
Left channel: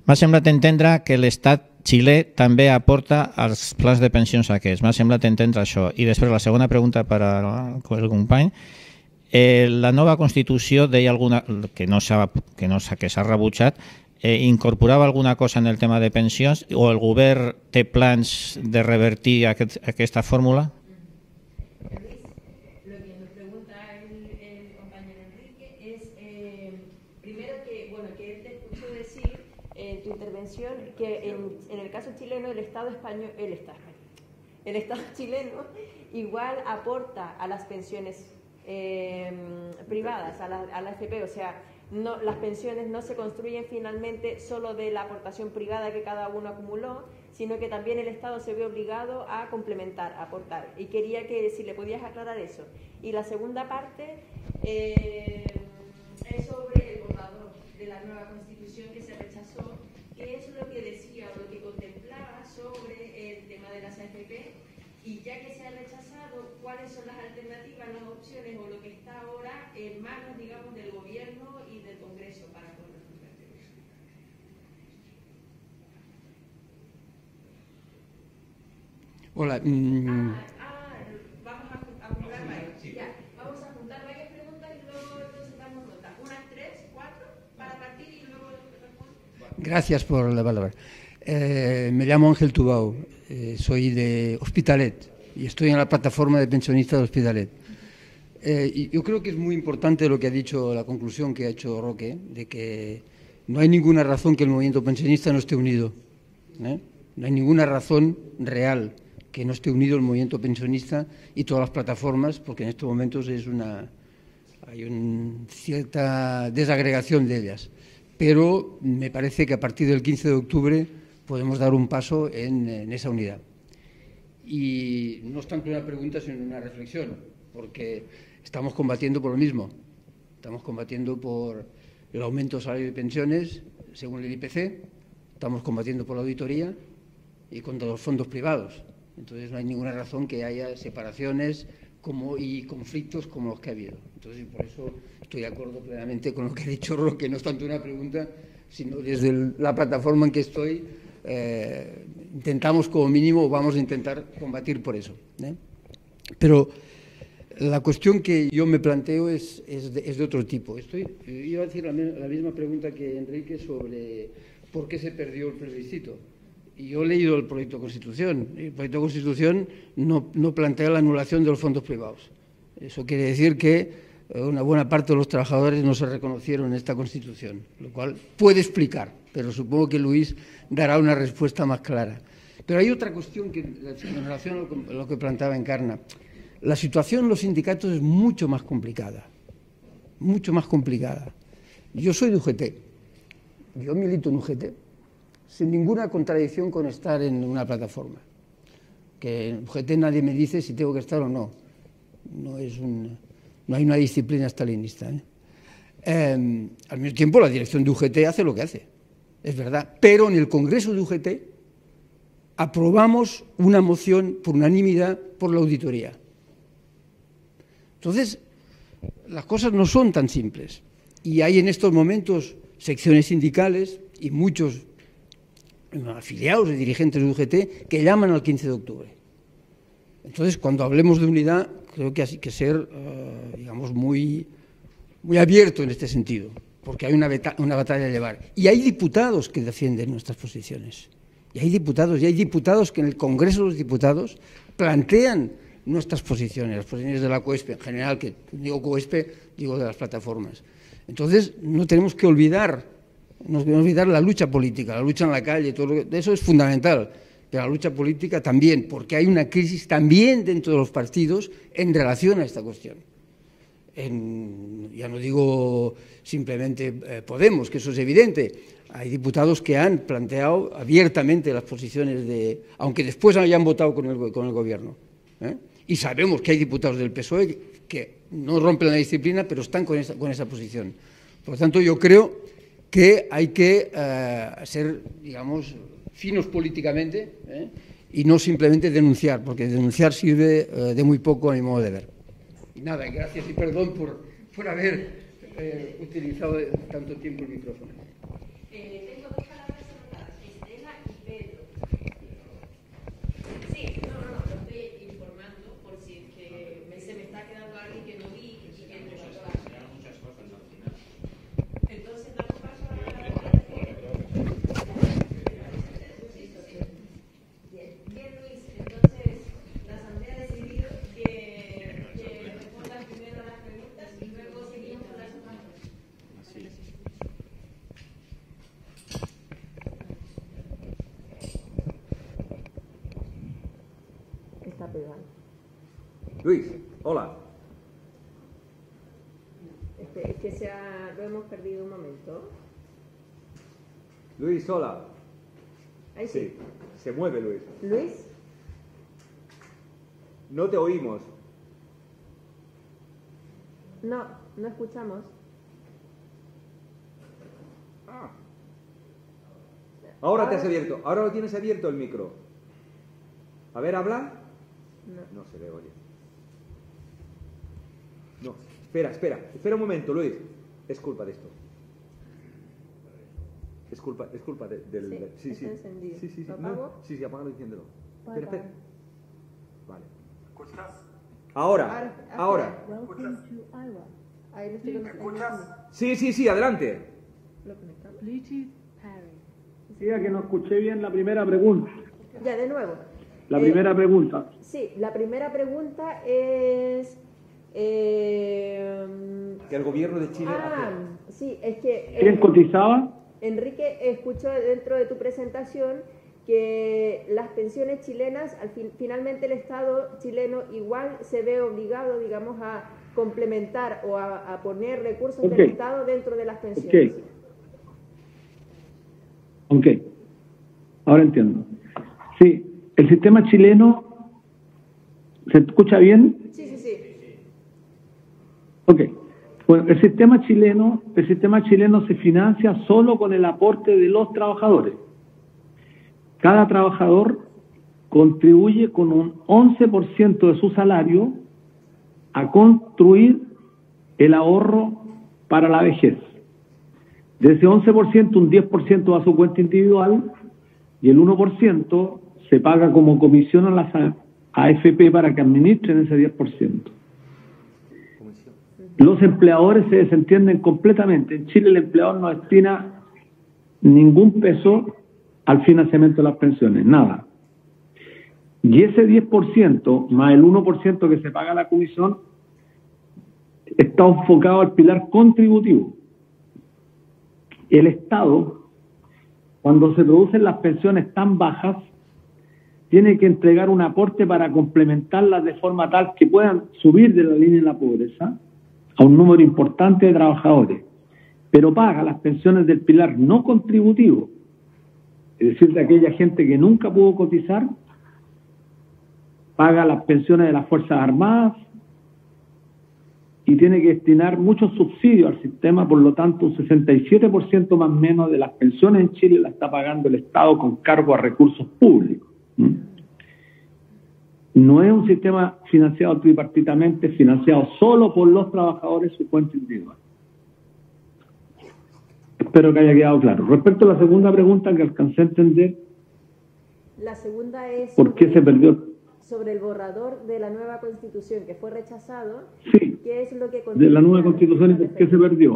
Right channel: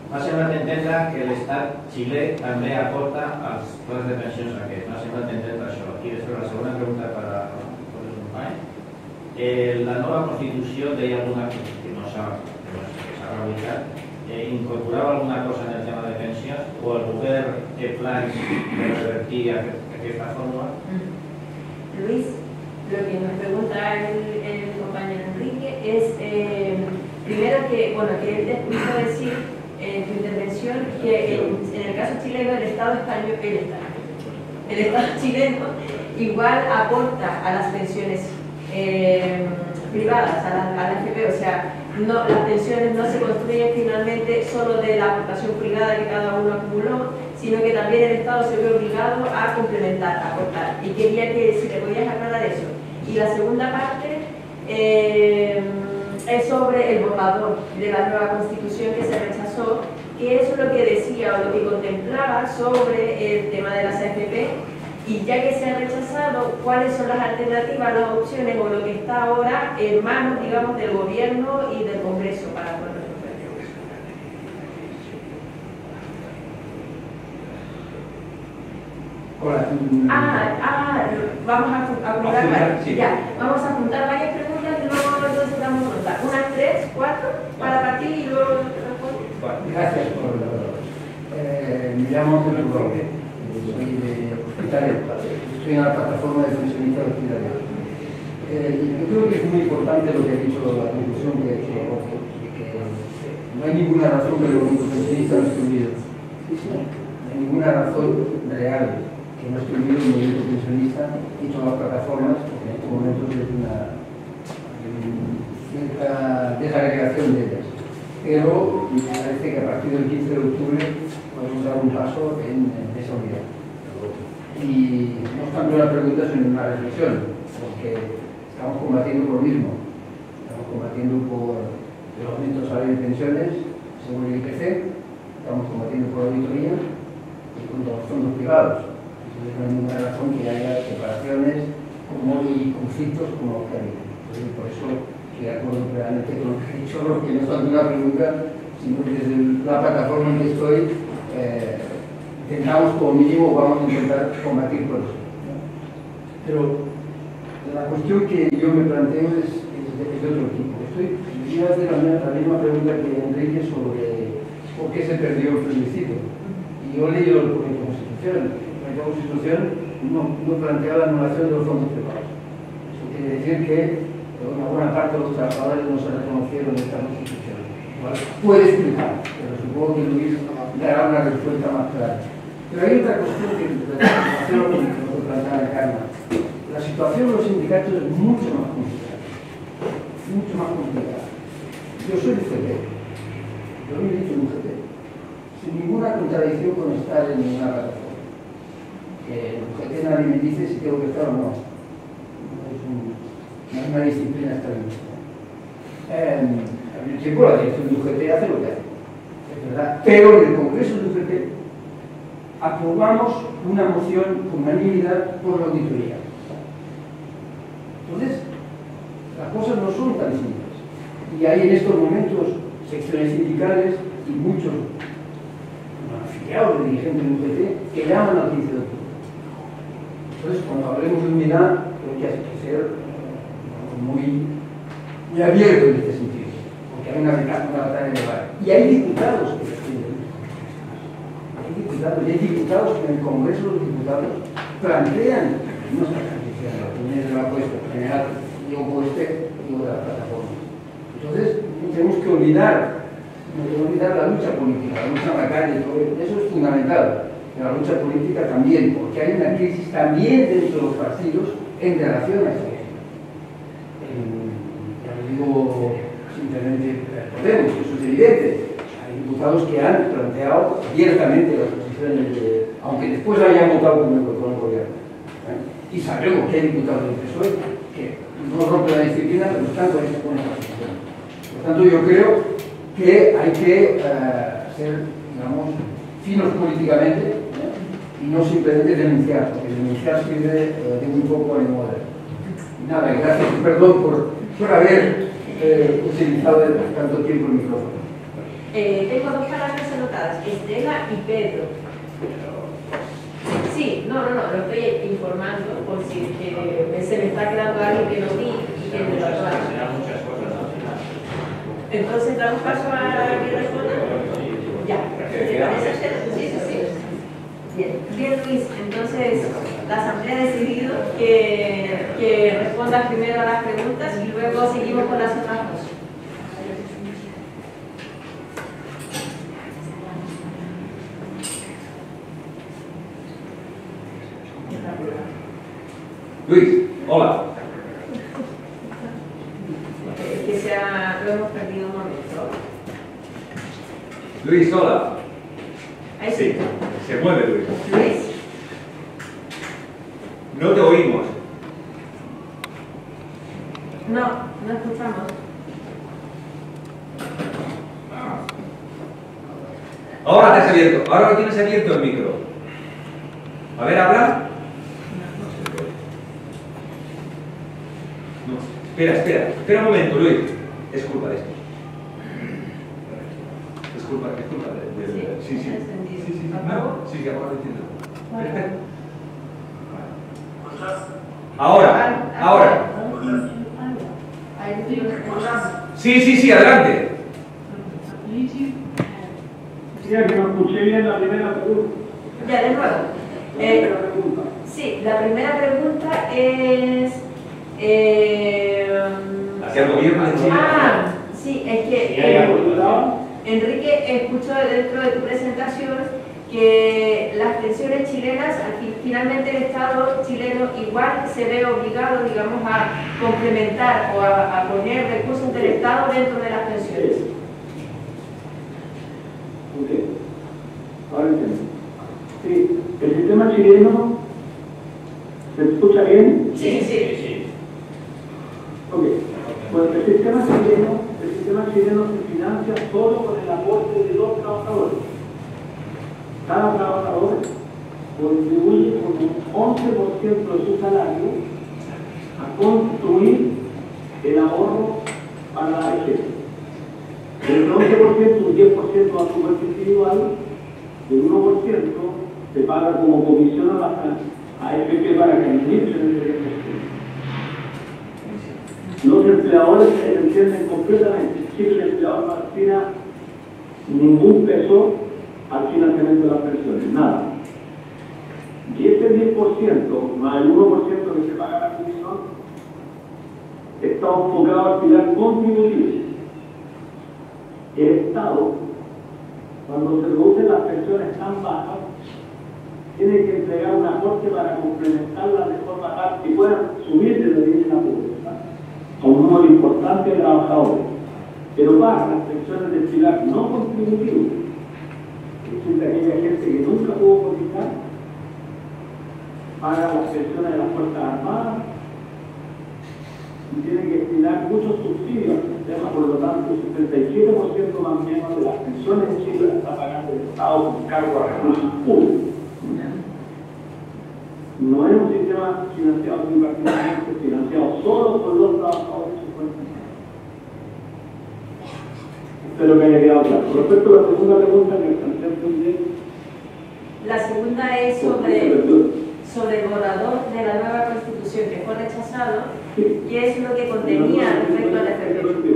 M'ha semblat entendre que l'Estat xilè també aporta als plans de pensions aquests. M'ha semblat entendre això. I després la segona pregunta per al company. La nova Constitució deia alguna que s'ha rebutjat, incorporava alguna cosa en el tema de pensions, o el govern té plans de revertir aquesta fórmula? Luis, lo que nos pregunta el compañero Enrique es, primero que él te escuchó decir en tu intervención que en el caso chileno el Estado español, el Estado chileno igual aporta a las pensiones privadas, a la AFP, o sea, no, las pensiones no se construyen finalmente solo de la aportación privada que cada uno acumuló, sino que también el Estado se ve obligado a complementar, a aportar. Y quería que si le podías aclarar eso. Y la segunda parte es sobre el borrador de la nueva Constitución que se rechazó, que eso es lo que decía o lo que contemplaba sobre el tema de las AFP. Y ya que se ha rechazado, ¿cuáles son las alternativas, las opciones o lo que está ahora en manos, digamos, del Gobierno y del Congreso para poder resolver? Hola. Vamos a apuntar, sí. ya, vamos a apuntar varias preguntas y luego entonces damos nota. Unas 3, 4, para partir y luego respondo. Gracias por la palabra. Me llamo Ángel Tubao, soy de Hospitalet, estoy en la plataforma de pensionistas de Hospitalet. Yo creo que es muy importante lo que ha dicho, la conclusión que ha hecho Roque, de que no hay ninguna razón que el movimiento pensionista no esté unido. No hay ninguna razón real que no esté unido el movimiento pensionista y todas las plataformas, porque en estos momentos hay una cierta desagregación de ellas. Pero me parece que a partir del 15 de octubre podemos dar un paso en esa unidad. Y nuestra primera pregunta es una reflexión, porque estamos combatiendo por lo mismo. Estamos combatiendo por el aumento de salario y pensiones, según el IPC, estamos combatiendo por la auditoría y contra los fondos privados. Entonces no hay ninguna razón que haya separaciones y conflictos como los que hay. Entonces, por eso estoy de acuerdo plenamente con lo que ha dicho, lo que no está en una pregunta, sino desde la plataforma en que estoy, intentamos como mínimo, vamos a intentar combatir por eso. Pero la cuestión que yo me planteo es de otro tipo. Quería hacer la misma pregunta que Enrique sobre por qué se perdió el plebiscito. Y yo he leído el proyecto de Constitución. El proyecto de Constitución no plantea la anulación de los fondos privados. Eso quiere decir que una buena parte de los trabajadores no se reconocieron en esta Constitución. ¿Vale? Puede explicar, pero supongo que Luis dará una respuesta más clara. Pero hay otra cuestión que lo que planteaba Carmen. La situación de los sindicatos es mucho más complicada. Mucho más complicada. Yo soy UGT. Yo milito en UGT. Sin ninguna contradicción con estar en una plataforma. Que en UGT nadie me dice si tengo que estar o no. No hay una disciplina estalinista. Al mismo tiempo, la dirección de UGT hace lo que hace. Es verdad. Pero en el Congreso de UGT aprobamos una moción por unanimidad por la auditoría. Entonces, las cosas no son tan simples. Y hay en estos momentos secciones sindicales y muchos afiliados o dirigentes de UGT que llaman al 15 de octubre. Entonces, cuando hablemos de unidad, creo que hay que ser muy abierto en este sentido, porque hay una batalla elevada. Y hay diputados que defienden nuestras posiciones. Hay diputados que en el Congreso de los Diputados plantean nuestras posiciones, las opiniones de la COESPE, en general, digo COESPE, digo de las plataformas. Entonces, no tenemos que olvidar la lucha política, la lucha en la calle, eso es fundamental, pero la lucha política también, porque hay una crisis también dentro de los partidos en relación a esta cuestión. Ya no digo simplemente Podemos, eso es evidente. Hay diputados que han planteado abiertamente las posiciones, aunque después hayan votado con el gobierno. Y sabemos que hay diputados del PSOE que no rompen la disciplina, pero están con esa posición. Por lo tanto, yo creo que hay que ser, digamos, finos políticamente y no simplemente denunciar, porque denunciar sirve de muy poco a mi modo de ver. Nada, gracias, perdón por haber utilizado tanto tiempo el micrófono. Tengo dos palabras anotadas, Estela y Pedro. Sí, no, lo estoy informando por si se me está quedando algo que no vi y que me lo acabo. Entonces, ¿damos paso a que responda? Ya. ¿Te parece? Sí. Bien, Luis, entonces la Asamblea ha decidido que respondas primero a las preguntas y luego seguimos con las otras dos. Luis, hola. Lo hemos perdido un momento. Luis, hola. Ahí Sí, se mueve Luis. Luis. No te oímos. No escuchamos. Ahora te has abierto, ahora lo tienes abierto el micro. A ver, habla. No. Espera un momento, Luis. Es culpa de esto. Es culpa de... Sí. Sí, ahora lo entiendo. Ahora. Sí, adelante. Mira que no escuché bien la primera pregunta. Ya, de nuevo. La primera pregunta. Sí, la primera pregunta es... ¿Hacia el gobierno de Chile? Sí, es que... ¿He cotizado? Enrique, escucho dentro de tu presentación que las pensiones chilenas, aquí finalmente el Estado chileno igual se ve obligado, digamos, a complementar o a poner recursos del Estado dentro de las pensiones. Ok, ahora entiendo. Sí, el sistema chileno, ¿se escucha bien? Sí. Ok, bueno, el sistema chileno se financia solo con el aporte de los trabajadores. Cada trabajador contribuye con un 11% de su salario a construir el ahorro para la vejez. De ese 11%, un 10% va a su cuenta individual y el 1% se paga como comisión a las AFP para que administren ese 10%. Los empleadores se desentienden completamente. En Chile el empleador no destina ningún peso al financiamiento de las pensiones, nada. Y ese 10% más el 1% que se paga la comisión está enfocado al pilar contributivo. El Estado, cuando se producen las pensiones tan bajas, tiene que entregar un aporte para complementarlas de forma tal que puedan subir de la línea de la pobreza a un número importante de trabajadores, pero paga las pensiones del pilar no contributivo, es decir, de aquella gente que nunca pudo cotizar, paga las pensiones de las Fuerzas Armadas y tiene que destinar muchos subsidios al sistema, por lo tanto un 67% más o menos de las pensiones en Chile las está pagando el Estado con cargo a recursos públicos. No es un sistema financiado tripartitamente, es financiado solo por los trabajadores su cuenta individual. Espero que haya quedado claro. Respecto a la segunda pregunta que alcancé a entender, La segunda es ¿por qué se perdió? sobre el borrador de la nueva Constitución que fue rechazado. Sí, ¿Qué es lo que de la contenía nueva Constitución respecto a la que se perdió.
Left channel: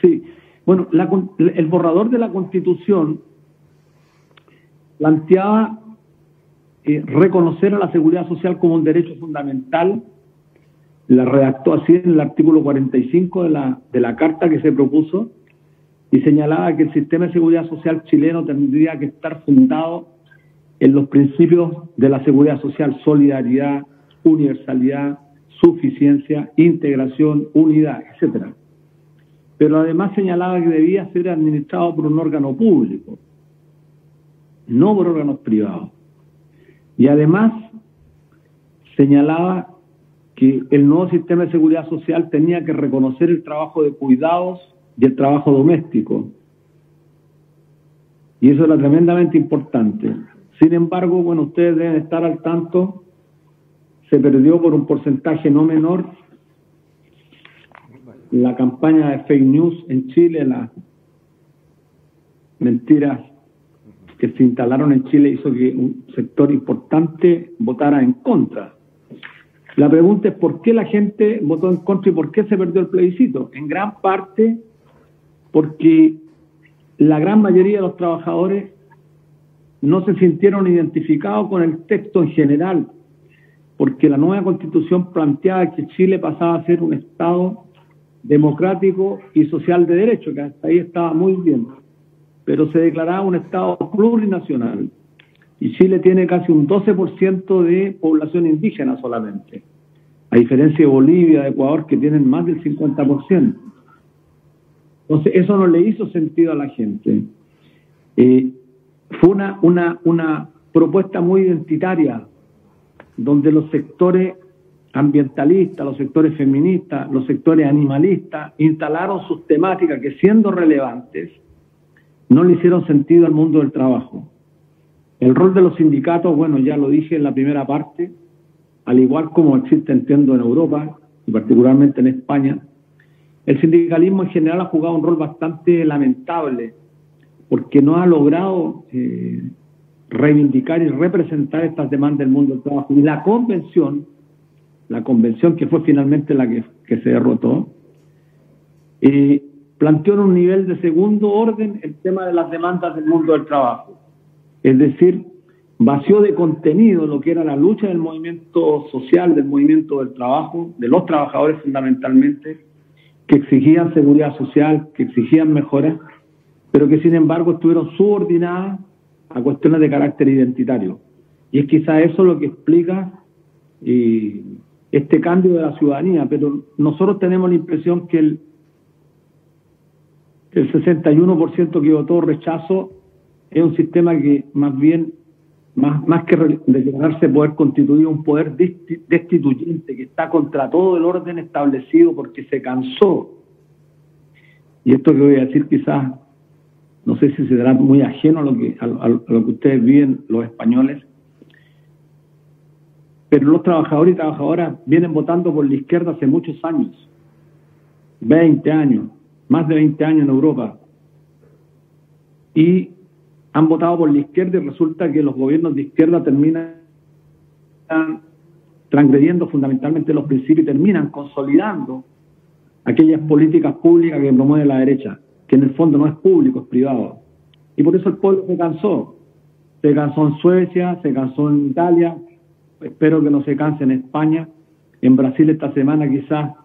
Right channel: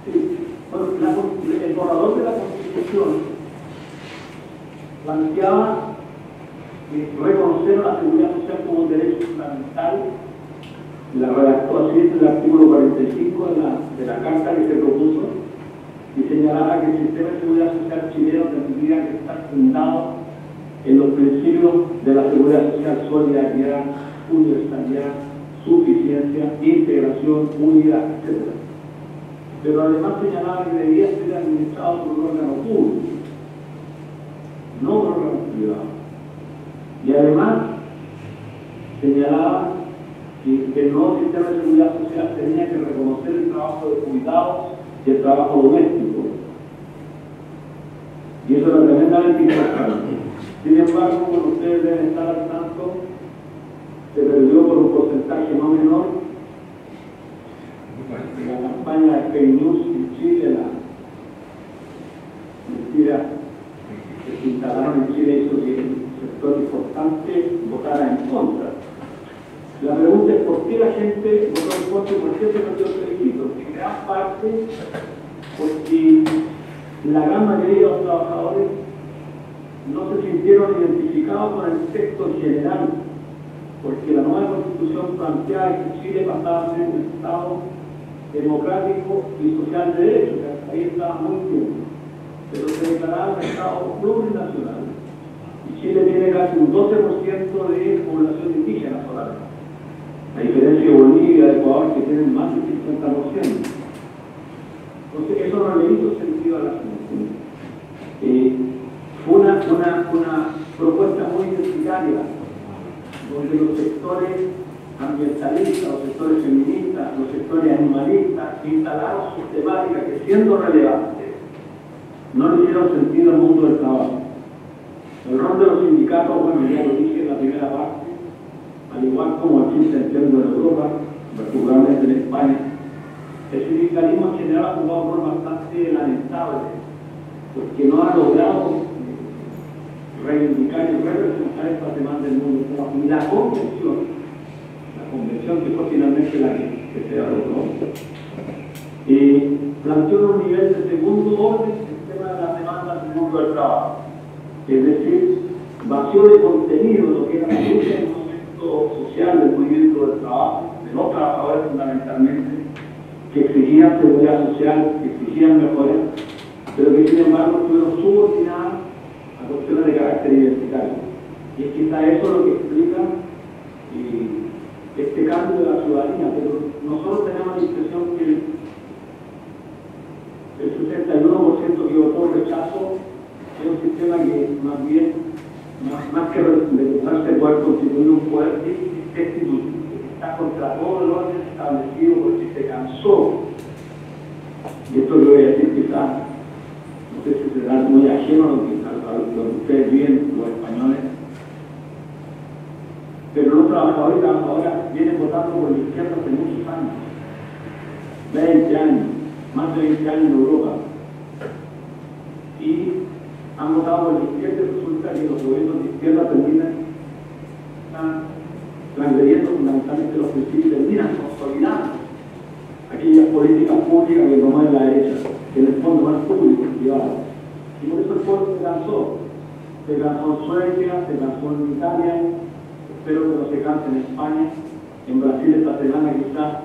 Sí, bueno, el borrador de la Constitución planteaba reconocer a la seguridad social como un derecho fundamental. La redactó así en el artículo 45 de la carta que se propuso y señalaba que el sistema de seguridad social chileno tendría que estar fundado en los principios de la seguridad social: solidaridad, universalidad, suficiencia, integración, unidad, etc. Pero además señalaba que debía ser administrado por un órgano público, no por órganos privados. Y además señalaba que el nuevo sistema de seguridad social tenía que reconocer el trabajo de cuidados y el trabajo doméstico. Y eso era tremendamente importante. Sin embargo, bueno, ustedes deben estar al tanto, se perdió por un porcentaje no menor la campaña de fake news en Chile, las mentiras que se instalaron en Chile hizo que un sector importante votara en contra. La pregunta es por qué la gente votó en contra y por qué se perdió el plebiscito. En gran parte porque la gran mayoría de los trabajadores no se sintieron identificados con el texto en general, porque la nueva Constitución planteaba que Chile pasaba a ser un Estado democrático y social de derecho, que hasta ahí estaba muy bien, pero se declaraba un Estado plurinacional, Y Chile tiene casi un 12% de población indígena solamente, a diferencia de Bolivia, de Ecuador, que tienen más del 50%. Entonces, eso no le hizo sentido a la gente. Fue una propuesta muy identitaria, donde los sectores ambientalistas, los sectores feministas, los sectores animalistas instalaron sus temáticas que, siendo relevantes, no le hicieron sentido al mundo del trabajo. El rol de los sindicatos, bueno, ya lo dije en la primera parte, al igual como existe, entiendo, en Europa, y particularmente en España, el sindicalismo en general ha jugado un rol bastante lamentable, porque no ha logrado reivindicar y representar estas demandas del mundo del trabajo. Y la convención que fue finalmente la que se derrotó, planteó en un nivel de segundo orden el tema de las demandas del mundo del trabajo. Es decir, vació de contenido lo que era la lucha del movimiento social, del movimiento del trabajo, de los trabajadores fundamentalmente, que exigían seguridad social, que exigían mejoras, pero que sin embargo estuvieron subordinadas a cuestiones de carácter identitario. Y es quizá eso lo que explica este cambio de la ciudadanía, pero nosotros tenemos la impresión que el 61% que votó rechazo es un sistema que más bien, más que declararse poder constituir un poder destituyente que está contra todo el orden establecido, porque se cansó. Y esto que voy a decir quizás, no sé si será muy ajeno a lo que ustedes viven, los españoles, pero los trabajadores y trabajadoras vienen votando por la izquierda hace muchos años, 20 años, más de 20 años en Europa, y han votado por la izquierda, y resulta que los gobiernos de izquierda terminan transgrediendo fundamentalmente los principios y terminan consolidando aquellas políticas públicas que promueve la derecha, que en el fondo no es público, es privado. Y por eso el pueblo se cansó en Suecia, se cansó en Italia, espero que no se canse en España, en Brasil esta semana quizás,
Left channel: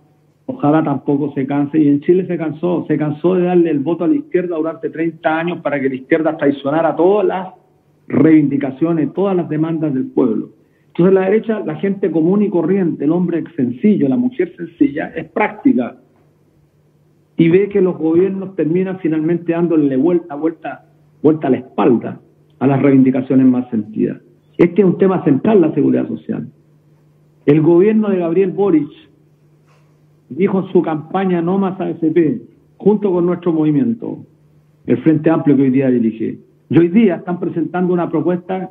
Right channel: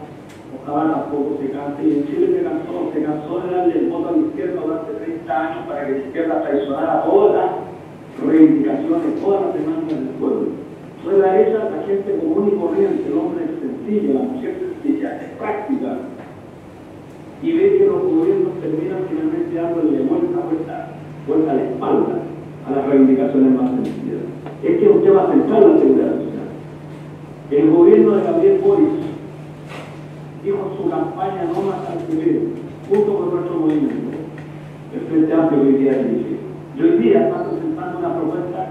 ojalá tampoco se canse, y en Chile se cansó de darle el voto a la izquierda durante 30 años para que la izquierda traicionara todas las reivindicaciones, todas las demandas del pueblo. Entonces la derecha, la gente común y corriente, el hombre sencillo, la mujer sencilla, es práctica, y ve que los gobiernos terminan finalmente dándole vuelta a la espalda a las reivindicaciones más sencillas. Este es un tema central, la seguridad social. El gobierno de Gabriel Boric dijo en su campaña no más AFP, junto con nuestro movimiento, el Frente Amplio que hoy día dirige. Y hoy día están presentando una propuesta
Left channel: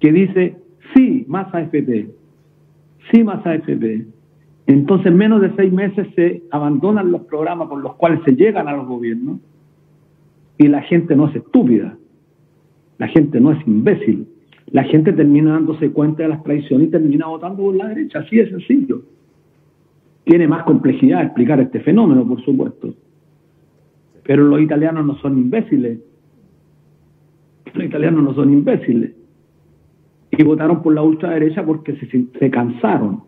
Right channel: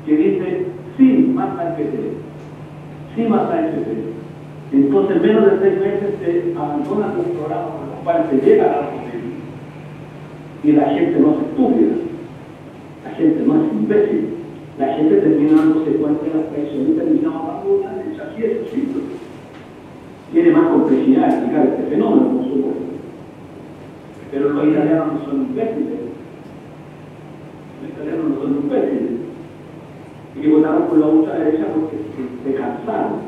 que dice sí más AFP, sí más AFP. Entonces, en menos de 6 meses se abandonan los programas con los cuales se llegan a los gobiernos, y la gente no es estúpida, la gente no es imbécil, la gente termina dándose cuenta de las traiciones y termina votando por la derecha, así de sencillo. Tiene más complejidad explicar este fenómeno, por supuesto, pero los italianos no son imbéciles, y votaron por la ultraderecha porque se cansaron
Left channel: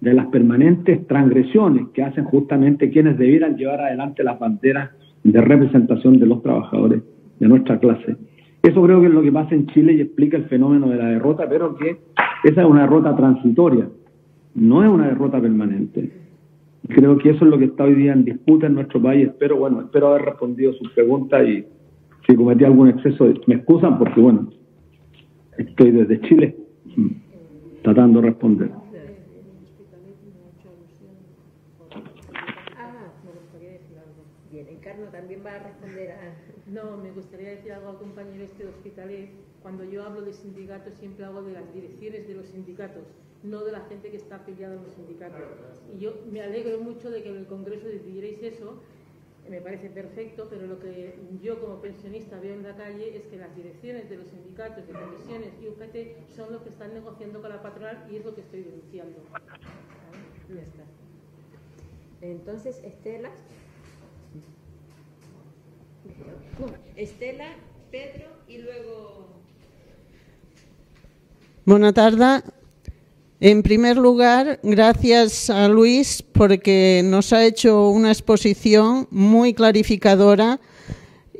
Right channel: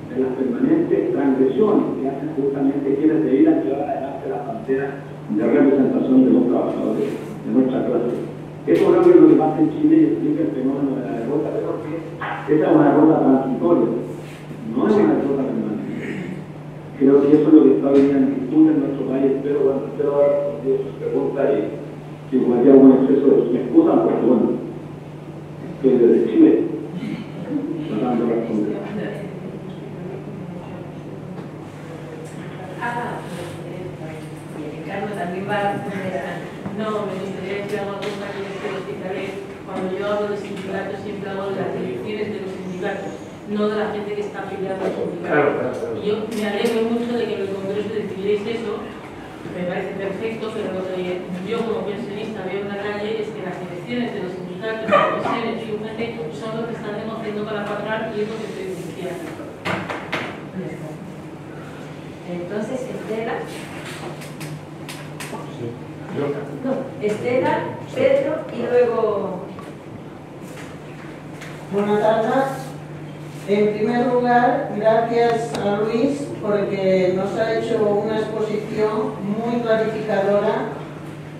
de las permanentes transgresiones que hacen justamente quienes debieran llevar adelante las banderas de representación de los trabajadores de nuestra clase. Eso creo que es lo que pasa en Chile y explica el fenómeno de la derrota, pero que esa es una derrota transitoria, no es una derrota permanente. Creo que eso es lo que está hoy día en disputa en nuestro país. Espero haber respondido sus preguntas, y si cometí algún exceso me excusan, porque estoy desde Chile tratando de responder. No, me gustaría decir algo más que cuando yo hablo de sindicatos siempre hablo de las direcciones de los sindicatos, no de la gente que está afiliada a los sindicatos. Y yo me alegro mucho de que en el Congreso decidiréis eso, me parece perfecto, pero lo que yo como pensionista veo en la calle es que las direcciones de los sindicatos, las comisiones y UGT son los que están negociando para pagar, y es lo que estoy diciendo. Entonces, Estela. No, Estela, Pedro y luego... Buenas tardes. En primer lugar, gracias a Luis porque nos ha hecho una exposición muy clarificadora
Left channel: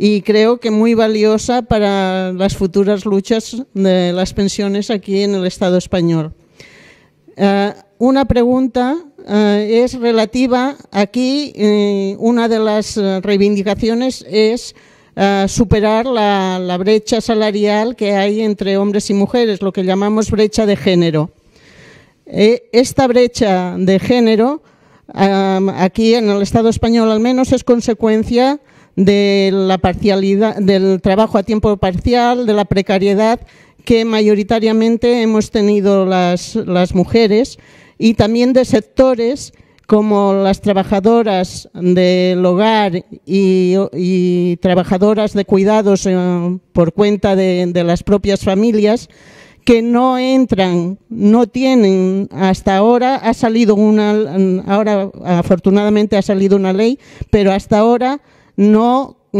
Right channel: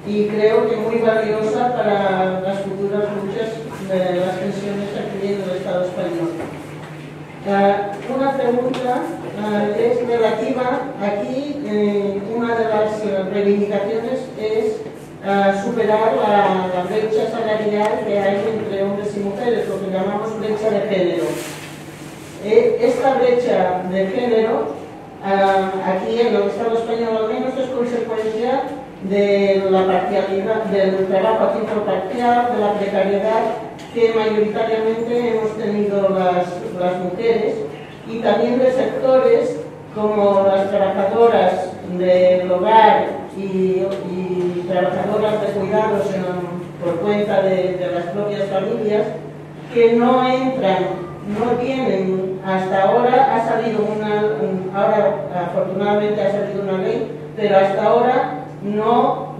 y creo que muy valiosa para las futuras luchas de las pensiones aquí en el Estado español. Una pregunta es relativa, aquí una de las reivindicaciones es superar la brecha salarial que hay entre hombres y mujeres, lo que llamamos brecha de género. Esta brecha de género, aquí en el Estado español al menos, es consecuencia de la parcialidad, del trabajo a tiempo parcial, de la precariedad que mayoritariamente hemos tenido las mujeres, y también de sectores como las trabajadoras del hogar y trabajadoras de cuidados por cuenta de las propias familias, que no entran, no tienen, hasta ahora ha salido ahora afortunadamente ha salido una ley, pero hasta ahora no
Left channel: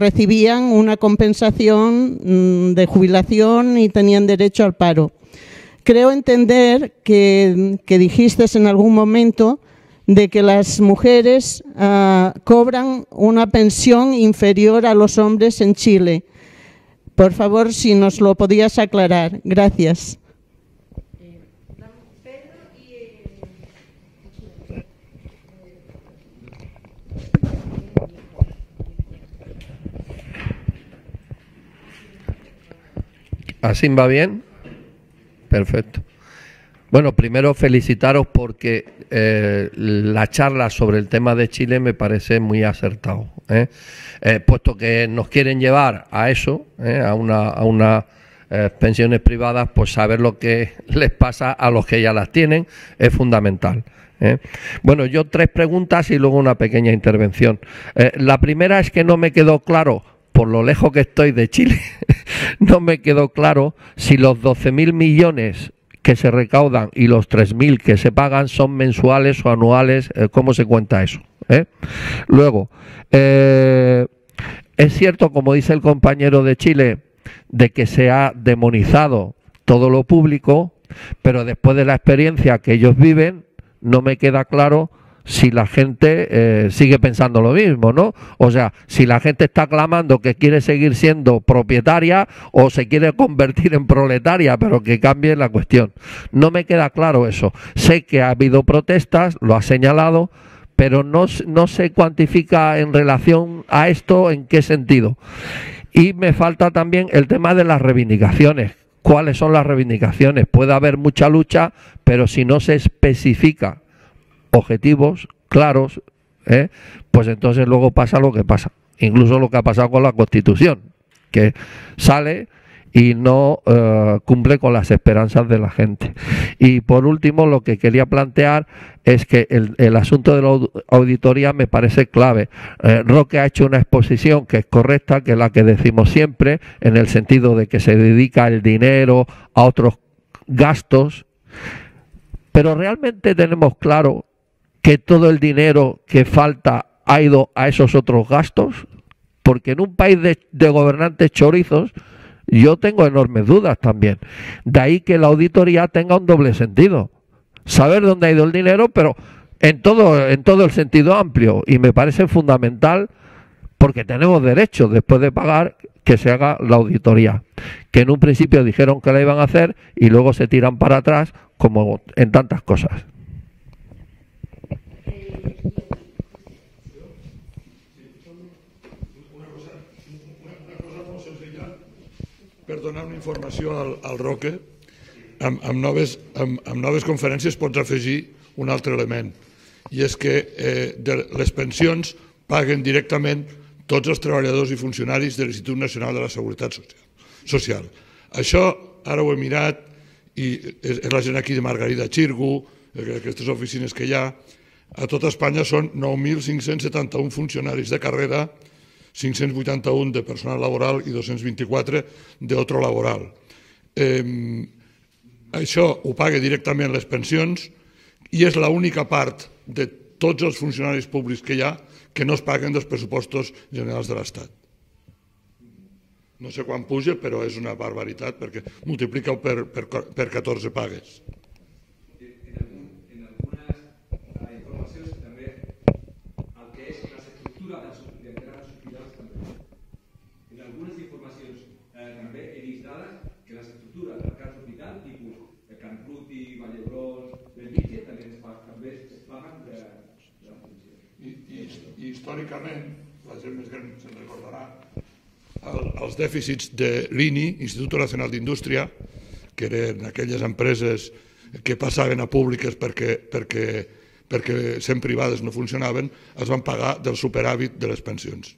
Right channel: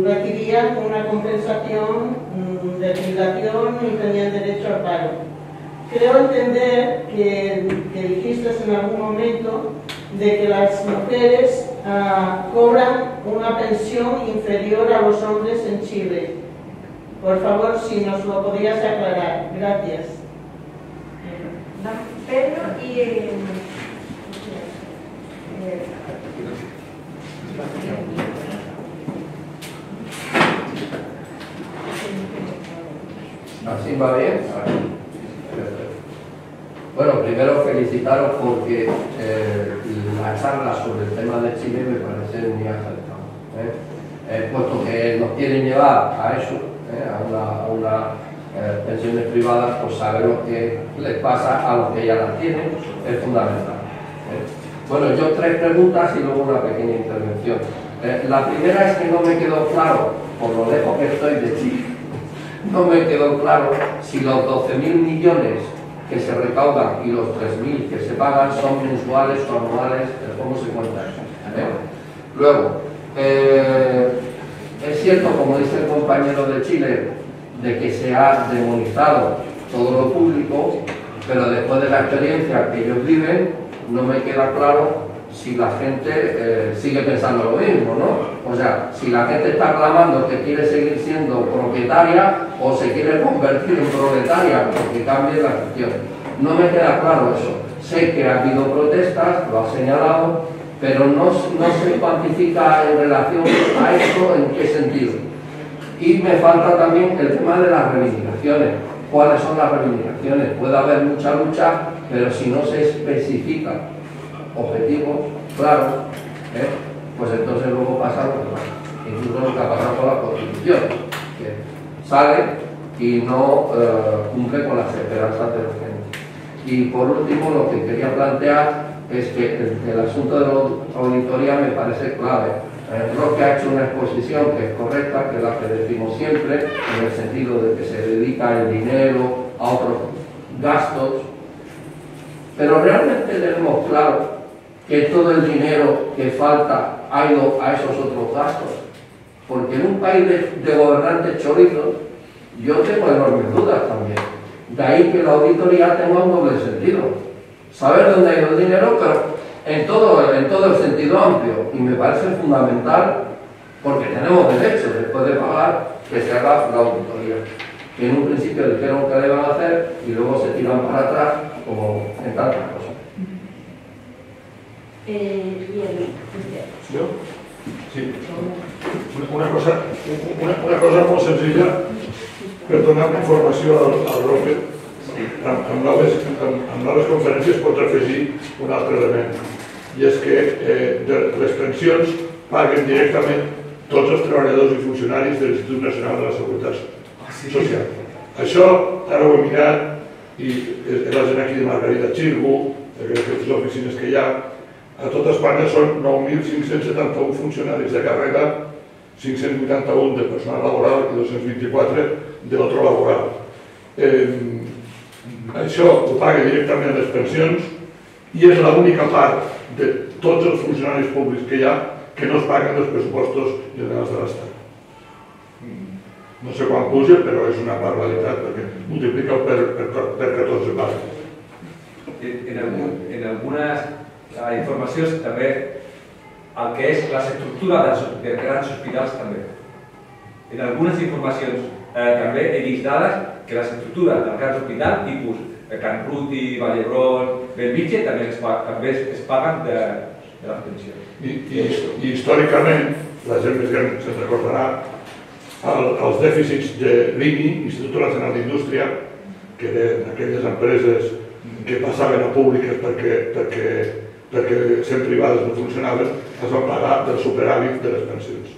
recibían una compensación de jubilación ni tenían derecho al paro. Creo entender que dijiste en algún momento de que las mujeres cobran una pensión inferior a los hombres en Chile. Por favor, si nos lo podías aclarar. Gracias. Pedro y... ¿Así va bien? Perfecto. Bueno, primero felicitaros porque la charla sobre el tema de Chile me parece muy acertado, puesto que nos quieren llevar a eso, a unas pensiones privadas, pues saber lo que les pasa a los que ya las tienen es fundamental. Bueno, yo 3 preguntas y luego una pequeña intervención. La primera es que no me quedó claro, por lo lejos que estoy de Chile, no me quedó claro si los 12.000 millones que se recaudan y los 3.000 que se pagan son mensuales o anuales, ¿cómo se cuenta eso? Luego, es cierto, como dice el compañero de Chile, de que se ha demonizado todo lo público, pero después de la experiencia que ellos viven, no me queda claro si la gente sigue pensando lo mismo, ¿no? O sea, si la gente está clamando que quiere seguir siendo propietaria o se quiere convertir en proletaria, pero que cambie la cuestión. No me queda claro eso. Sé que ha habido protestas, lo ha señalado, pero no se cuantifica en relación a esto en qué sentido. Y me falta también el tema de las reivindicaciones. ¿Cuáles son las reivindicaciones? Puede haber mucha lucha, pero si no se especifica objetivos claros, pues entonces luego pasa lo que pasa, incluso lo que ha pasado con la Constitución, que sale y no cumple con las esperanzas de la gente. Y por último, lo que quería plantear es que el asunto de la auditoría me parece clave. Roque ha hecho una exposición que es correcta, que es la que decimos siempre, en el sentido de que se dedica el dinero a otros gastos, pero realmente tenemos claro que todo el dinero que falta ha ido a esos otros gastos, porque en un país de gobernantes chorizos yo tengo enormes dudas también. De ahí que la auditoría tenga un doble sentido, saber dónde ha ido el dinero, pero en todo el sentido amplio, y me parece fundamental, porque tenemos derecho, después de pagar, que se haga la auditoría, que en un principio dijeron que la iban a hacer y luego se tiran para atrás, como en tantas cosas. ¿Yo? Sí. Una cosa molt senzilla per donar informació al Roque. Amb noves conferències pots afegir un altre element, i és que les pensions paguen directament tots els treballadors i funcionaris de l'Institut Nacional de la Seguretat Social. Això ara ho he mirat i és la gent aquí de Margarida Xirgu, aquestes oficines que hi ha. A tot Espanya són 9.571 funcionaris de càrrega, 581 de personal laboral i 224 d'otro laboral. Això ho paga directament les pensions i és l'única part de tots els funcionaris públics que hi ha que no es paguen dels pressupostos generals de l'Estat. No sé quan puja, però és una barbaritat perquè multiplica per 14 pagues. En algunes informacions també el que és l'estructura de grans hospitals també. en algunes informacions també he vist dades que les estructures del cas d'hospital, tipus Can Ruti, Vall d'Hebron, Bellvitge, també es paguen de les pensions. I històricament, la gent més gran se'n recordarà, els dèficits de l'INI, Instituto Nacional d'Indústria, que eren aquelles empreses que passaven a públiques perquè sent privades no funcionaven, es van pagar del superàvit de les pensions.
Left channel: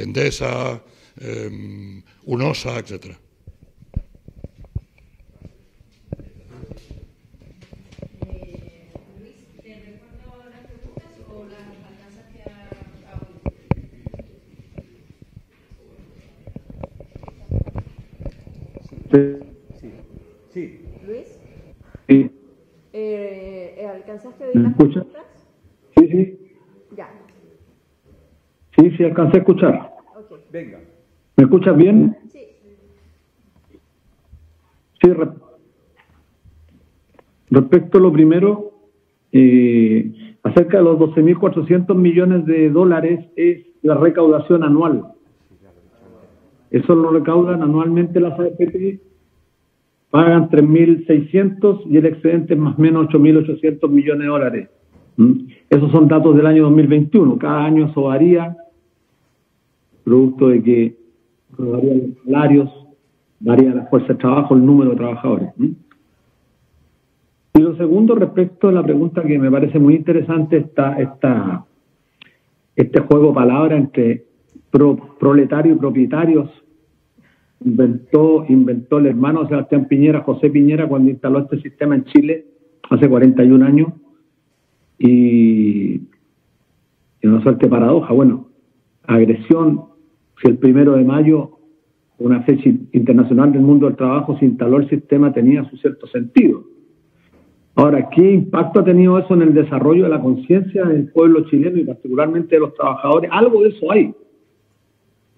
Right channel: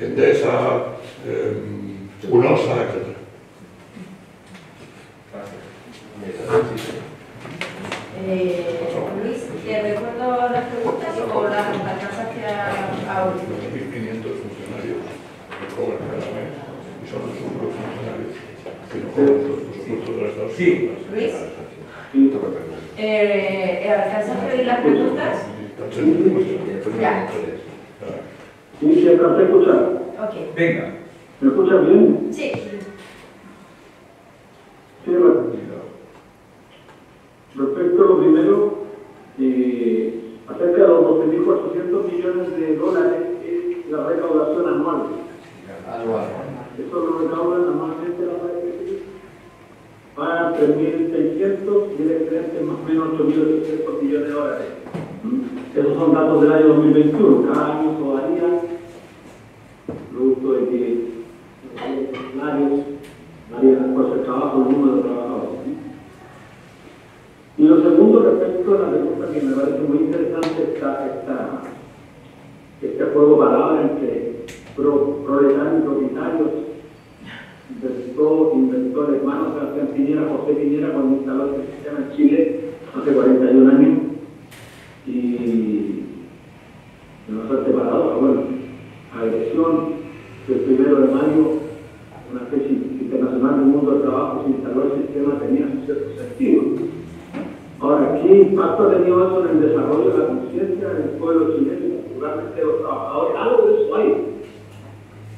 Endesa, UNOSA, etc. Luis, ¿te recuerdo las preguntas o las pasamos hacia ahora? 1.500 funcionarios que cobran cada mes y son los funcionarios que no cobran los presupuestos del Estado. Sí. Luis, ¿alcanzaste las preguntas? Ya. Sí, alcancé a escuchar. Ok. Venga. ¿Me escuchas bien? Sí. Sí, respecto a lo primero, acerca de los 12.400 millones de dólares es la recaudación anual. Eso lo recaudan anualmente las AFP, pagan 3.600 y el excedente es más o menos 8.800 millones de dólares. Esos son datos del año 2021. Cada año eso varía, producto de que varían los salarios, varía la fuerza de trabajo, el número de trabajadores. Y lo segundo, respecto a la pregunta que me parece muy interesante, este juego de palabras entre proletarios y propietarios, inventó el hermano Sebastián Piñera, José Piñera, cuando instaló este sistema en Chile hace 41 años. Y no suerte paradoja, bueno, agresión, si el 1 de mayo, una fecha internacional del mundo del trabajo, se instaló el sistema, tenía su cierto sentido. Ahora, ¿qué impacto ha tenido eso en el desarrollo de la conciencia del pueblo chileno y particularmente de los trabajadores? Algo de eso hay.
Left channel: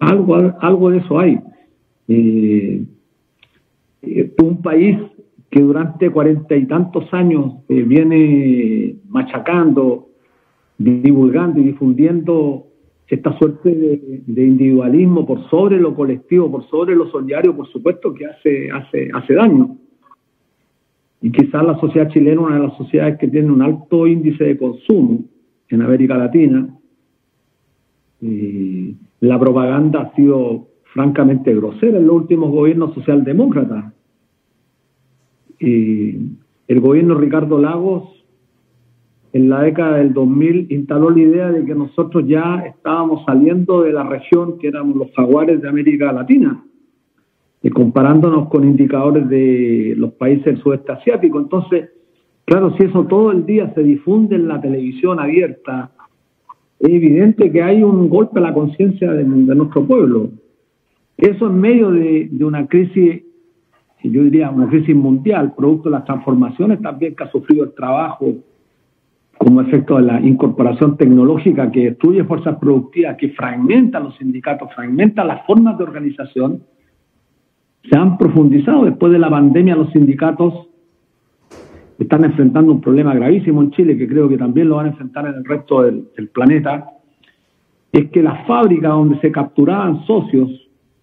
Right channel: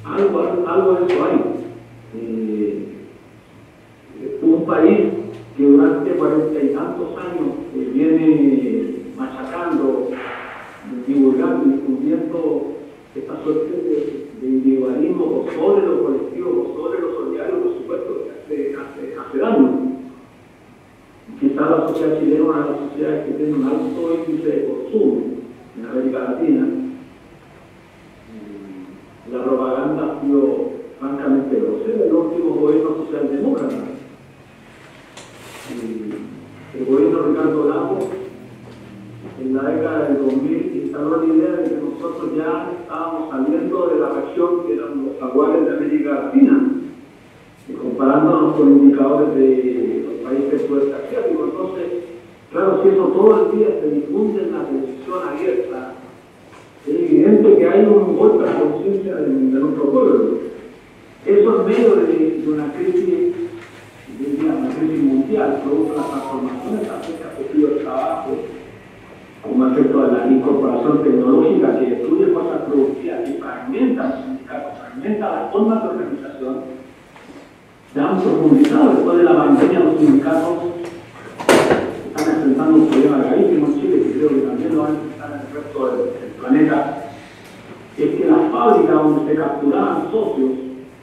Algo de eso hay. Un país que durante 40 y tantos años viene machacando, divulgando y difundiendo esta suerte de individualismo por sobre lo colectivo, por sobre lo solidario, por supuesto que hace daño. Y quizás la sociedad chilena, una de las sociedades que tiene un alto índice de consumo en América Latina, la propaganda ha sido francamente grosera en los últimos gobiernos socialdemócratas. Y el gobierno de Ricardo Lagos, en la década del 2000, instaló la idea de que nosotros ya estábamos saliendo de la región que eran los jaguares de América Latina, comparándonos con indicadores de los países del sudeste asiático. Entonces, claro, si eso todo el día se difunde en la televisión abierta, es evidente que hay un golpe a la conciencia de nuestro pueblo. Eso en medio de una crisis, yo diría una crisis mundial, producto de las transformaciones también que ha sufrido el trabajo, como efecto de la incorporación tecnológica que destruye fuerzas productivas, que fragmenta los sindicatos, fragmenta las formas de organización. Se han profundizado después de la pandemia. Los sindicatos están enfrentando un problema gravísimo en Chile, que creo que también lo van a enfrentar en el resto del planeta. Es que las fábricas donde se capturaban socios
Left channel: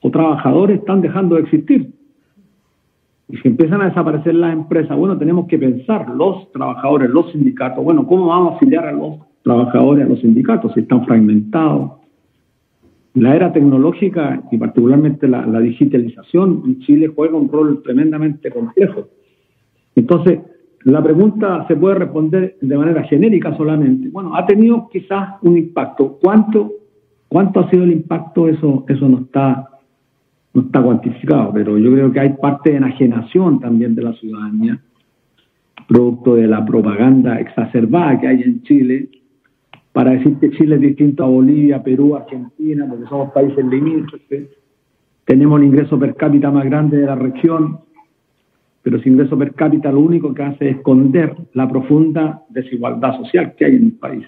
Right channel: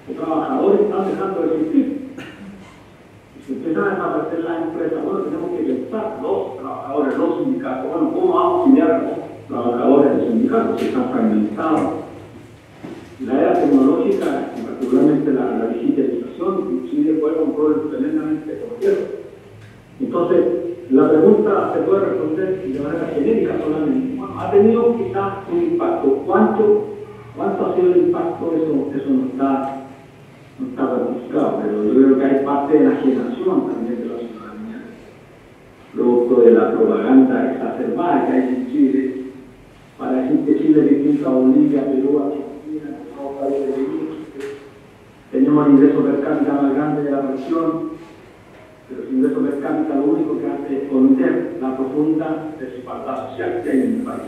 o trabajadores están dejando de existir. Y si empiezan a desaparecer las empresas, bueno, tenemos que pensar, los trabajadores, los sindicatos, bueno, ¿cómo vamos a auxiliar a los trabajadores de los sindicatos si están fragmentados? La era tecnológica y particularmente la digitalización en Chile juega un rol tremendamente complejo. Entonces, la pregunta se puede responder de manera genérica solamente. Bueno, ha tenido quizás un impacto. ¿Cuánto ha sido el impacto? Eso no está cuantificado, pero yo creo que hay parte de enajenación también de la ciudadanía, producto de la propaganda exacerbada que hay en Chile, para decir que Chile es distinto a Bolivia, Perú, Argentina, porque somos países limítrofes. Tenemos el ingreso per cápita más grande de la región, pero ese ingreso per cápita lo único que hace es esconder la profunda desigualdad social que hay en el país.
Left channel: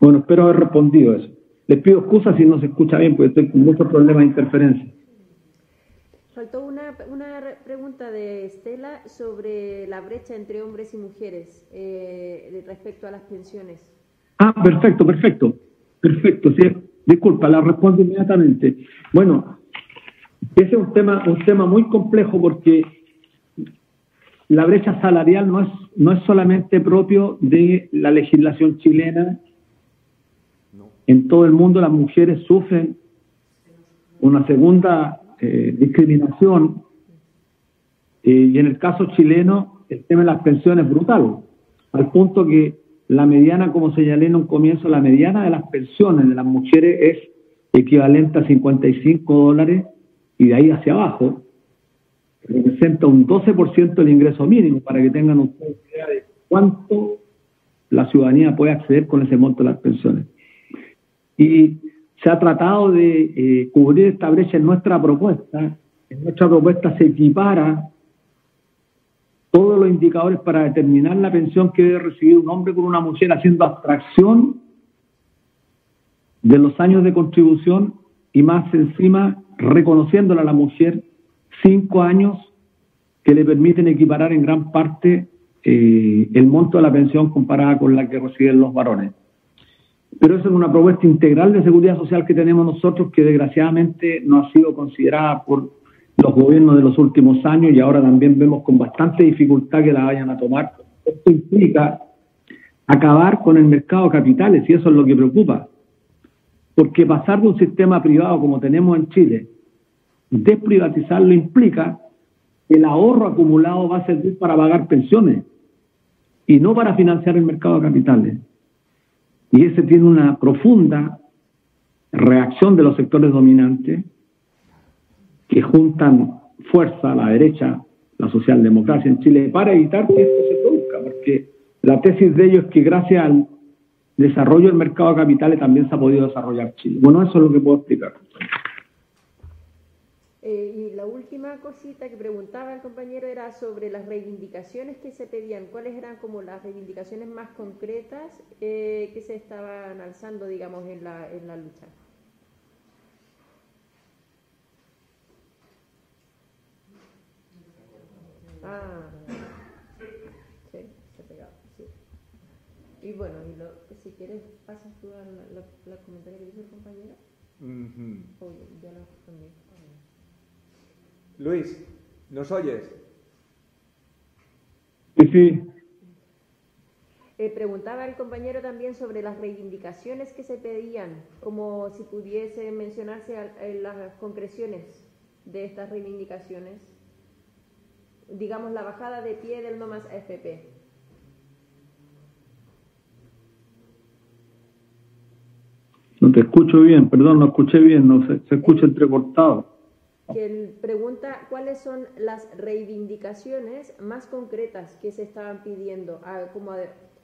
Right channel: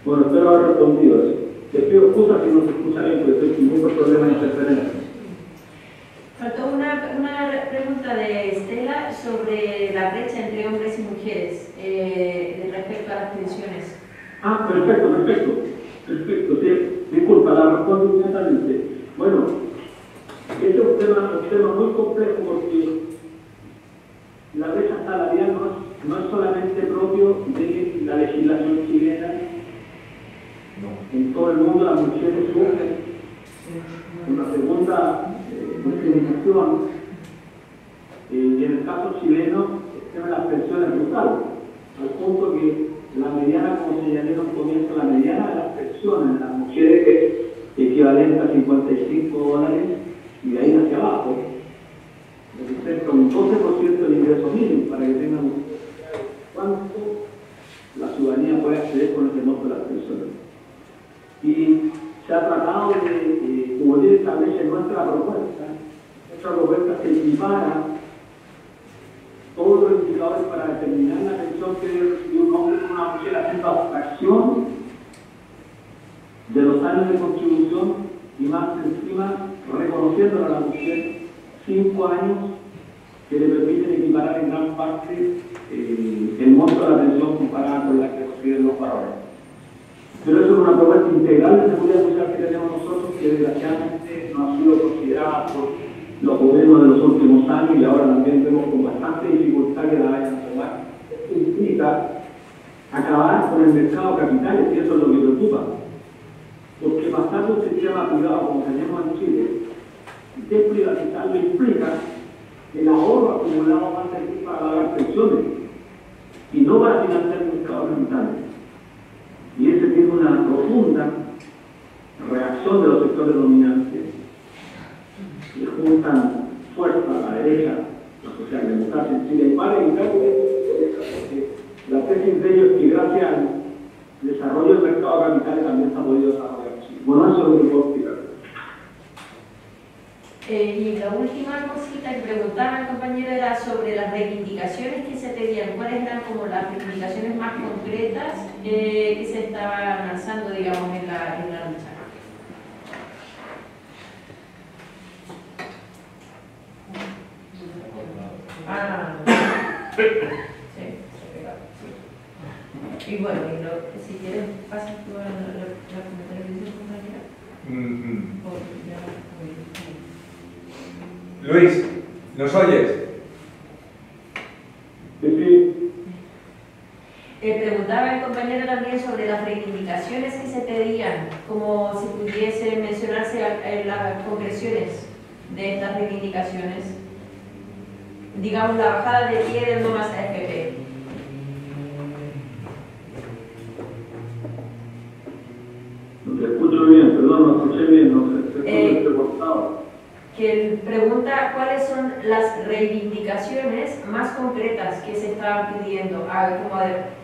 Bueno, espero haber respondido eso. Les pido excusas si no se escucha bien, porque estoy con muchos problemas de interferencia. Faltó una pregunta de Estela sobre la brecha entre hombres y mujeres respecto a las pensiones. Ah, perfecto, sí. Disculpa, la respondo inmediatamente. Bueno, Ese es un tema muy complejo porque la brecha salarial no es solamente propio de la legislación chilena. En todo el mundo las mujeres sufren una segunda discriminación y en el caso chileno el tema de las pensiones es brutal, al punto que la mediana, como señalé en un comienzo, la mediana de las pensiones de las mujeres es equivalente a $55 y de ahí hacia abajo representa un 12% del ingreso mínimo, para que tengan una idea de cuánto la ciudadanía puede acceder con ese monto de las pensiones. Y se ha tratado de cubrir esta brecha en nuestra propuesta. En nuestra propuesta se equipara todos los indicadores para determinar la pensión que debe recibir un hombre con una mujer, haciendo abstracción de los años de contribución y más encima reconociéndole a la mujer 5 años que le permiten equiparar en gran parte el monto de la pensión comparada con la que reciben los varones. Pero eso es una propuesta integral de seguridad social que tenemos nosotros, que desgraciadamente no ha sido considerada por los gobiernos de los últimos años y ahora también vemos con bastante dificultad que la vayan a tomar. Esto implica acabar con el mercado de capitales y eso es lo que preocupa. Porque pasar de un sistema privado como tenemos en Chile, desprivatizarlo implica que el ahorro acumulado va a servir para pagar pensiones y no para financiar el mercado de capitales. Y ese tiene una profunda reacción de los sectores dominantes que juntan fuerza a la derecha, la socialdemocracia en Chile, para evitar que esto se produzca. Porque la tesis de ellos es que gracias al desarrollo del mercado de capitales también se ha podido desarrollar Chile. Bueno, eso es lo que puedo explicar. Y la última cosita que preguntaba el compañero era sobre las reivindicaciones que se pedían. ¿Cuáles eran como las reivindicaciones más concretas que se estaban lanzando, digamos, en la lucha? Sí. Y bueno, si quieres, pasas tú a la comentario que dice compañera. Luis, ¿nos oyes? Sí. Preguntaba el compañero también sobre las reivindicaciones que se pedían, como si pudiese mencionarse las concreciones de estas reivindicaciones. Digamos, la bajada de pie del no más AFP. No te escucho bien, perdón, no escuché bien, no se escucha entrecortado. Que pregunta cuáles son las reivindicaciones más concretas que se estaban pidiendo,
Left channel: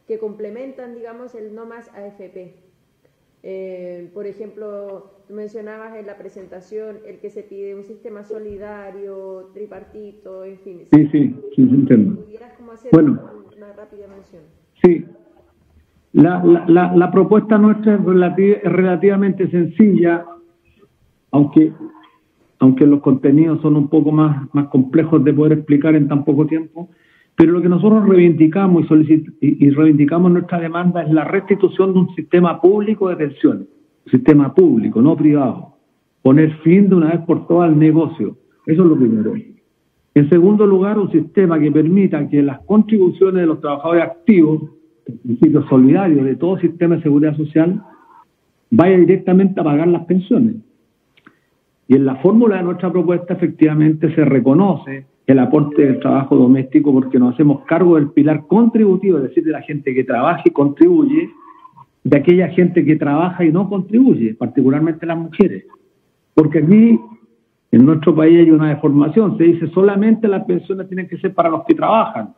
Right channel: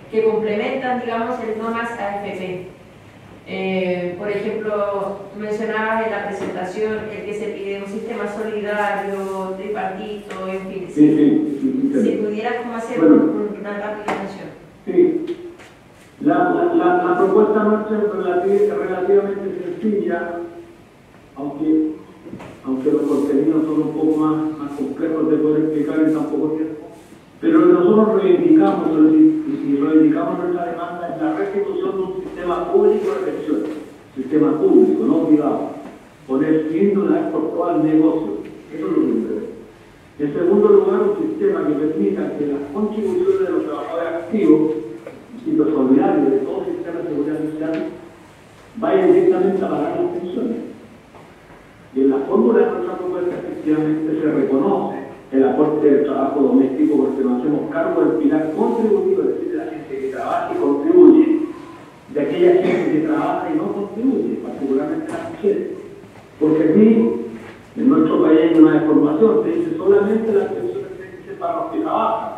que complementan, digamos, el no más AFP. Por ejemplo, mencionabas en la presentación el que se pide un sistema solidario, tripartito, en fin. Si pudieras como hacer una rápida mención. Sí. La propuesta nuestra es relativamente sencilla, aunque los contenidos son un poco más complejos de poder explicar en tan poco tiempo, pero lo que nosotros reivindicamos y reivindicamos nuestra demanda es la restitución de un sistema público de pensiones, un sistema público, no privado, poner fin de una vez por todas al negocio, eso es lo primero. En segundo lugar, un sistema que permita que las contribuciones de los trabajadores activos, principios solidarios de todo sistema de seguridad social, vayan directamente a pagar las pensiones. Y en la fórmula de nuestra propuesta efectivamente se reconoce el aporte del trabajo doméstico porque nos hacemos cargo del pilar contributivo, es decir, de la gente que trabaja y contribuye, de aquella gente que trabaja y no contribuye, particularmente las mujeres. Porque aquí, en nuestro país hay una deformación, se dice solamente las pensiones tienen que ser para los que trabajan,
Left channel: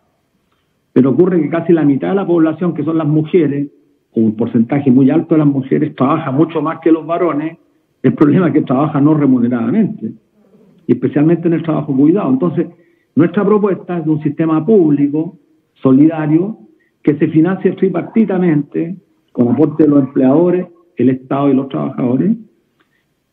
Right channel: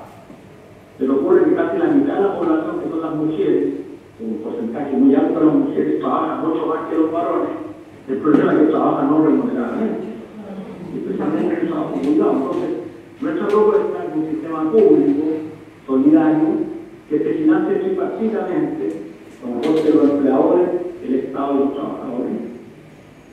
pero ocurre que casi la mitad de la población, que son las mujeres, un porcentaje muy alto de las mujeres, trabaja mucho más que los varones. El problema es que trabaja no remuneradamente, y especialmente en el trabajo cuidado. Entonces, nuestra propuesta es un sistema público, solidario, que se financie tripartitamente, con aporte de los empleadores, el Estado y los trabajadores,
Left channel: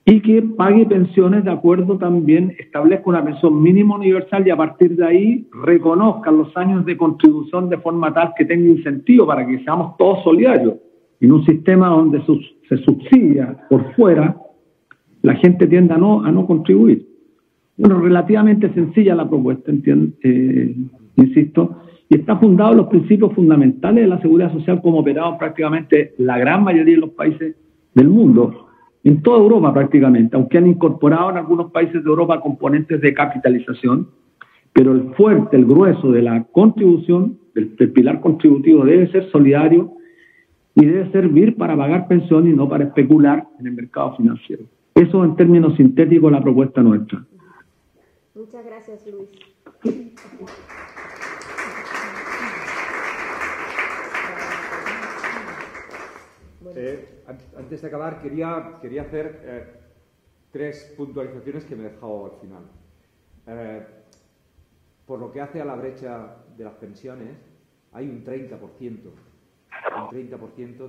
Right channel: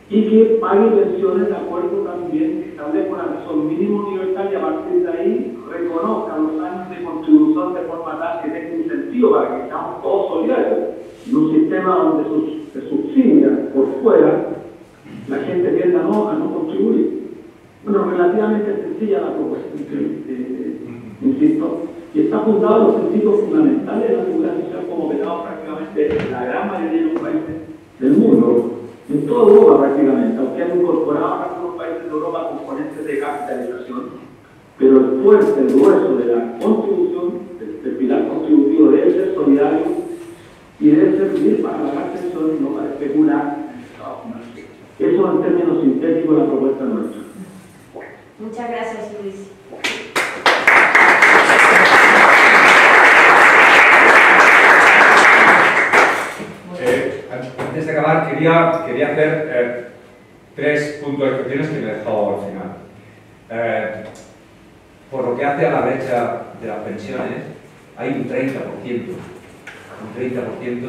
y que pague pensiones de acuerdo también, establezca una pensión mínima universal y a partir de ahí reconozca los años de contribución de forma tal que tenga incentivo para que seamos todos solidarios. En un sistema donde se subsidia por fuera, la gente tiende a no contribuir. Bueno, relativamente sencilla la propuesta, insisto, y está fundado en los principios fundamentales de la seguridad social como operados prácticamente en la gran mayoría de los países del mundo, en toda Europa prácticamente, aunque han incorporado en algunos países de Europa componentes de capitalización, pero el fuerte, el grueso de la contribución, del pilar contributivo debe ser solidario y debe servir para pagar pensiones y no para especular en el mercado financiero. Eso en términos sintéticos la propuesta nuestra. Muchas gracias, Luis. Antes de acabar, quería hacer 3 puntos de reflexiones que me he dejado al final. Por lo que hace a la brecha de las pensiones, hay un 30%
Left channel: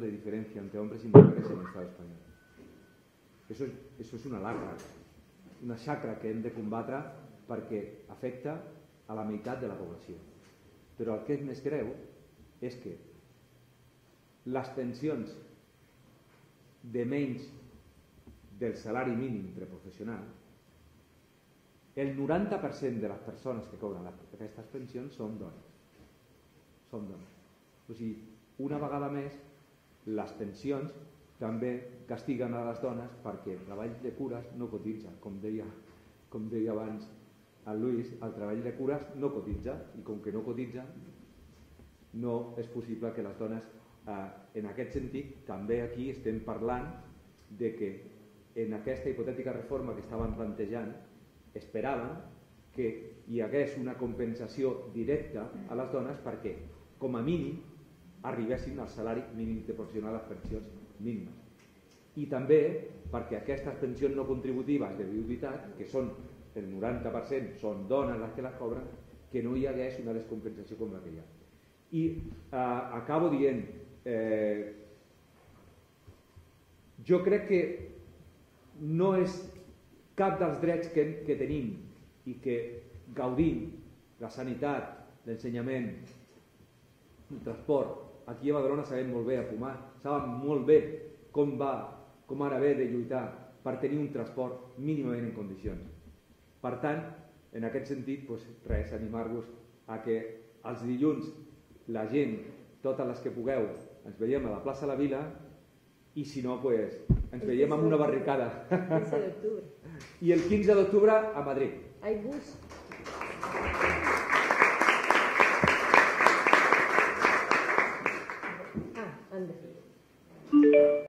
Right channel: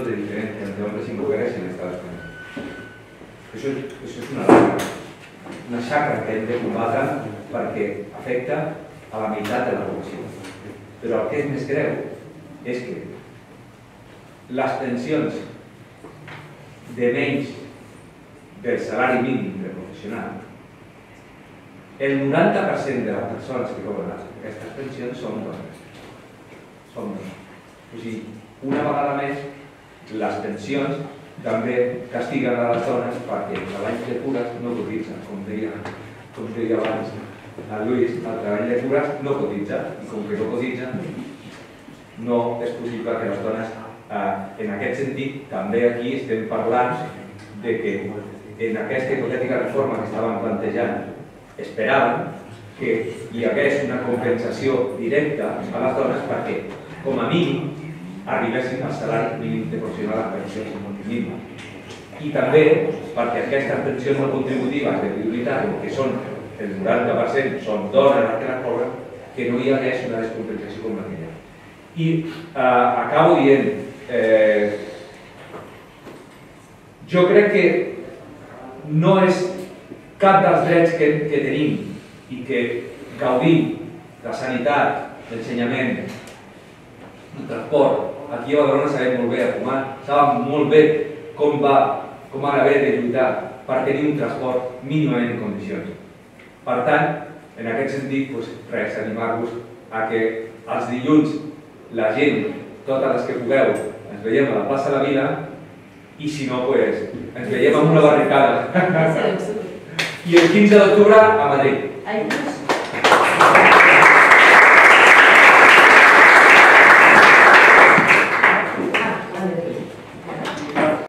de diferencia entre hombres y mujeres en Estados Unidos. Eso és una xacra que hem de combatre perquè afecta a la meitat de la població. Però el que és més greu és que les pensions de menys del salari mínim del professional, el 90% de les persones que cobren aquestes pensions són dones. O sigui, una vegada més, les pensions també castiguen a les dones perquè el treball de cures no cotitza, com deia abans a Lluís, el treball de cures no cotitza, i com que no cotitza, no és possible que les dones, en aquest sentit, també aquí estem parlant de que en aquesta hipotètica reforma que estaven plantejant esperaven que hi hagués una compensació directa a les dones perquè, com a mínim, arribessin al salari mínim de professional a pensions mínimes. I també perquè aquestes pensions no contributives de prioritat, que són el 90% són dones les que les cobren, que no hi hagués una descompensació com aquella. I acabo dient, jo crec que no és cap dels drets que tenim i que gaudim, la sanitat, l'ensenyament, el transport. Aquí a Badalona sabem molt bé a Pomar, sabem molt bé com ha d'haver de lluitar per tenir un transport mínimament en condicions. Per tant, en aquest sentit, res, animar-vos a que els dilluns la gent, totes les que pugueu, ens veiem a la plaça de la Vila i si no, ens veiem amb una barricada. I el 15 d'octubre a Madrid.